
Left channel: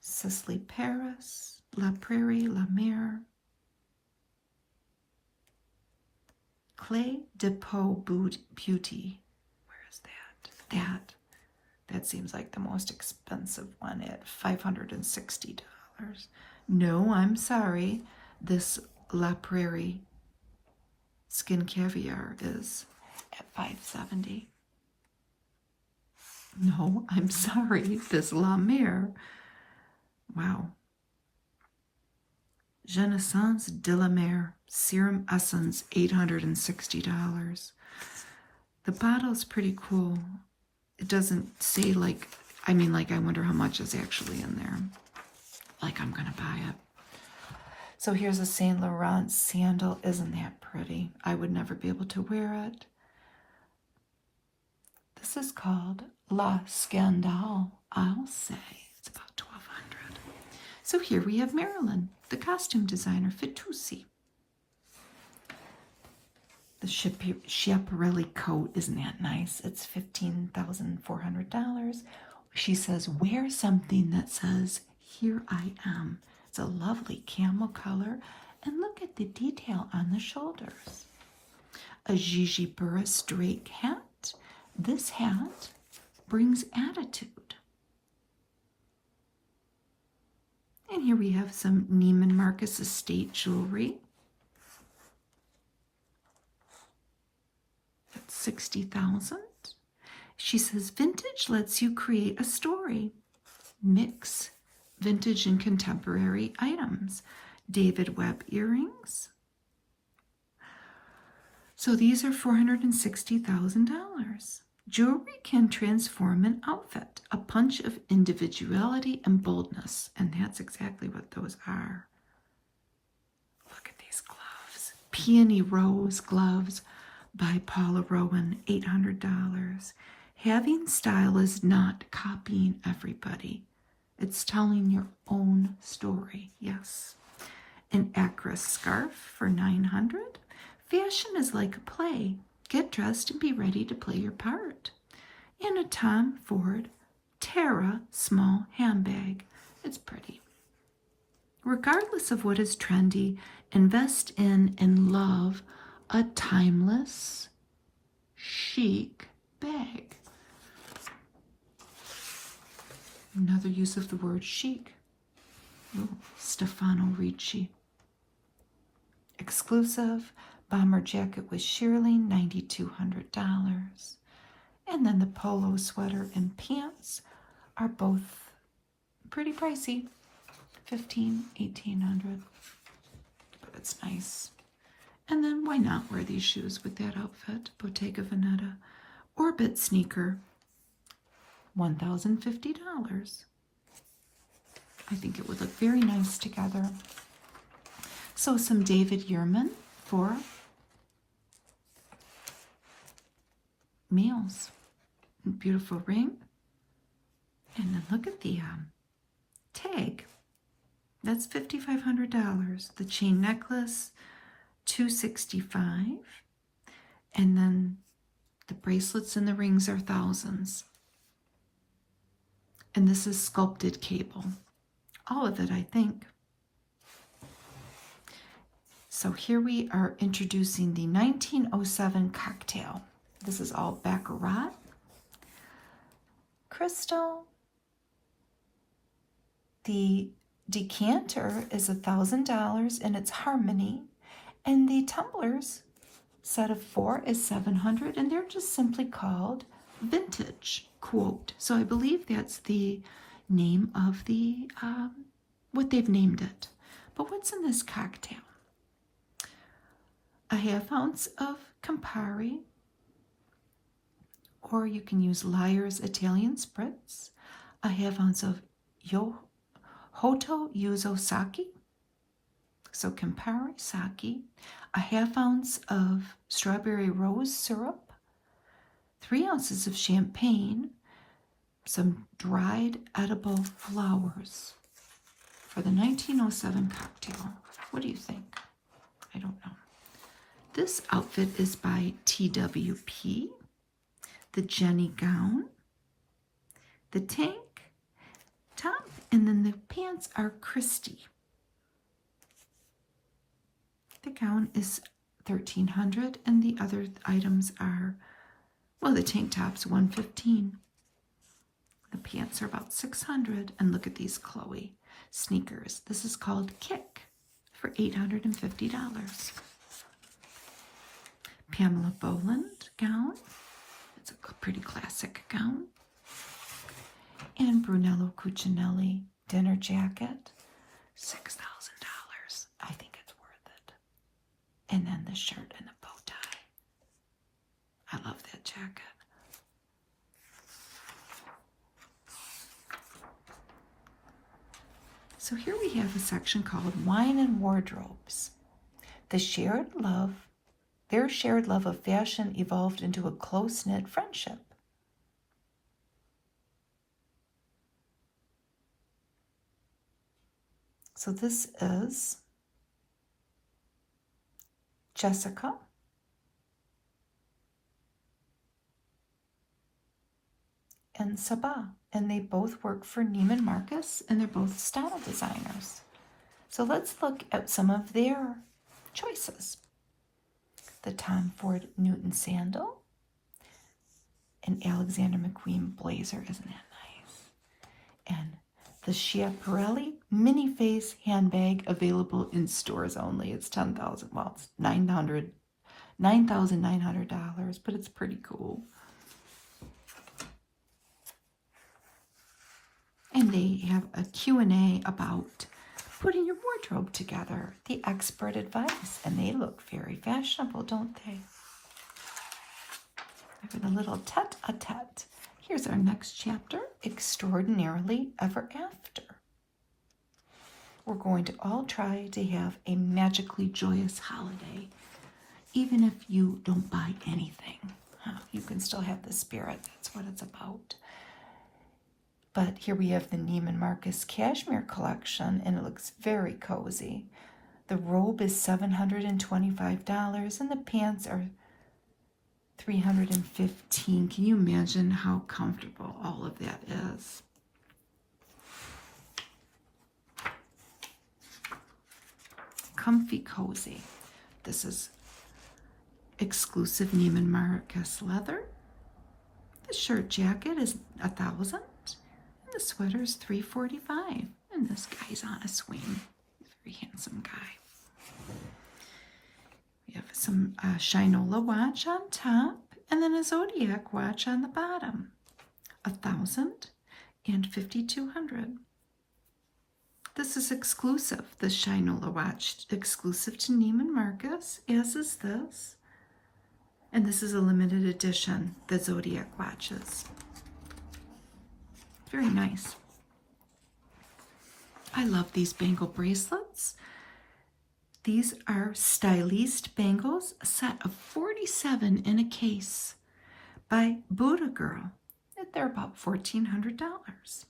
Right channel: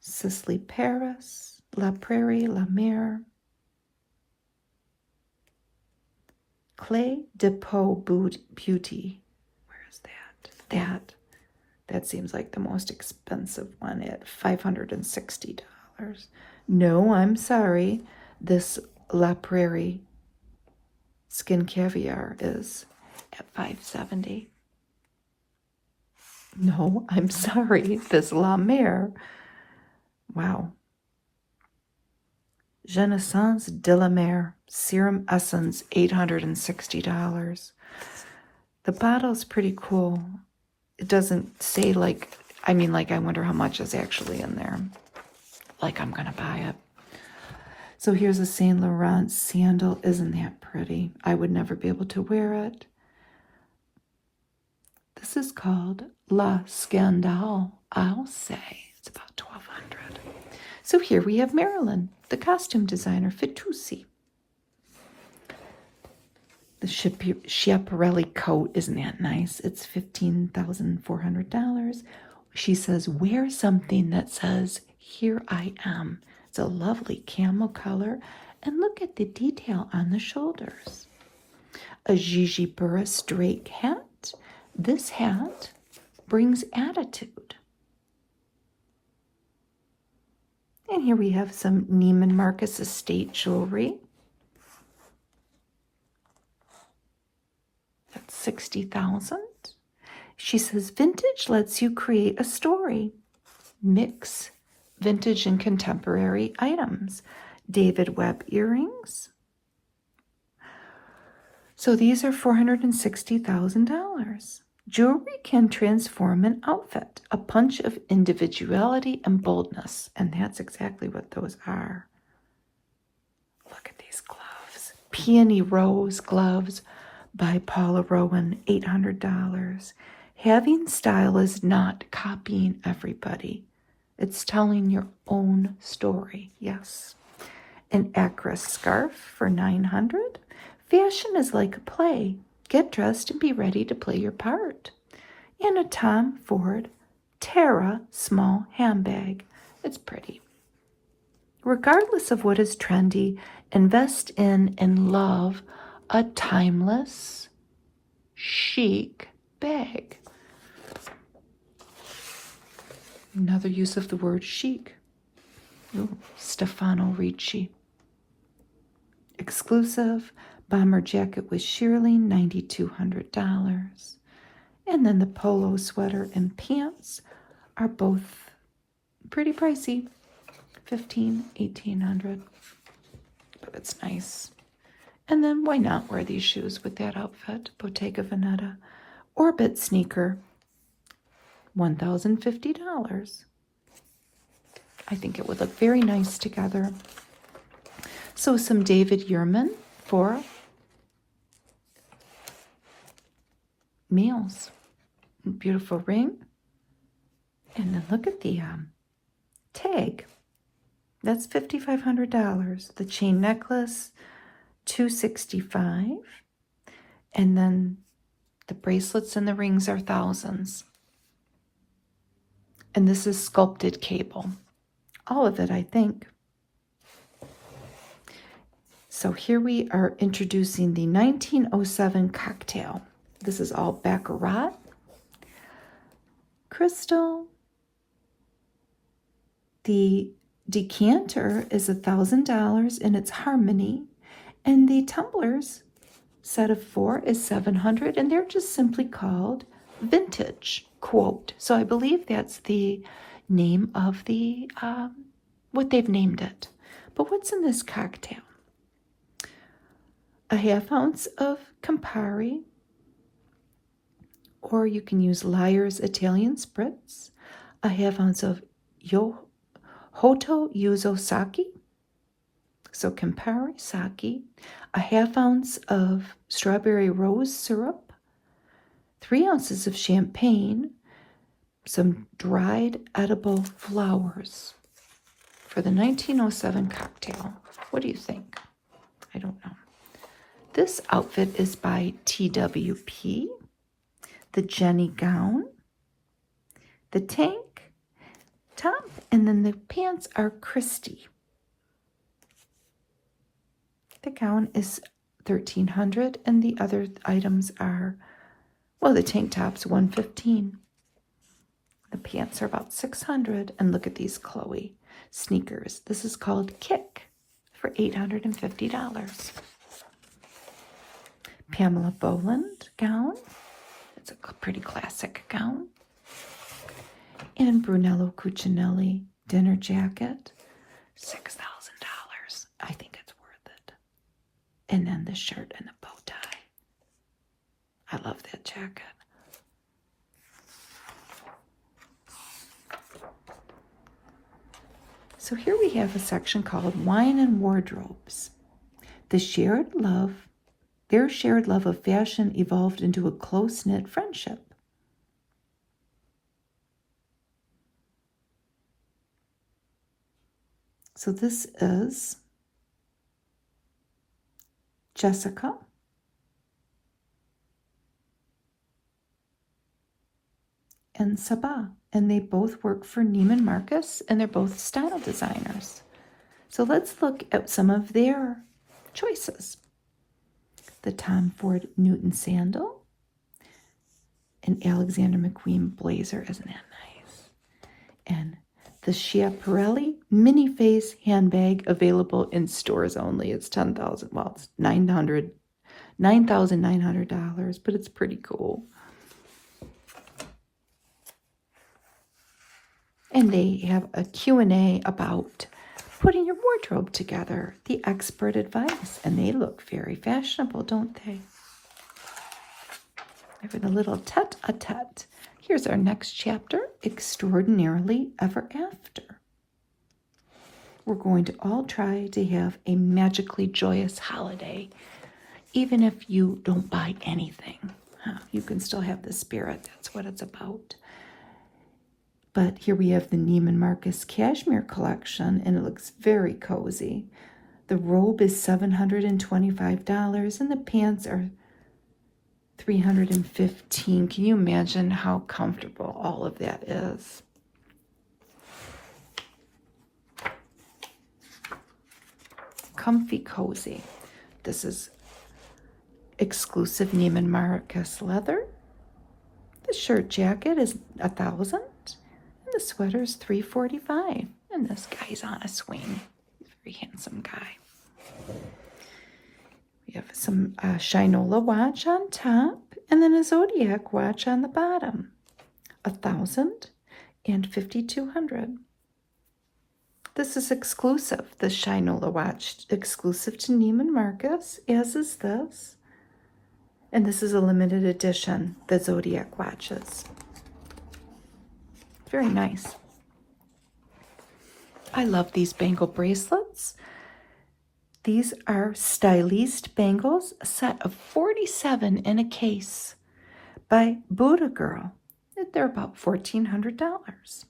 Sisley Paris, La Prairie, La Mer. Clé de Peau Beauty. Where is that? That seems like the most expensive one at $560. No, I'm sorry. This La Prairie Skin Caviar is at $570. No, I'm sorry. This La Mer Wow. Genaissance de la Mer Serum Essence, $860. The bottle's pretty cool. It doesn't say like, I wonder how much is actually in there. Like I'm gonna buy it. So here's a Saint Laurent sandal. Isn't that pretty? I would never be able to wear it. This is called La Scandale. I'll say it's about $1,200. So here we have Marilyn, the costume designer, Fitoussi. The Schiaparelli coat, isn't that nice? It's $15,400. She says, wear something that says, here I am. It's a lovely camel color. And look at the detail on the shoulders. A Gigi Burris Drake hat. This hat brings attitude. And here we have some Neiman Marcus estate jewelry. That's $60,000. She says, vintage lets you create a story. Mix vintage and contemporary items. David Webb earrings. So these are $460,000. Jewelry can transform an outfit, a punch of individuality and boldness. And that's exactly what those are. Look at these gloves. Peony Rose gloves by Paula Rowan, $800. Having style is not copying everybody. It's telling your own story, yes. An Acris scarf for $900. Fashion is like a play. Get dressed and be ready to play your part. And a Tom Ford Terra small handbag. It's pretty. Regardless of what is trendy, invest in and love a timeless, chic bag. Another use of the word chic. Ooh, Stefano Ricci. Exclusive bomber jacket with shearling, $9,200. And then the polo sweater and pants are both pretty pricey, $1,800. But it's nice. And then why not wear these shoes with that outfit? Bottega Veneta. Orbit sneaker, $1,050. I think it would look very nice together. So some David Yurman for meals. Beautiful ring. And then look at the tag. That's $5,500. The chain necklace, $265. And then the bracelets and the rings are thousands. And this is sculpted cable. All of it, I think. So here we are introducing the 1907 cocktail. This is all Baccarat. Crystal. The decanter is $1,000 in its harmony. And the tumblers, set of 4, is $700. And they're just simply called vintage, quote. So I believe that's the name of the, what they've named it. But what's in this cocktail? A half ounce of Campari, or you can use Lyre's Italian Spritz, a half ounce of Hoto Yuzo Sake, so Campari Sake, a half ounce of strawberry rose syrup, 3 ounces of champagne, some dried edible flowers for the 1907 cocktail. What do you think? I don't know. This outfit is by TWP. The Jenny gown, the tank top, and then the pants are Christie. The gown is $1,300, and the other items are, well, the tank top's $115. The pants are about $600, and look at these Chloe sneakers. This is called Kick for $850. Pamela Boland gown. It's a pretty classic gown. And Brunello Cucinelli dinner jacket, $6,000. I think it's worth it. And then the shirt and the bow tie. I love that jacket. So here we have a section called Wine and Wardrobes. Their shared love of fashion evolved into a close-knit friendship. So this is Jessica and Sabah, and they both work for Neiman Marcus, and they're both style designers. So let's look at some of their choices. The Tom Ford Newton sandal, an Alexander McQueen blazer, isn't that nice? And the Schiaparelli mini face handbag, available in stores only. It's $10,000. Well, it's $9,900, but it's pretty cool. And they have a Q&A about putting your wardrobe together, the expert advice, and they look very fashionable, don't they? Having a little tete-a-tete. Here's our next chapter, Extraordinarily Ever After. We're going to all try to have a magically joyous holiday, even if you don't buy anything. You can still have the spirit. That's what it's about. But here we have the Neiman Marcus Cashmere collection, and it looks very cozy. The robe is $725, and the pants are $315. Can you imagine how comfortable all of that is? Comfy cozy. This is exclusive Neiman Marcus leather. The shirt jacket is $1,000. And the sweater is $345. And this guy's on a swing. Very handsome guy. We have some Shinola watch on top, and then a Zodiac watch on the bottom. $1,000 and $5,200. This is exclusive, the Shinola watch, exclusive to Neiman Marcus, as is this. And this is a limited edition, the Zodiac watches. Very nice. I love these bangle bracelets. These are Styliste bangles, a set of 47 in a case by Buddha Girl. They're about $1,400.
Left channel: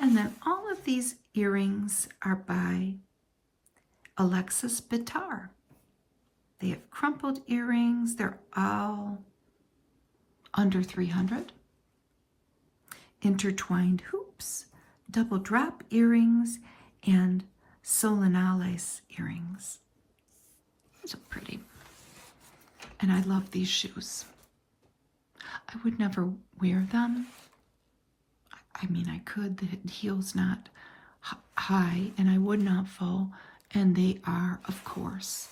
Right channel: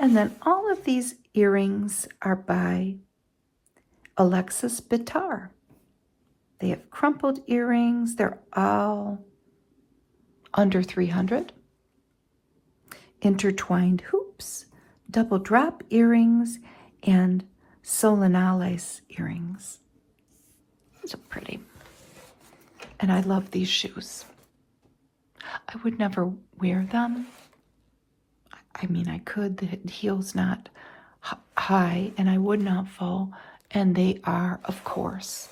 And then all of these earrings are by Alexis Bitar. They have crumpled earrings. They're all under $300. Intertwined hoops, double drop earrings, and solenales earrings. These are pretty. And I love these shoes. I would never wear them. I mean, I could. The heel's not high, and I would not fall. And they are, of course,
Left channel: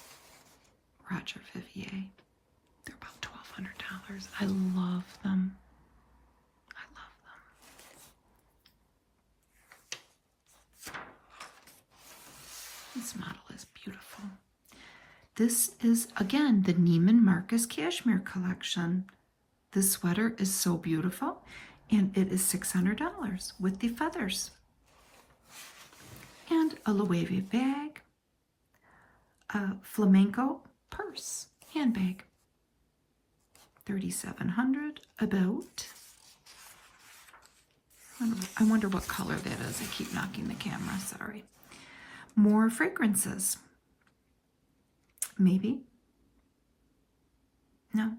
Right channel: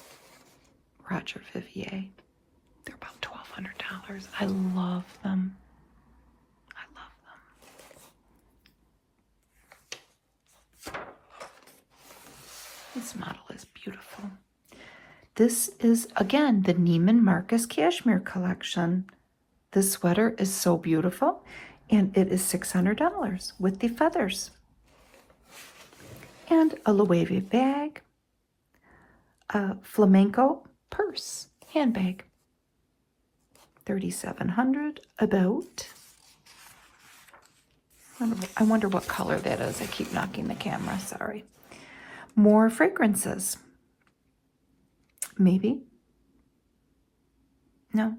Roger Vivier. They're about $1,200. I love them. I love them. This model is beautiful. This is, again, the Neiman Marcus Cashmere collection. This sweater is so beautiful, and it is $600 with the feathers. And a Loewe bag, a flamenco purse, handbag, $3,700 about. I wonder what color that is. I keep knocking the camera, sorry. More fragrances. Maybe. No,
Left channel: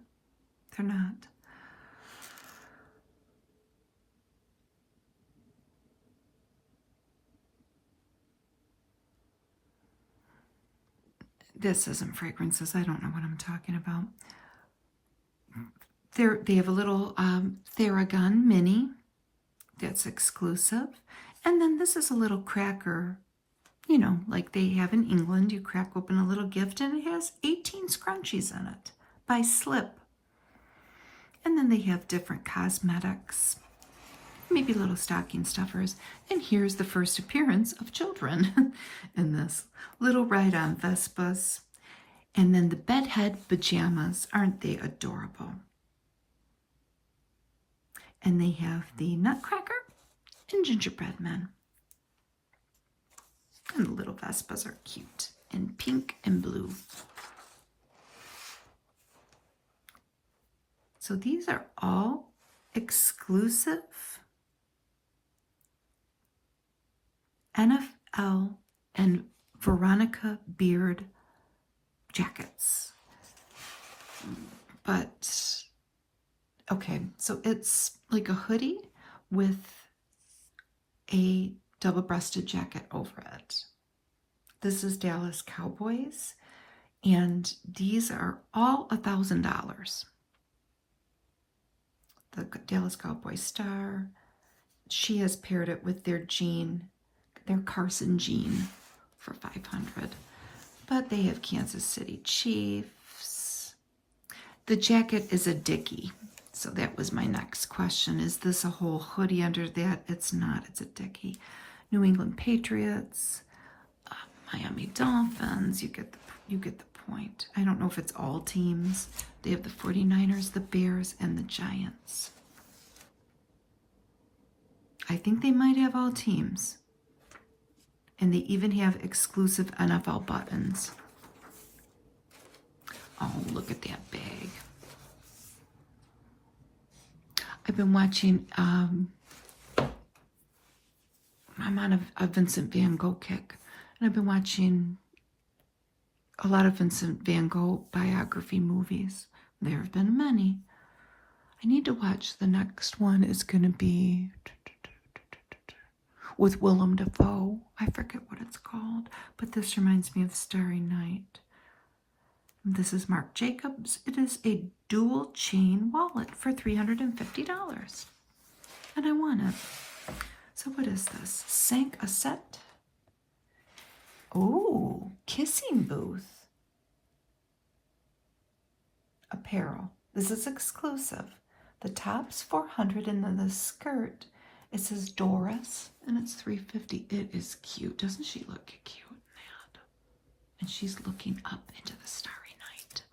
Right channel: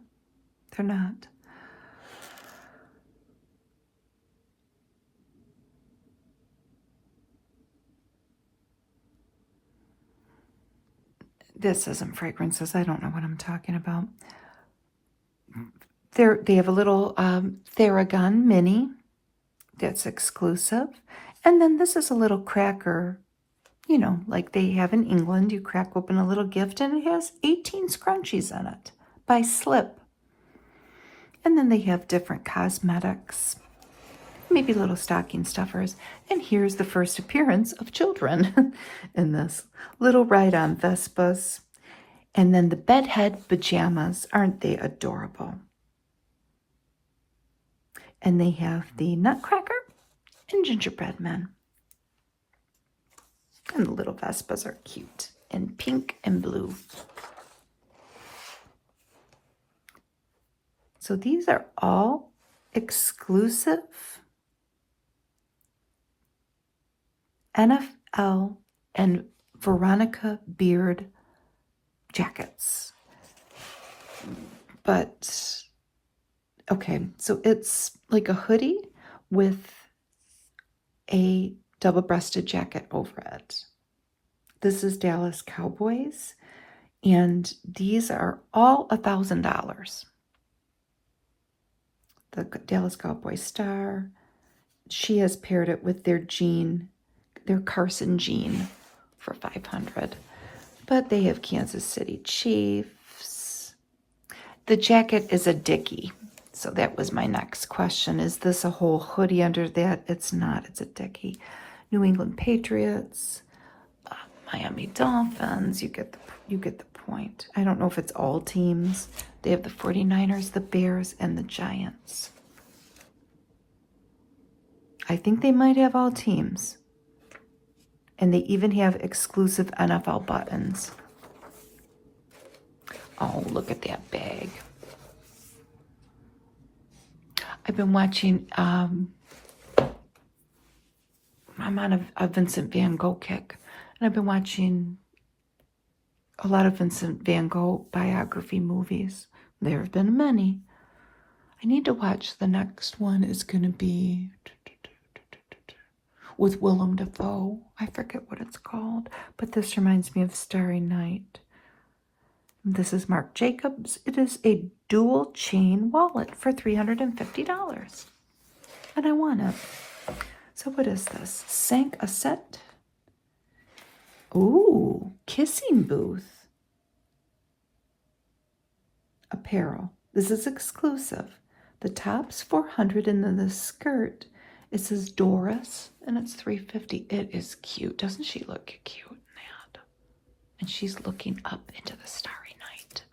they're not. This isn't fragrances. I don't know what I'm talking about. They have a little Theragun mini that's exclusive. And then this is a little cracker, you know, like they have in England. You crack open a little gift, and it has 18 scrunchies in it by Slip. And then they have different cosmetics. maybe little stocking stuffers. And here's the first appearance of children in this. Little ride-on Vespas. And then the bedhead pajamas. Aren't they adorable? And they have the Nutcracker and Gingerbread Men. And the little Vespas are cute in pink and blue. So these are all exclusive NFL and Veronica Beard jackets. But, okay, so it's like a hoodie with a double-breasted jacket over it. This is Dallas Cowboys, and these are all $1,000. The Dallas Cowboy star. She has paired it with their Carson jean for $500. But they have Kansas City Chiefs. The jacket is a dickie. So that was my next question. Is this a whole hoodie under that? It's not. It's a dickie. New England Patriots, Miami Dolphins. You get the point. I don't know if it's all teams. They have the 49ers, the Bears, and the Giants. I think they might have all teams. And they even have exclusive NFL buttons. Oh, look at that bag. I've been watching, I'm on a Vincent van Gogh kick. And I've been watching a lot of Vincent van Gogh biography movies. There have been many. I need to watch the next one. Is going to be with Willem Dafoe. I forget what it's called, but this reminds me of Starry Night. This is Marc Jacobs. It is a dual chain wallet for $350. And I want it. So what is this? Sank a set? Ooh, kissing booth. Apparel. This is exclusive. The top's $400 and then the skirt, it says Doris and it's $350. It is cute. Doesn't she look cute in that? And she's looking up into the starry night.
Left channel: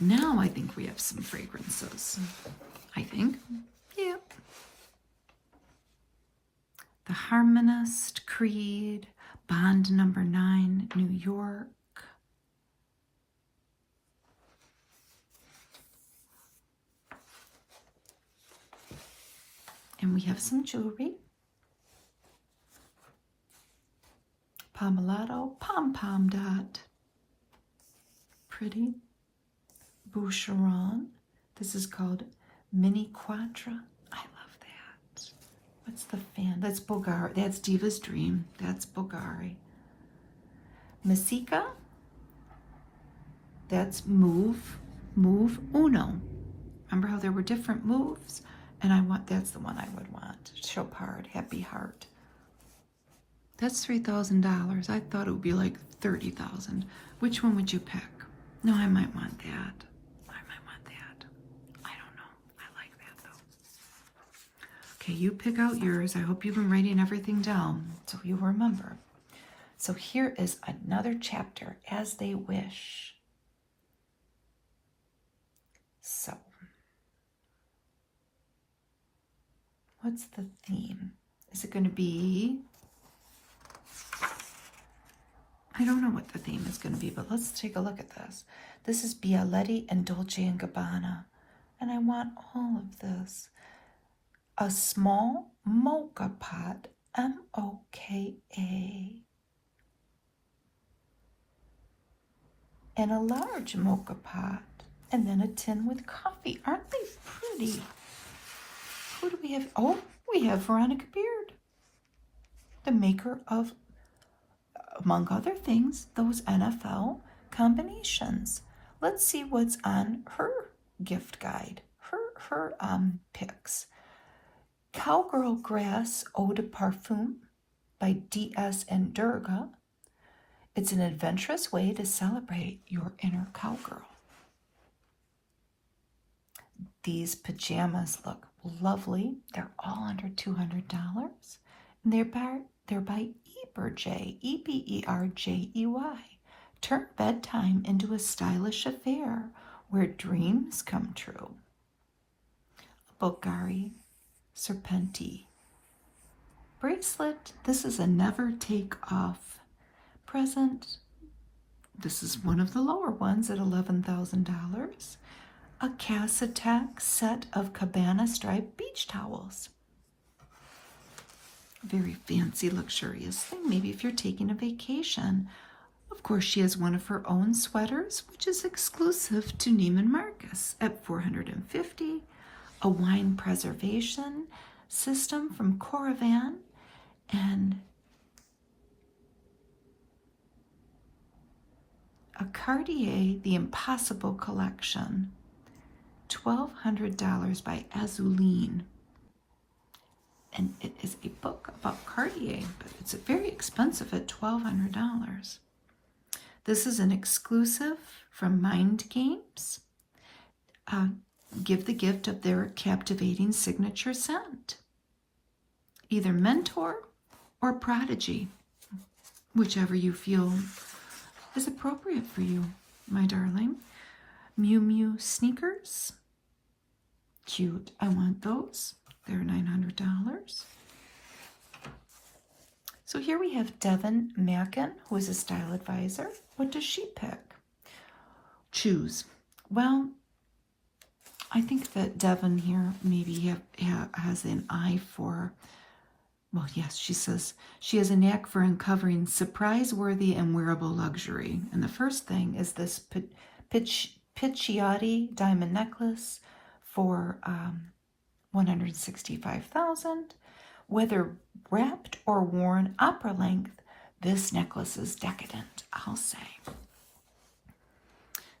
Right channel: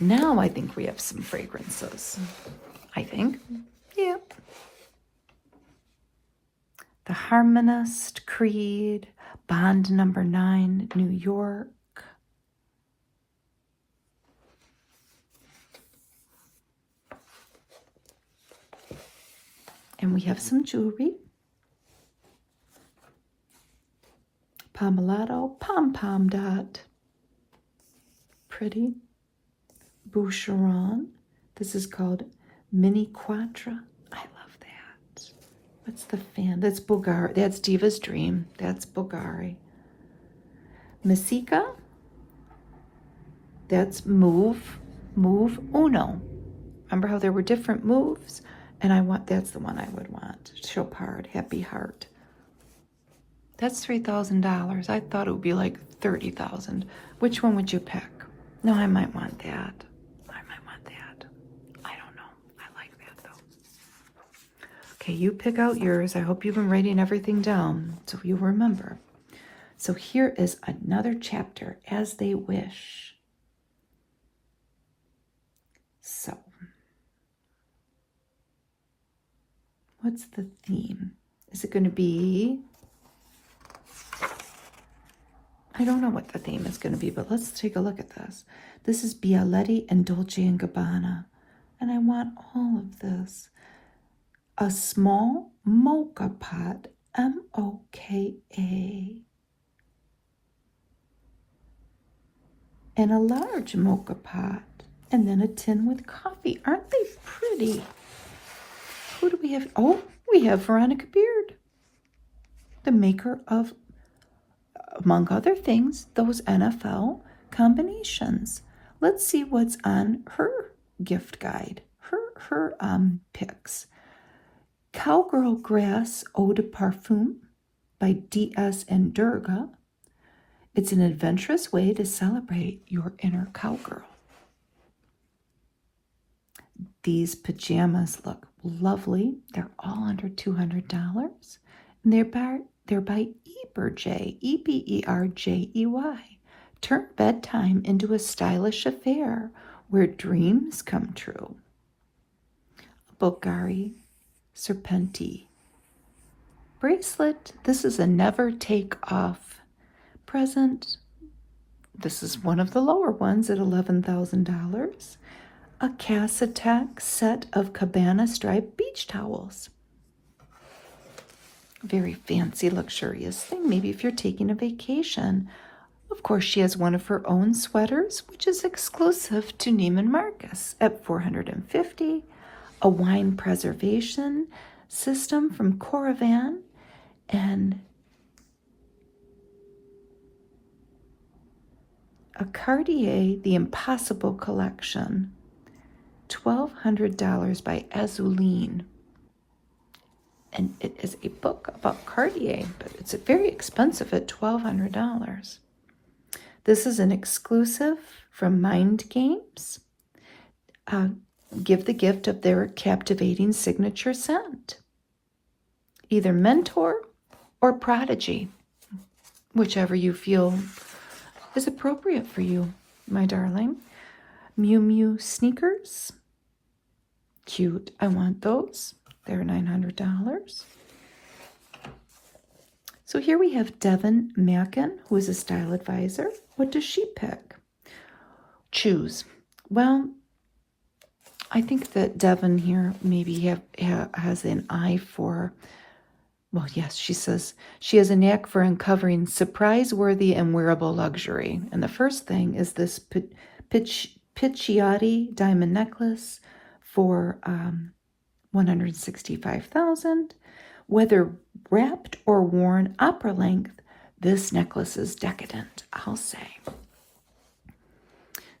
Now I think we have some fragrances. I think. Yep. The Harmonist, Creed, Bond number 9, New York. And we have some jewelry. Pomellato, Pom Pom Dot. Pretty. Boucheron. This is called Mini Quattro. I love that. That's the fan. That's Bulgari. That's Diva's Dream. That's Bulgari. Messika. That's Move Uno. Remember how there were different moves? And that's the one I would want. Chopard, Happy Heart. That's $3,000. I thought it would be like $30,000. Which one would you pick? No, I might want that. I might want that. I don't know. I like that though. Okay, you pick out yours. I hope you've been writing everything down so you'll remember. So here is another chapter, As They Wish. So, what's the theme? Is it going to be... I don't know what the theme is going to be, but let's take a look at this. This is Bialetti and Dolce & Gabbana. And I want all of this. A small mocha pot, M-O-K-A. And a large mocha pot. And then a tin with coffee. Aren't they pretty? Who do we have? Oh, we have Veronica Beard, the maker of, among other things, those NFL combinations. Let's see what's on her gift guide, her picks. Cowgirl Grass Eau de Parfum by D.S. and Durga. It's an adventurous way to celebrate your inner cowgirl. These pajamas look lovely. They're all under $200. And they're by Eberjey, Eberjey. Turn bedtime into a stylish affair where dreams come true. Bulgari Serpenti bracelet. This is a never take off present. This is one of the lower ones at $11,000. A Cassatac set of cabana striped beach towels. Very fancy, luxurious thing, maybe if you're taking a vacation. Of course, she has one of her own sweaters, which is exclusive to Neiman Marcus at $450. A wine preservation system from Coravan, and a Cartier The Impossible Collection, $1,200 by Azuline. And it is a book about Cartier, but it's very expensive at $1,200. This is an exclusive from Mind Games. Give the gift of their captivating signature scent. Either Mentor or Prodigy, whichever you feel is appropriate for you, my darling. Miu Miu sneakers. Cute. I want those. They're $900. So here we have Devin Mackin, who is a style advisor. What does she pick? Choose. Well, I think that Devin here maybe has an eye for, well, yes, she says she has a knack for uncovering surprise-worthy and wearable luxury. And the first thing is this Picciotti diamond necklace for $165,000. Whether wrapped or worn opera length, this necklace is decadent, I'll say.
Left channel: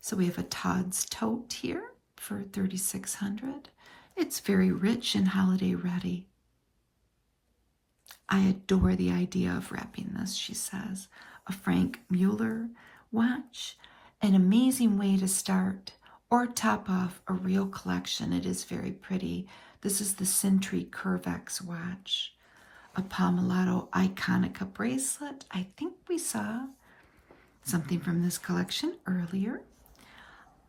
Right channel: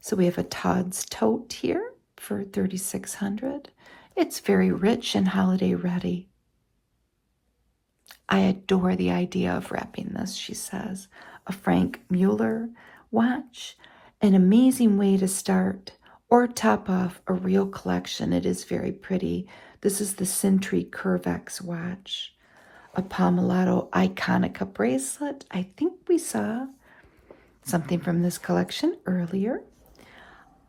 So we have a Todd's tote here for $3,600. It's very rich and holiday ready. I adore the idea of wrapping this, she says. A Frank Mueller watch, an amazing way to start or top off a real collection. It is very pretty. This is the Sentry Curvex watch. A Pomellato Iconica bracelet. I think we saw something from this collection earlier.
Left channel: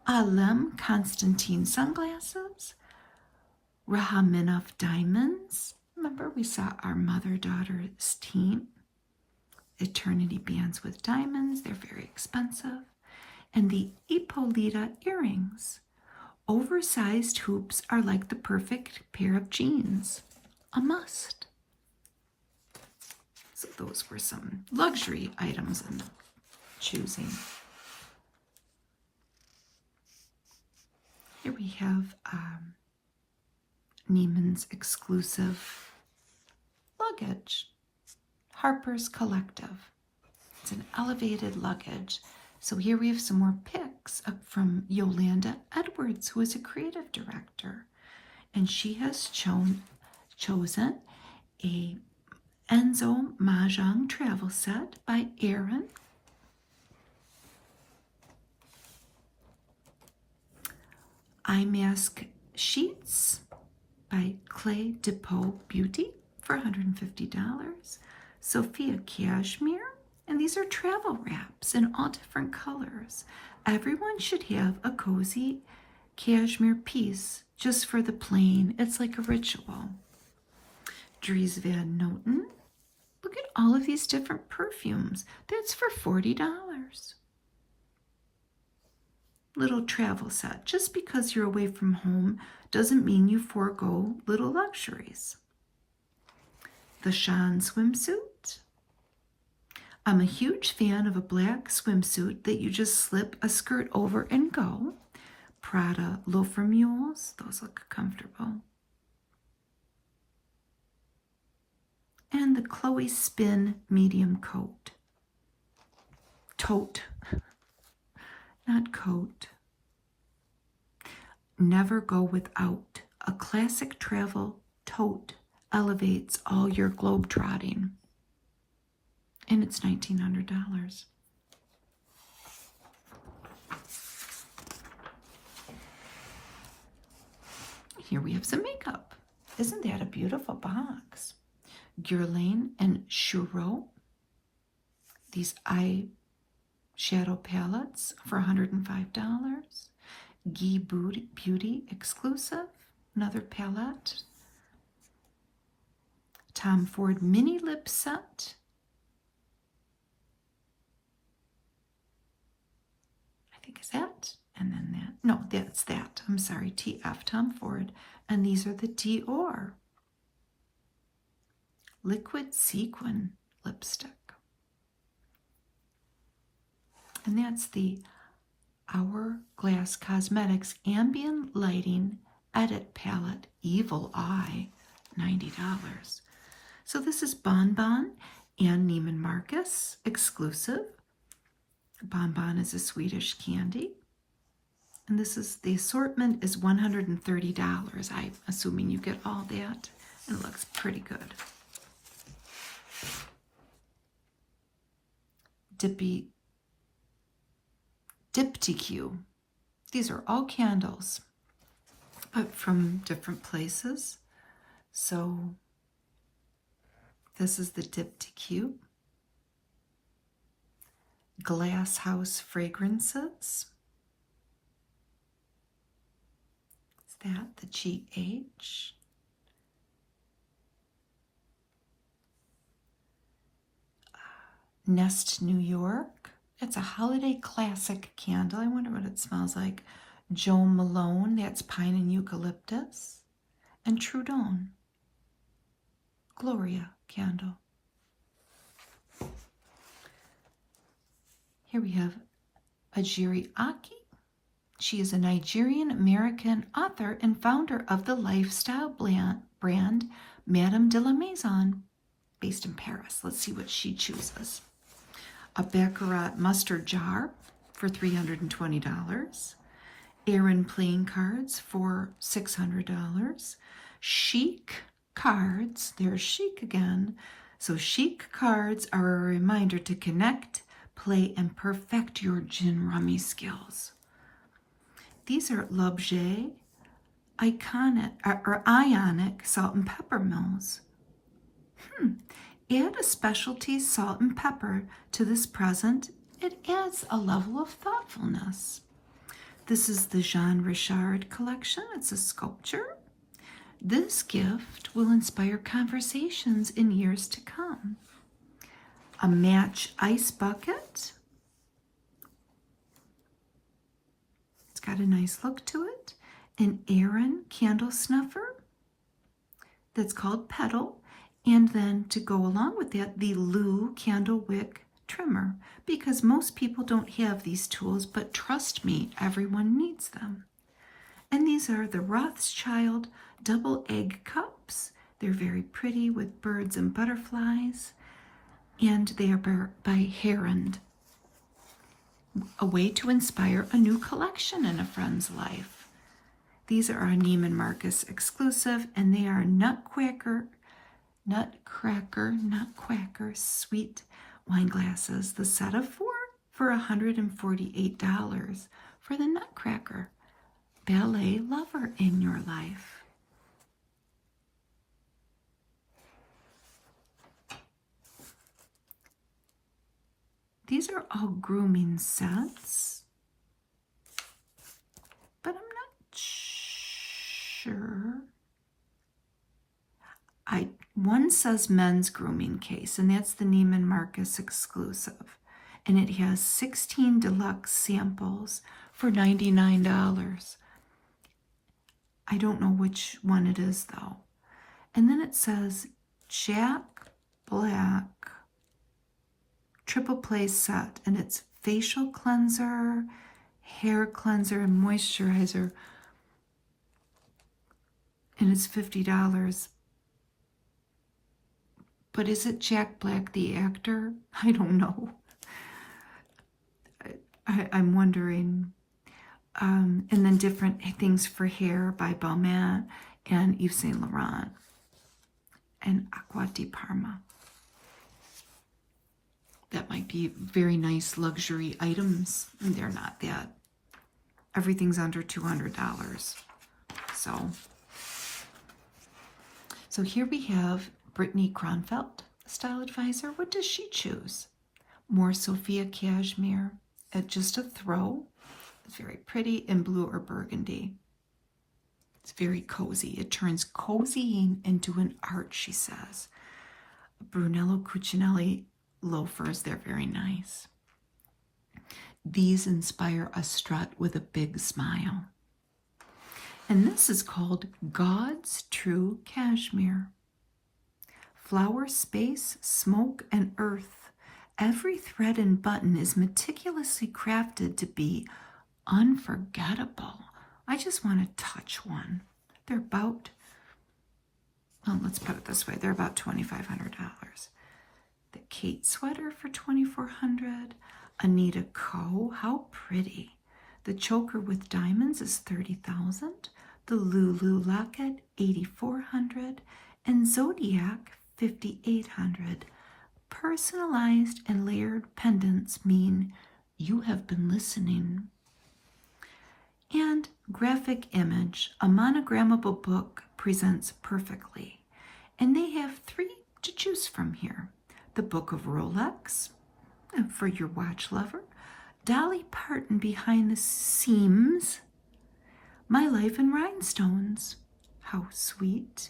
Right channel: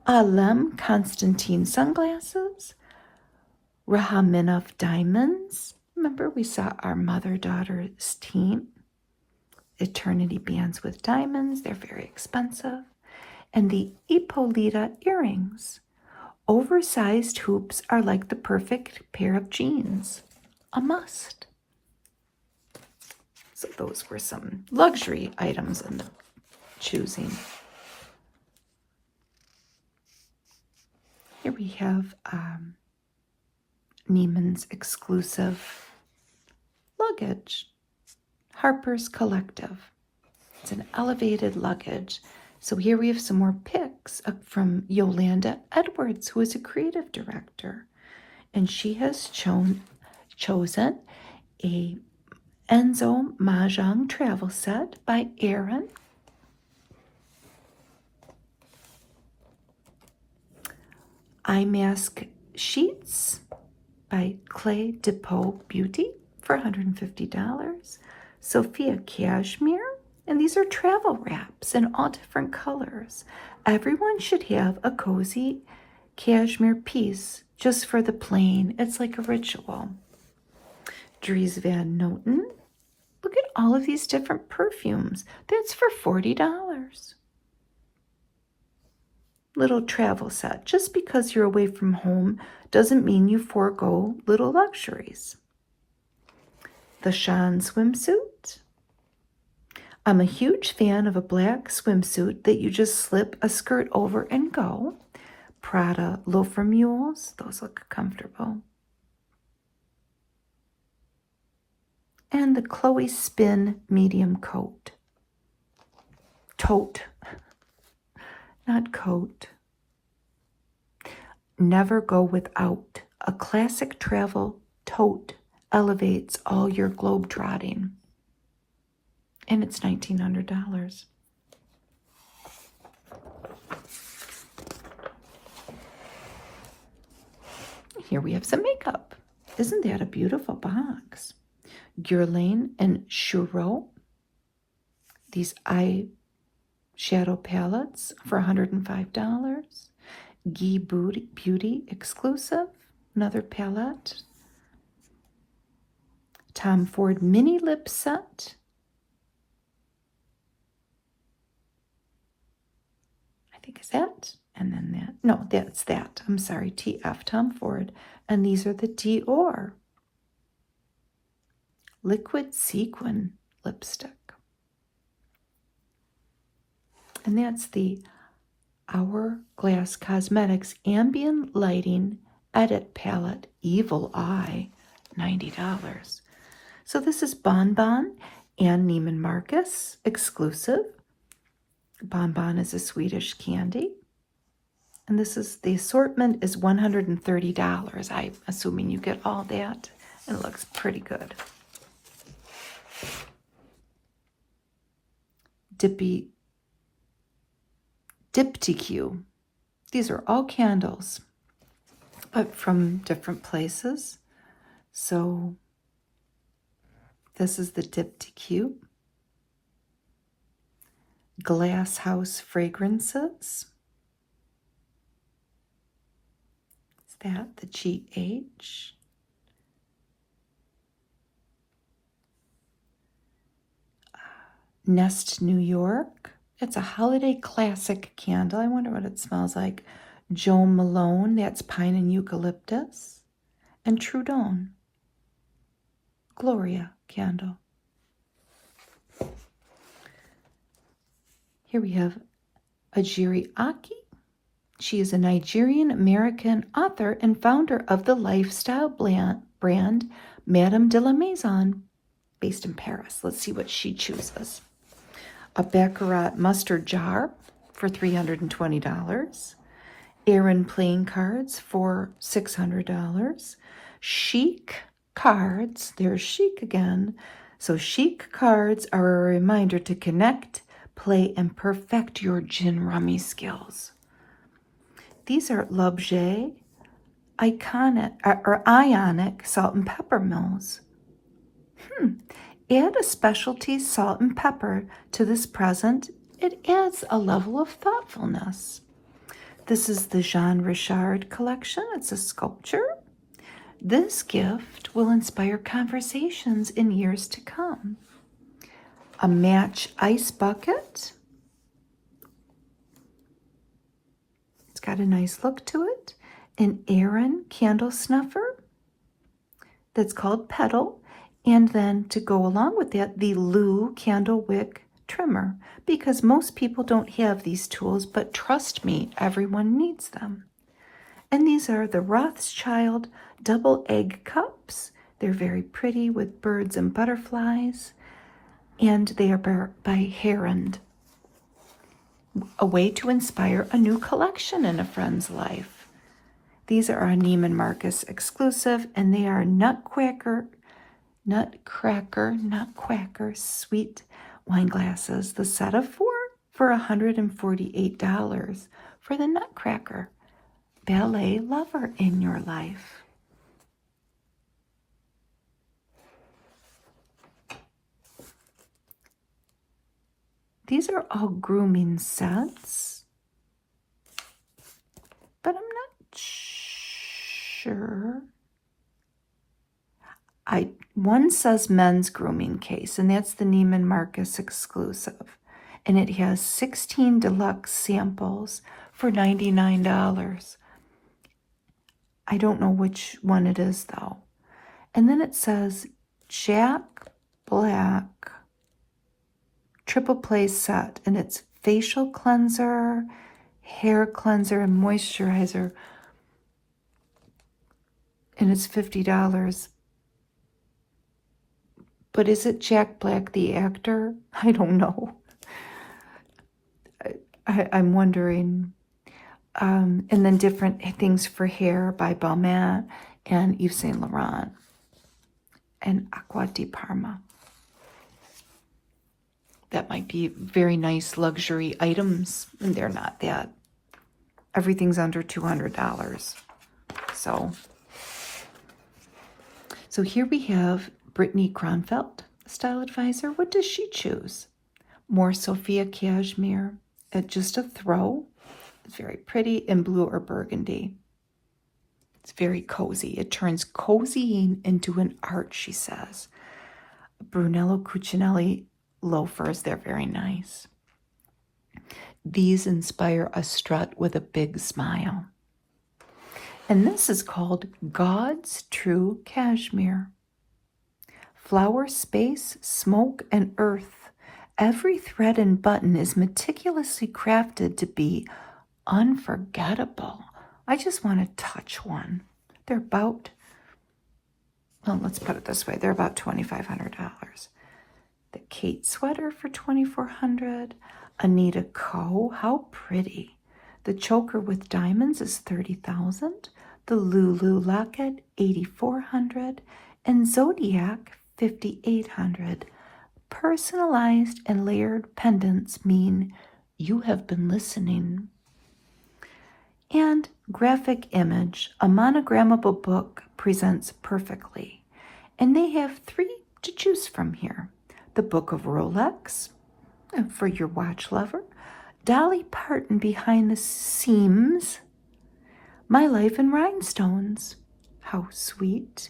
Alem Constantine sunglasses. Rahaminov diamonds. Remember we saw our mother-daughter's team. Eternity bands with diamonds. They're very expensive. And the Ippolita earrings. Oversized hoops are like the perfect pair of jeans. A must. So those were some luxury items in the choosing. Here we have Neiman's exclusive luggage. Harper's Collective. It's an elevated luggage. So here we have some more pics from Yolanda Edwards, who is a creative director. And she has chosen a Enzo Mahjong travel set by Erin. Eye mask sheets by Clay Depot Beauty for $150. Sophia Cashmere. And these are travel wraps in all different colors. Everyone should have a cozy cashmere piece just for the plane. It's like a ritual. Dries Van Noten. Look at all of these different perfumes. That's for $40. Little travel set. Just because you're away from home doesn't mean you forego little luxuries. The Sean swimsuit. I'm a huge fan of a black swimsuit that you just slip a skirt over and go. Prada loafer mules. Those look comfortable. And the Chloe Spin medium coat. Tote. Not coat. Never go without. A classic travel tote elevates all your globe-trotting. And it's $1,900. Here we have some makeup. Isn't that a beautiful box? Guerlain and Churro. These eyeshadow palettes for $105. Guy Beauty exclusive. Another palette. Tom Ford mini lip set. I think is that. And then that. No, that's that. I'm sorry. TF Tom Ford. And these are the Dior liquid sequin lipstick. And that's the Hourglass Cosmetics Ambient Lighting Edit Palette Evil Eye, $90. So this is Bonbon and Neiman Marcus exclusive. Bonbon is a Swedish candy. And this is, the assortment is $130. I'm assuming you get all that. And it looks pretty good. Diptyque. These are all candles, but from different places. So this is the Diptyque. Glass House Fragrances. Is that the GH? Nest New York. It's a holiday classic candle. I wonder what it smells like. Jo Malone, that's pine and eucalyptus. And Trudon. Gloria candle. Here we have Ajiri Aki. She is a Nigerian-American author and founder of the lifestyle brand Madame de la Maison, based in Paris. Let's see what she chooses. A Baccarat mustard jar for $320. Aran playing cards for $600. Chic cards, there's chic again. So chic cards are a reminder to connect, play, and perfect your gin rummy skills. These are L'Objet Ionic salt and pepper mills. Add a specialty salt and pepper to this present. It adds a level of thoughtfulness. This is the Jean Richard collection. It's a sculpture. This gift will inspire conversations in years to come. A match ice bucket. It's got a nice look to it. An Aran candle snuffer that's called Petal. And then to go along with that, the Lou candle wick trimmer, because most people don't have these tools, but trust me, everyone needs them. And these are the Rothschild double egg cups. They're very pretty with birds and butterflies, and they are by Herrand. A way to inspire a new collection in a friend's life. These are a Neiman Marcus exclusive, and they are Nutcracker sweet wine glasses. The set of four for $148 for the Nutcracker ballet lover in your life. These are all grooming sets, but I'm not sure. One says men's grooming case, and that's the Neiman Marcus exclusive. And it has 16 deluxe samples for $99. I don't know which one it is, though. And then it says Jack Black triple play set, and it's facial cleanser, hair cleanser, and moisturizer. And it's $50. But is it Jack Black, the actor? I don't know. I'm wondering. And then different things for hair by Balmain and Yves Saint Laurent and Acqua di Parma. That might be very nice luxury items. And they're not that. Everything's under $200. So So here we have Brittany Kronfeld, style advisor. What does she choose? More Sophia cashmere at just a throw. It's very pretty in blue or burgundy. It's very cozy. It turns cozying into an art, she says. Brunello Cucinelli loafers, they're very nice. These inspire a strut with a big smile. And this is called God's True Cashmere. Flower, space, smoke, and earth. Every thread and button is meticulously crafted to be unforgettable. I just want to touch one. They're about, well, let's put it this way. They're about $2,500. The Kate sweater for $2,400. Anita Ko, how pretty. The choker with diamonds is $30,000. The Lulu locket, $8,400. And Zodiac, $5,800. Personalized and layered pendants mean you have been listening. And graphic image, a monogrammable book presents perfectly. And they have 3 to choose from here. The Book of Rolex, for your watch lover. Dolly Parton behind the seams. My Life in Rhinestones. How sweet.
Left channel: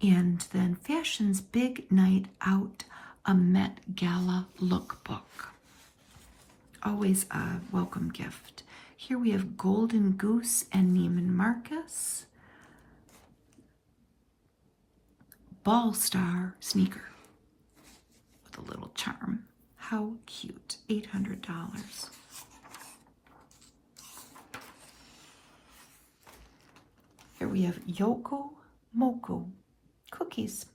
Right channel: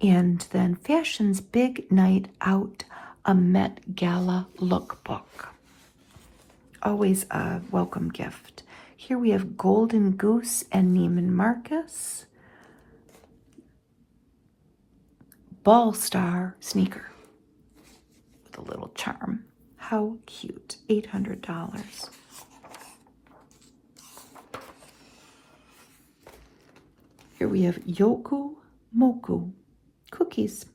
And then Fashion's Big Night Out, a Met Gala lookbook. Always a welcome gift. Here we have Golden Goose and Neiman Marcus. Ball Star sneaker with a little charm. How cute. $800. Here we have Yoku Moku cookies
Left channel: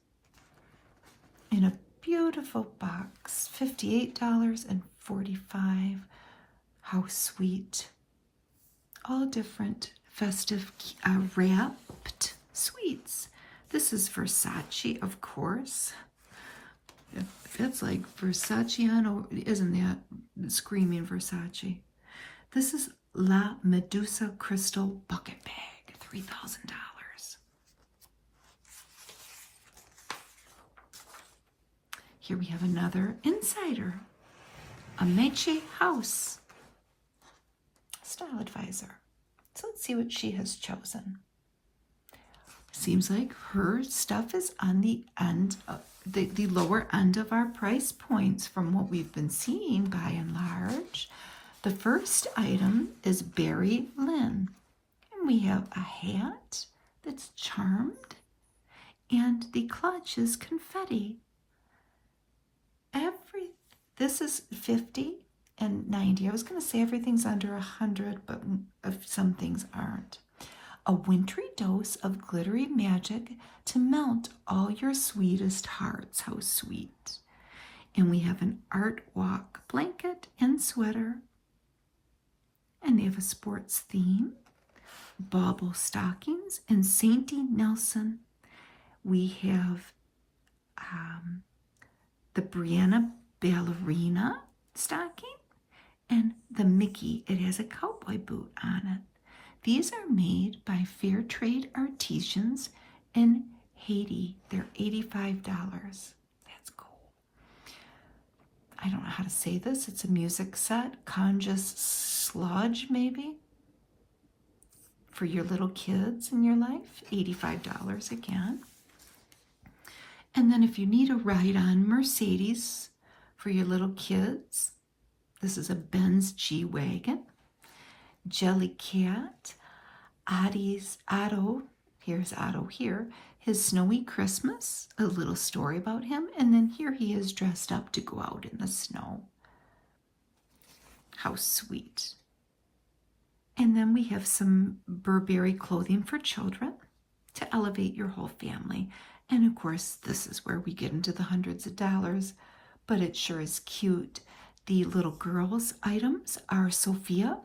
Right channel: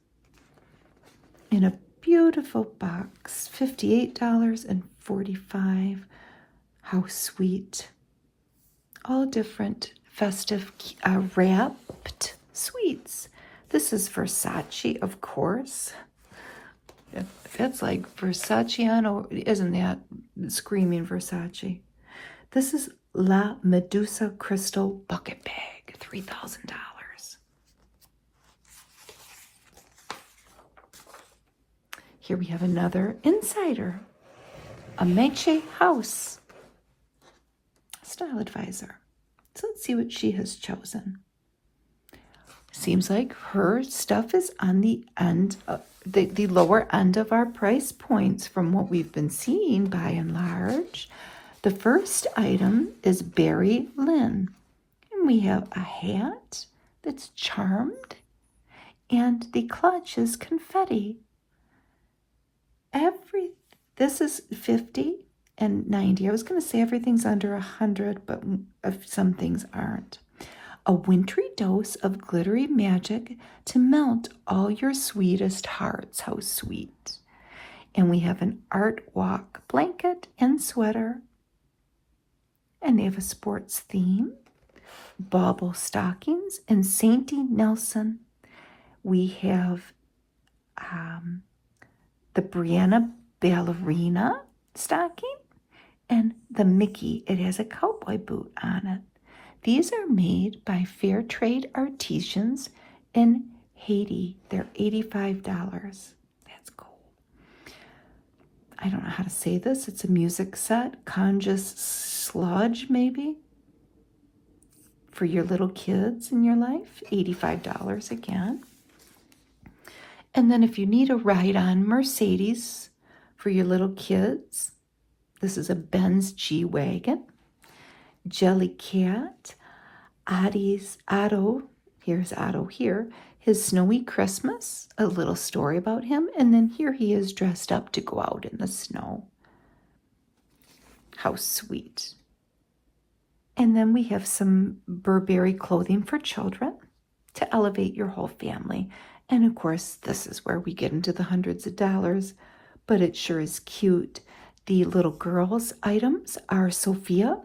in a beautiful box. $58.45. How sweet. All different festive wrapped sweets. This is Versace, of course. If it's like Versace on, isn't that screaming Versace? This is La Medusa Crystal Bucket Bag, $3,000. Here we have another insider, a Meche House style advisor. So let's see what she has chosen. Seems like her stuff is on the end of the lower end of our price points from what we've been seeing by and large. The first item is Barry Lynn. And we have a hat that's charmed, and the clutch is confetti. This is 50 and 90. I was going to say everything's under 100, but some things aren't. A wintry dose of glittery magic to melt all your sweetest hearts. How sweet. And we have an art walk blanket and sweater. And they have a sports theme. Bauble stockings and Sainty Nelson. We have the Brianna ballerina stocking and the Mickey. It has a cowboy boot on it. These are made by fair trade artisans in Haiti. They're $85. That's cool. I don't know how to say this. It's a music set. Conjus Sludge, maybe, for your little kids in your life. $85 again. And then if you need a ride-on Mercedes for your little kids, this is a Benz G-Wagon. Jellycat, Otto, here's Otto here, his Snowy Christmas, a little story about him, and then here he is dressed up to go out in the snow. How sweet. And then we have some Burberry clothing for children to elevate your whole family. And of course, this is where we get into the hundreds of dollars, but it sure is cute. The little girls' items are Sophia,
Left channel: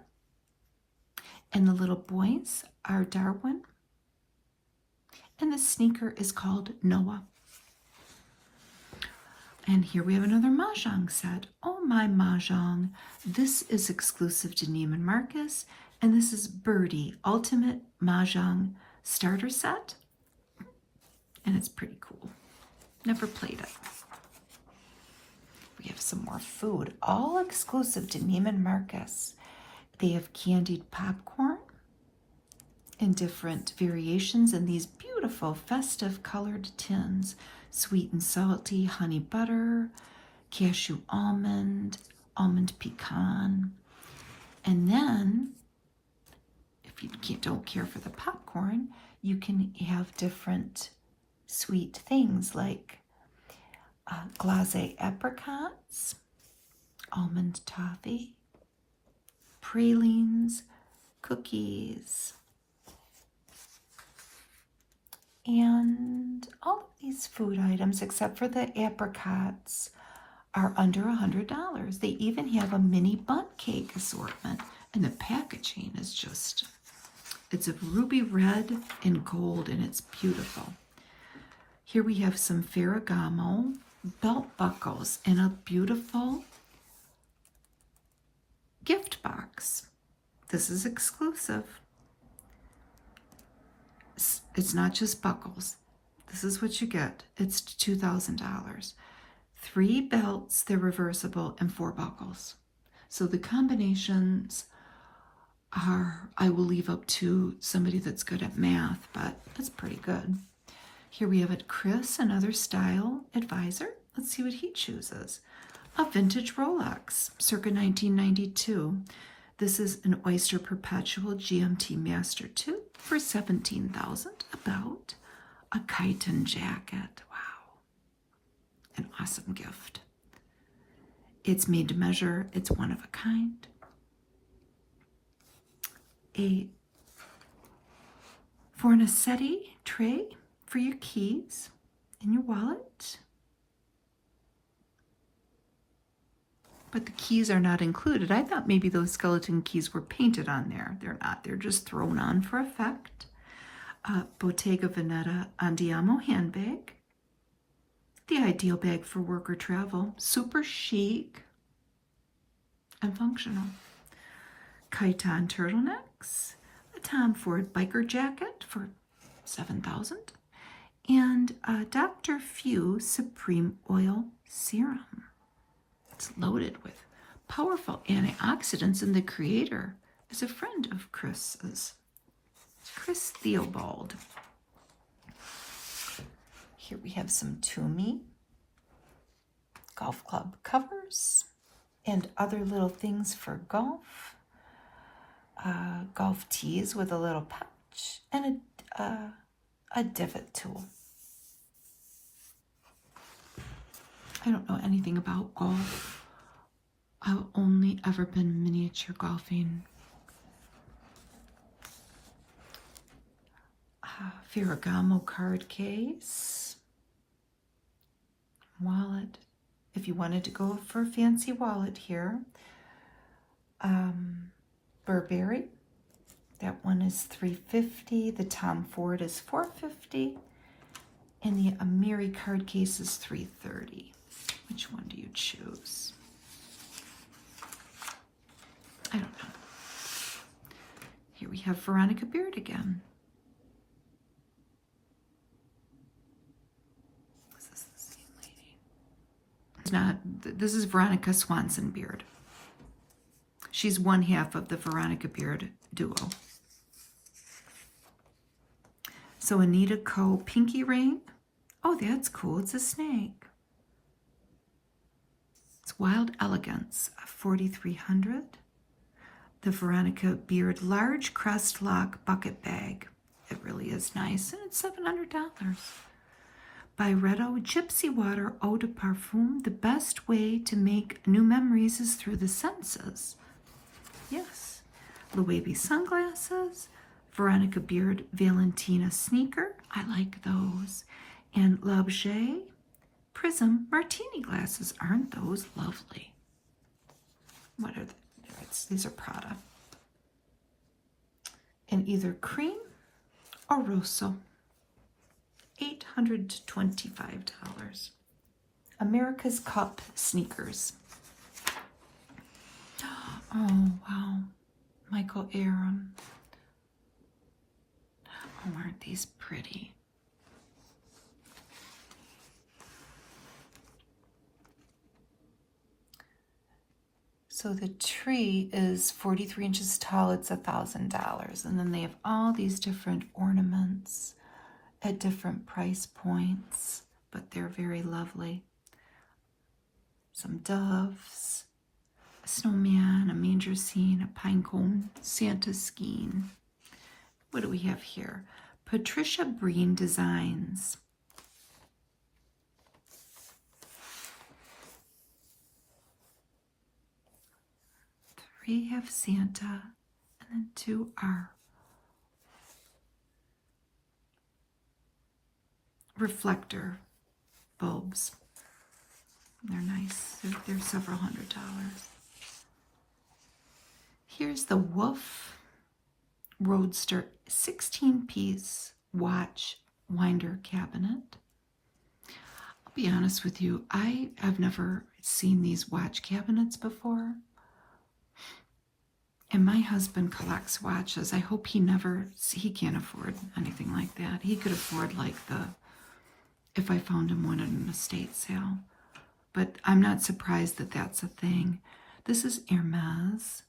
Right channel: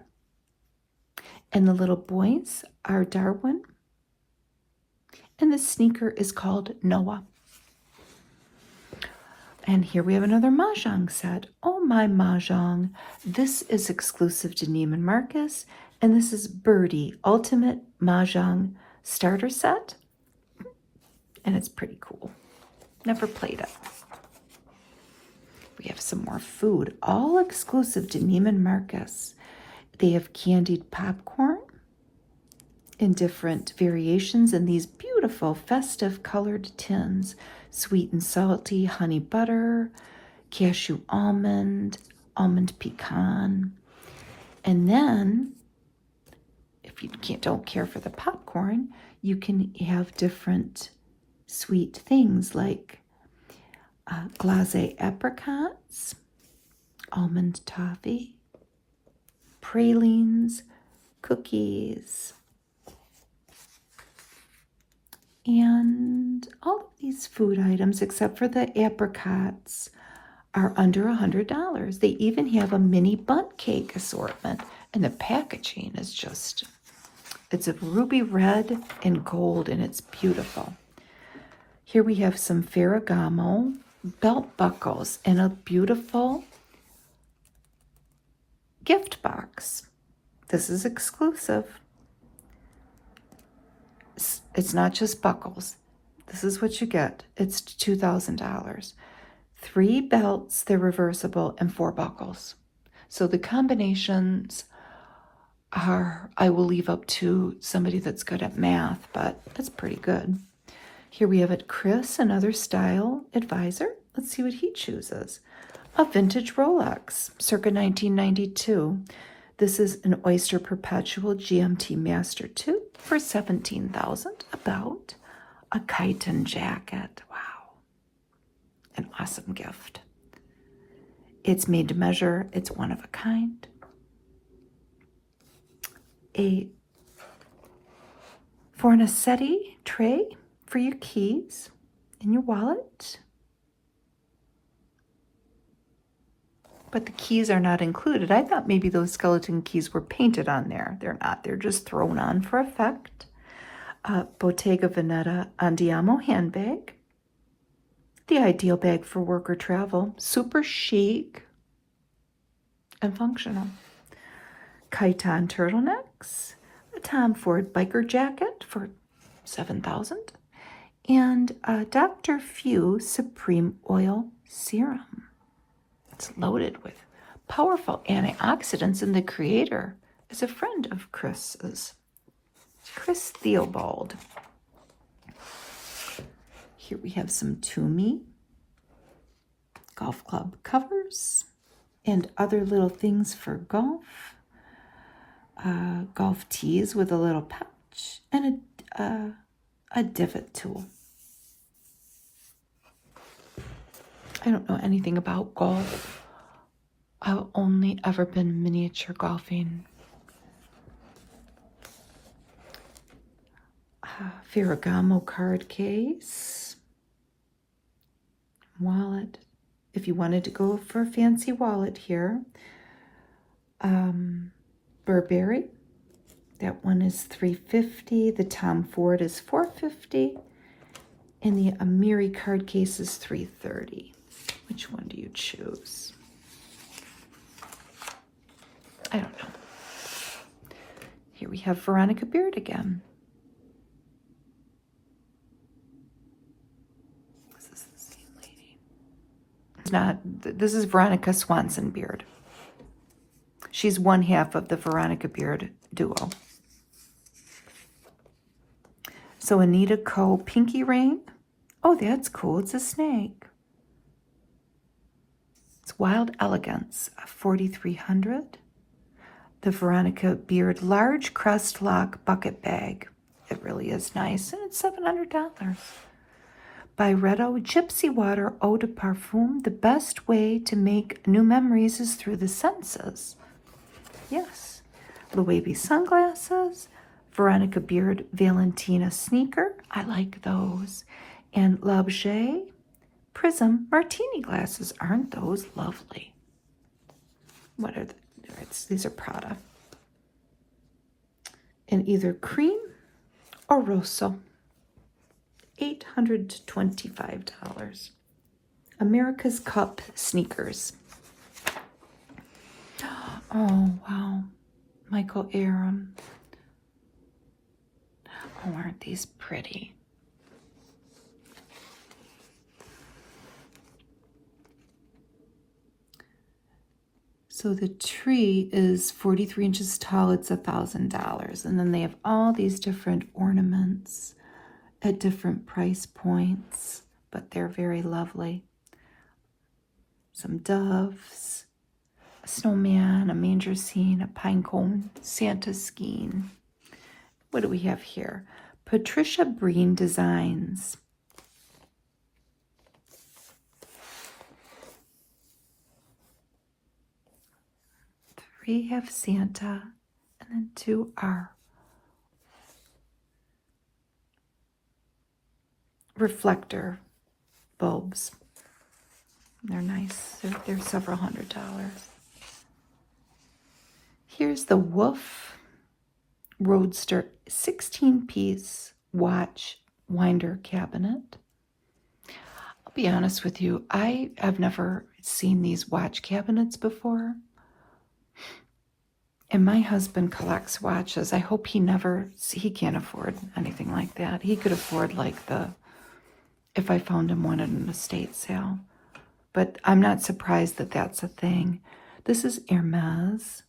and the little boys are Darwin. And the sneaker is called Noah. And here we have another Mahjong set. Oh my Mahjong. This is exclusive to Neiman Marcus. And this is Birdie Ultimate Mahjong Starter Set. And it's pretty cool. Never played it. We have some more food, all exclusive to Neiman Marcus. They have candied popcorn in different variations in these beautiful festive colored tins. Sweet and salty, honey butter, cashew almond, almond pecan. And then, if you don't care for the popcorn, you can have different sweet things like glacé apricots, almond toffee, pralines, cookies, and all of these food items, except for the apricots, are under $100. They even have a mini bundt cake assortment, and the packaging is just, it's a ruby red and gold, and it's beautiful. Here we have some Ferragamo belt buckles and a beautiful gift box. This is exclusive. It's not just buckles. This is what you get. It's $2,000. 3 belts, they're reversible, and 4 buckles. So the combinations are, I will leave up to somebody that's good at math, but that's pretty good. Here we have it, Chris, another style advisor. Let's see what he chooses. A vintage Rolex, circa 1992. This is an Oyster Perpetual GMT Master 2 for $17,000. About a chiton jacket. Wow. An awesome gift. It's made to measure. It's one of a kind. A Fornasetti tray for your keys in your wallet. But the keys are not included. I thought maybe those skeleton keys were painted on there. They're not. They're just thrown on for effect. Bottega Veneta Andiamo handbag. The ideal bag for work or travel. Super chic and functional. Chiton turtlenecks. A Tom Ford biker jacket for $7,000. And Dr. Few Supreme Oil Serum. It's loaded with powerful antioxidants, and the creator is a friend of Chris's, Chris Theobald. Here we have some Tumi golf club covers and other little things for golf. Golf tees with a little pouch and a divot tool. I don't know anything about golf. I've only ever been miniature golfing. Ferragamo card case. Wallet. If you wanted to go for a fancy wallet here. Burberry. That one is $350. The Tom Ford is $450. And the Amiri card case is $330. Which one do you choose? I don't know. Here we have Veronica Beard again. This is the same lady. It's not, this is Veronica Swanson Beard. She's one half of the Veronica Beard duo. So Anita Co. Pinky Ring. Oh, that's cool. It's a snake. It's Wild Elegance, $4,300. The Veronica Beard Large Crest Lock Bucket Bag. It really is nice, and it's $700. Byretto Gypsy Water Eau de Parfum. The best way to make new memories is through the senses. Yes. Loewe sunglasses. Veronica Beard Valentina sneaker. I like those. And L'Objet Prism martini glasses. Aren't those lovely? What are these are Prada. In either cream or rosso. $825. America's Cup sneakers. Oh, wow. Michael Aram. Oh, aren't these pretty? So the tree is 43 inches tall. It's $1,000. And then they have all these different ornaments at different price points, but they're very lovely. Some doves, a snowman, a manger scene, a pine cone, Santa skiing. What do we have here? Patricia Breen Designs. 3 have Santa, and then 2 are reflector bulbs. They're nice. They're several $100s. Here's the Wolf Roadster 16-piece watch winder cabinet. I'll be honest with you, I've never seen these watch cabinets before. And my husband collects watches. I hope he can't afford anything like that. He could afford if I found him one at an estate sale. But I'm not surprised that that's a thing. This is Hermes,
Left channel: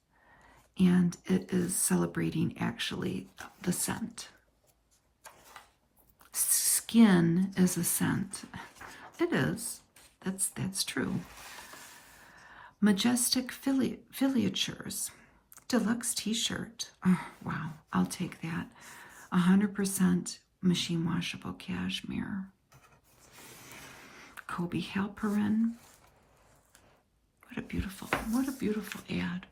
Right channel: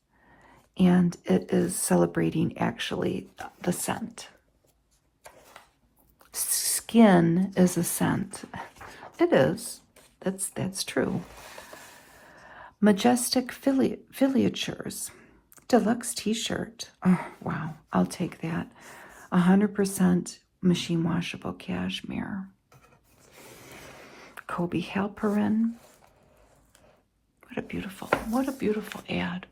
and it is celebrating actually the scent. Skin is a scent. It is. That's true. Majestic Filatures. Deluxe t-shirt. Oh, wow. I'll take that. 100% machine washable cashmere. Kobe Halperin. What a beautiful ad.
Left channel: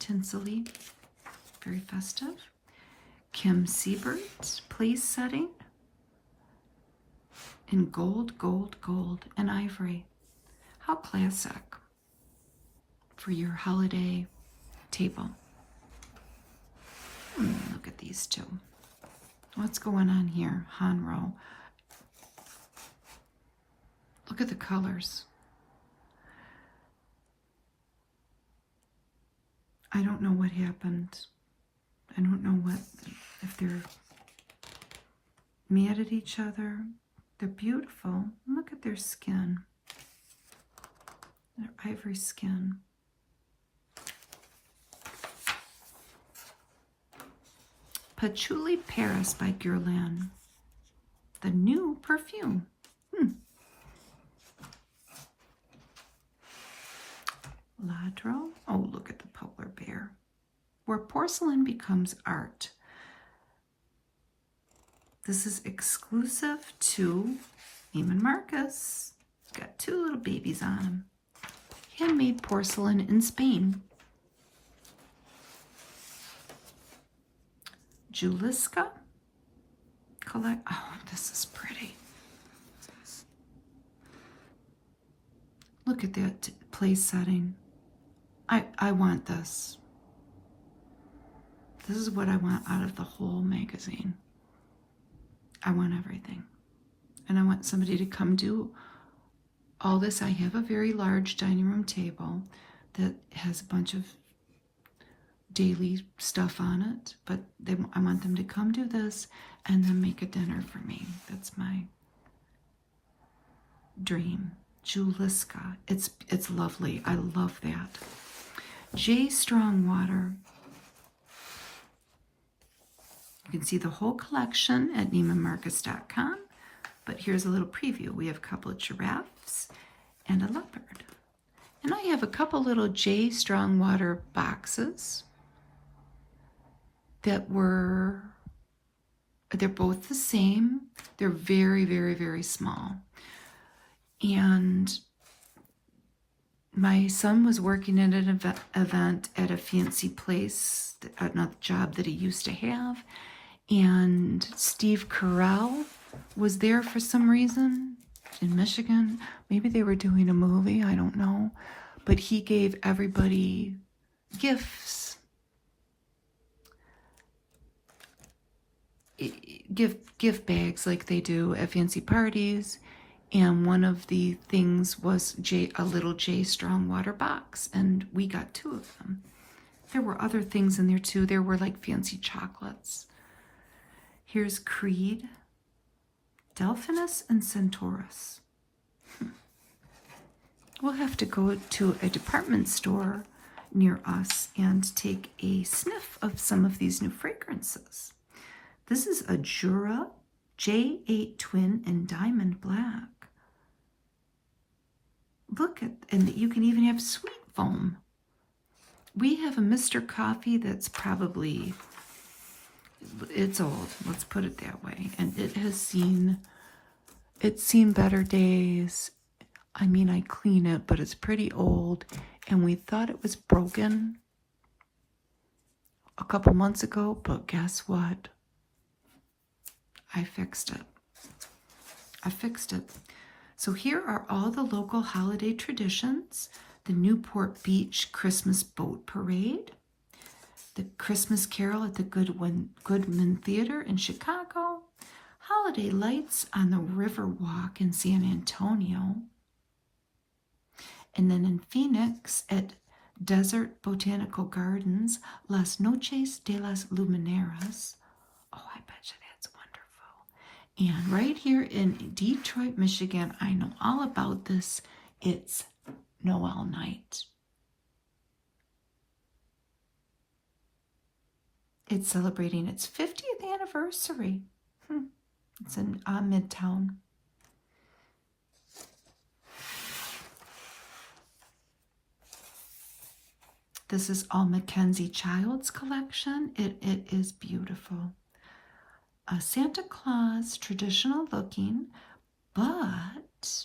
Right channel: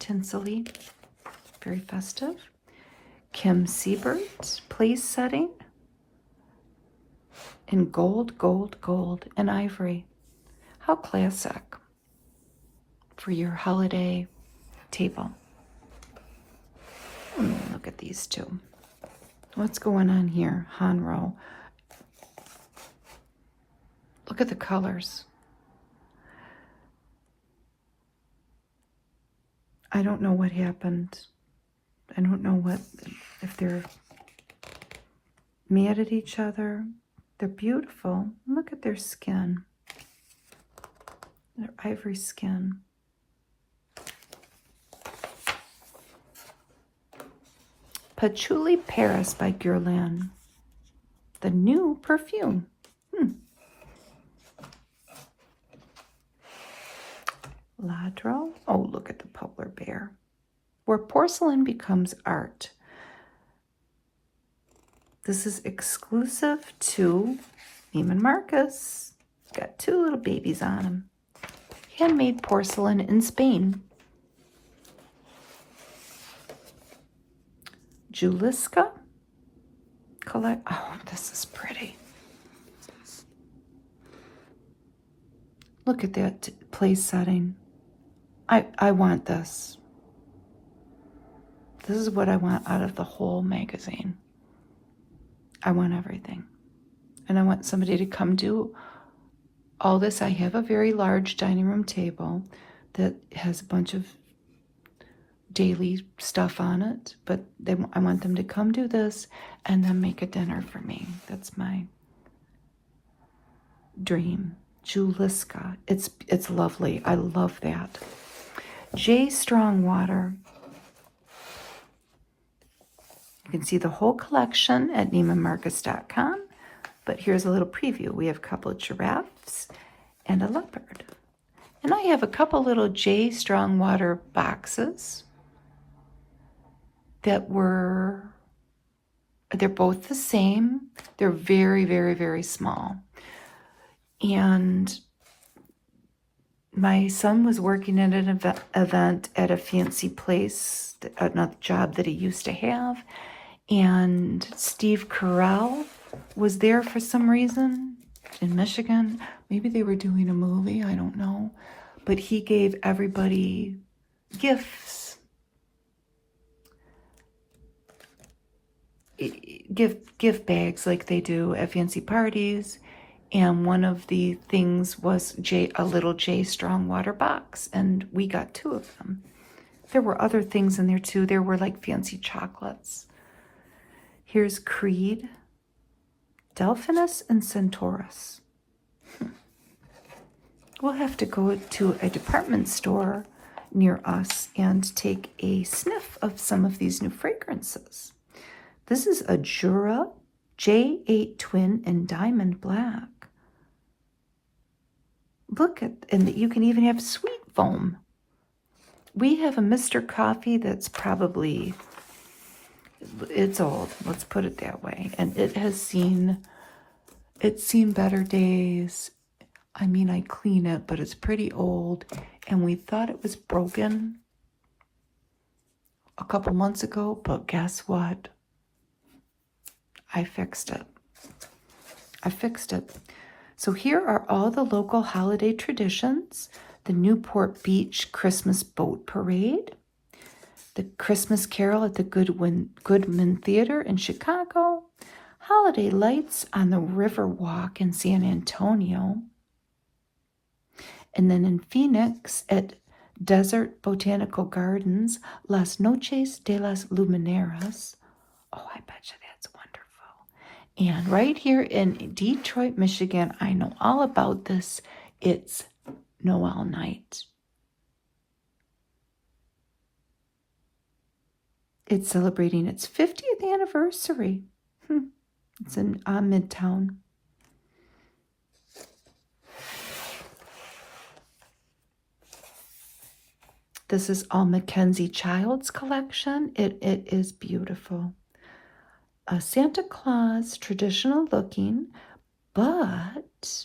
Tinsley. Very festive. Kim Siebert. Place setting. In gold, gold, gold, and ivory. How classic for your holiday table. Look at these two. What's going on here? Hanro. Look at the colors. I don't know what happened. I don't know if they're mad at each other. They're beautiful. Look at their skin. Their ivory skin. Patchouli Paris by Guerlain. The new perfume. Ladro. Oh, look at the polar bear. Where porcelain becomes art. This is exclusive to Neiman Marcus. Got 2 little babies on them. Handmade porcelain in Spain. Juliska. Collect. Oh, this is pretty. Look at that place setting. I want this. This is what I want out of the whole magazine. I want everything. And I want somebody to come do all this. I have a very large dining room table that has a bunch of daily stuff on it, but I want them to come do this and then make a dinner for me. That's my dream. Juliska. It's lovely. I love that. J. Strongwater. You can see the whole collection at NeimanMarcus.com, but here's a little preview. We have a couple of giraffes and a leopard. And I have a couple little J. Strongwater boxes they're both the same. They're very, very, very small. And my son was working at an event at a fancy place, another job that he used to have. And Steve Carell was there for some reason in Michigan. Maybe they were doing a movie, I don't know. But he gave everybody gifts. Gift bags like they do at fancy parties. And one of the things was a little J. Strongwater box. And we got 2 of them. There were other things in there too. There were like fancy chocolates. Here's Creed, Delphinus, and Centaurus. we'll have to go to a department store near us and take a sniff of some of these new fragrances. This is a Jura J8 Twin in Diamond Black. Look at, and you can even have sweet foam. We have a Mr. Coffee that's probably, it's old, let's put it that way. And it's seen better days. I mean, I clean it, but it's pretty old. And we thought it was broken a couple months ago, but guess what? I fixed it. So here are all the local holiday traditions. The Newport Beach Christmas Boat Parade. The Christmas Carol at the Goodman Theater in Chicago. Holiday lights on the River Walk in San Antonio. And then in Phoenix at Desert Botanical Gardens, Las Noches de las Lumineras. Oh, I bet you that's wonderful. And right here in Detroit, Michigan, I know all about this. It's Noel Night. It's celebrating its 50th anniversary. It's in Midtown. This is all Mackenzie Childs collection. It is beautiful. A Santa Claus, traditional looking, but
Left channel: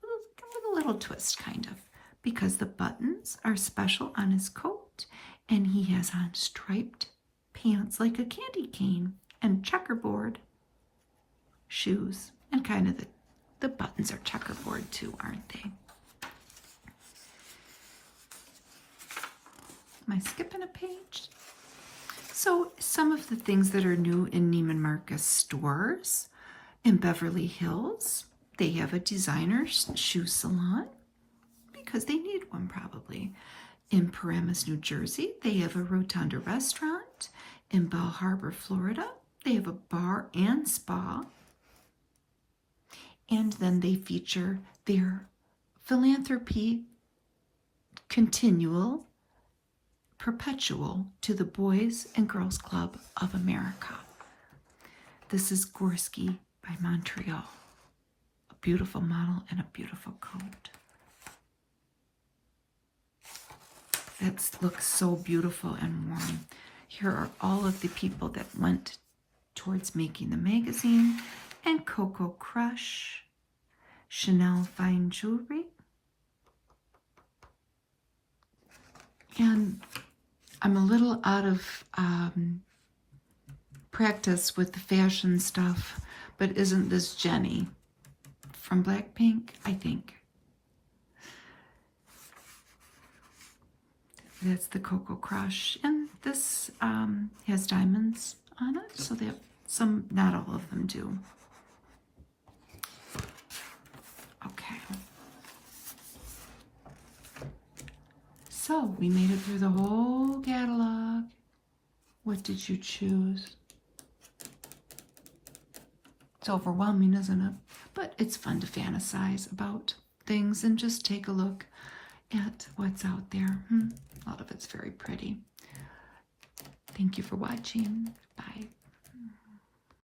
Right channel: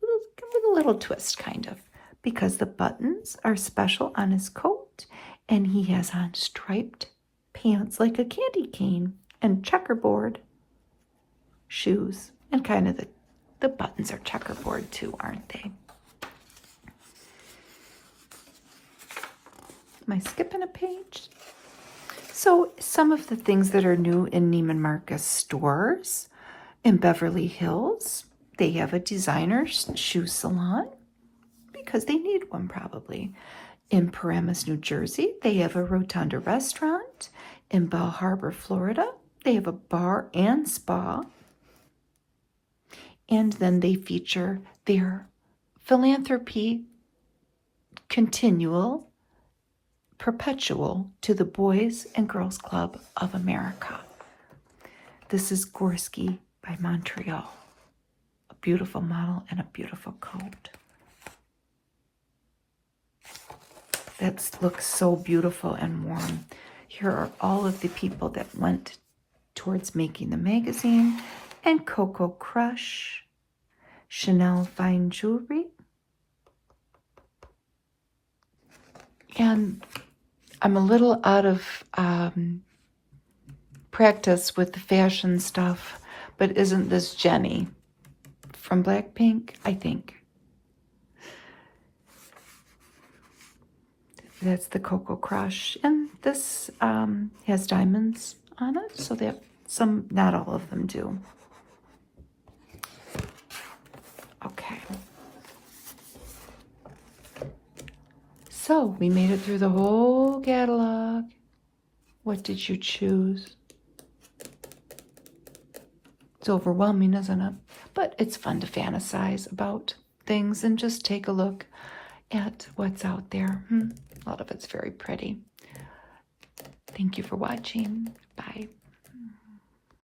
with a little twist, kind of, because the buttons are special on his coat, and he has on striped pants like a candy cane and checkerboard shoes, and kind of the buttons are checkerboard too, aren't they? Am I skipping a page? So some of the things that are new in Neiman Marcus stores in Beverly Hills, they have a designer shoe salon because they need one probably. In Paramus, New Jersey, they have a Rotunda restaurant. In Bell Harbor, Florida, they have a bar and spa. And then they feature their philanthropy perpetual to the Boys and Girls Club of America. This is Gorski by Montreal. A beautiful model and a beautiful coat. That looks so beautiful and warm. Here are all of the people that went towards making the magazine. And Coco Crush, Chanel Fine Jewelry. And I'm a little out of practice with the fashion stuff, but isn't this Jenny from Blackpink? I think. That's the Coco Crush. And this has diamonds on it, so that some, not all of them do. Okay. So we made it through the whole catalog. What did you choose? It's overwhelming, isn't it? But it's fun to fantasize about things and just take a look at what's out there. A lot of it's very pretty. Thank you for watching. Bye.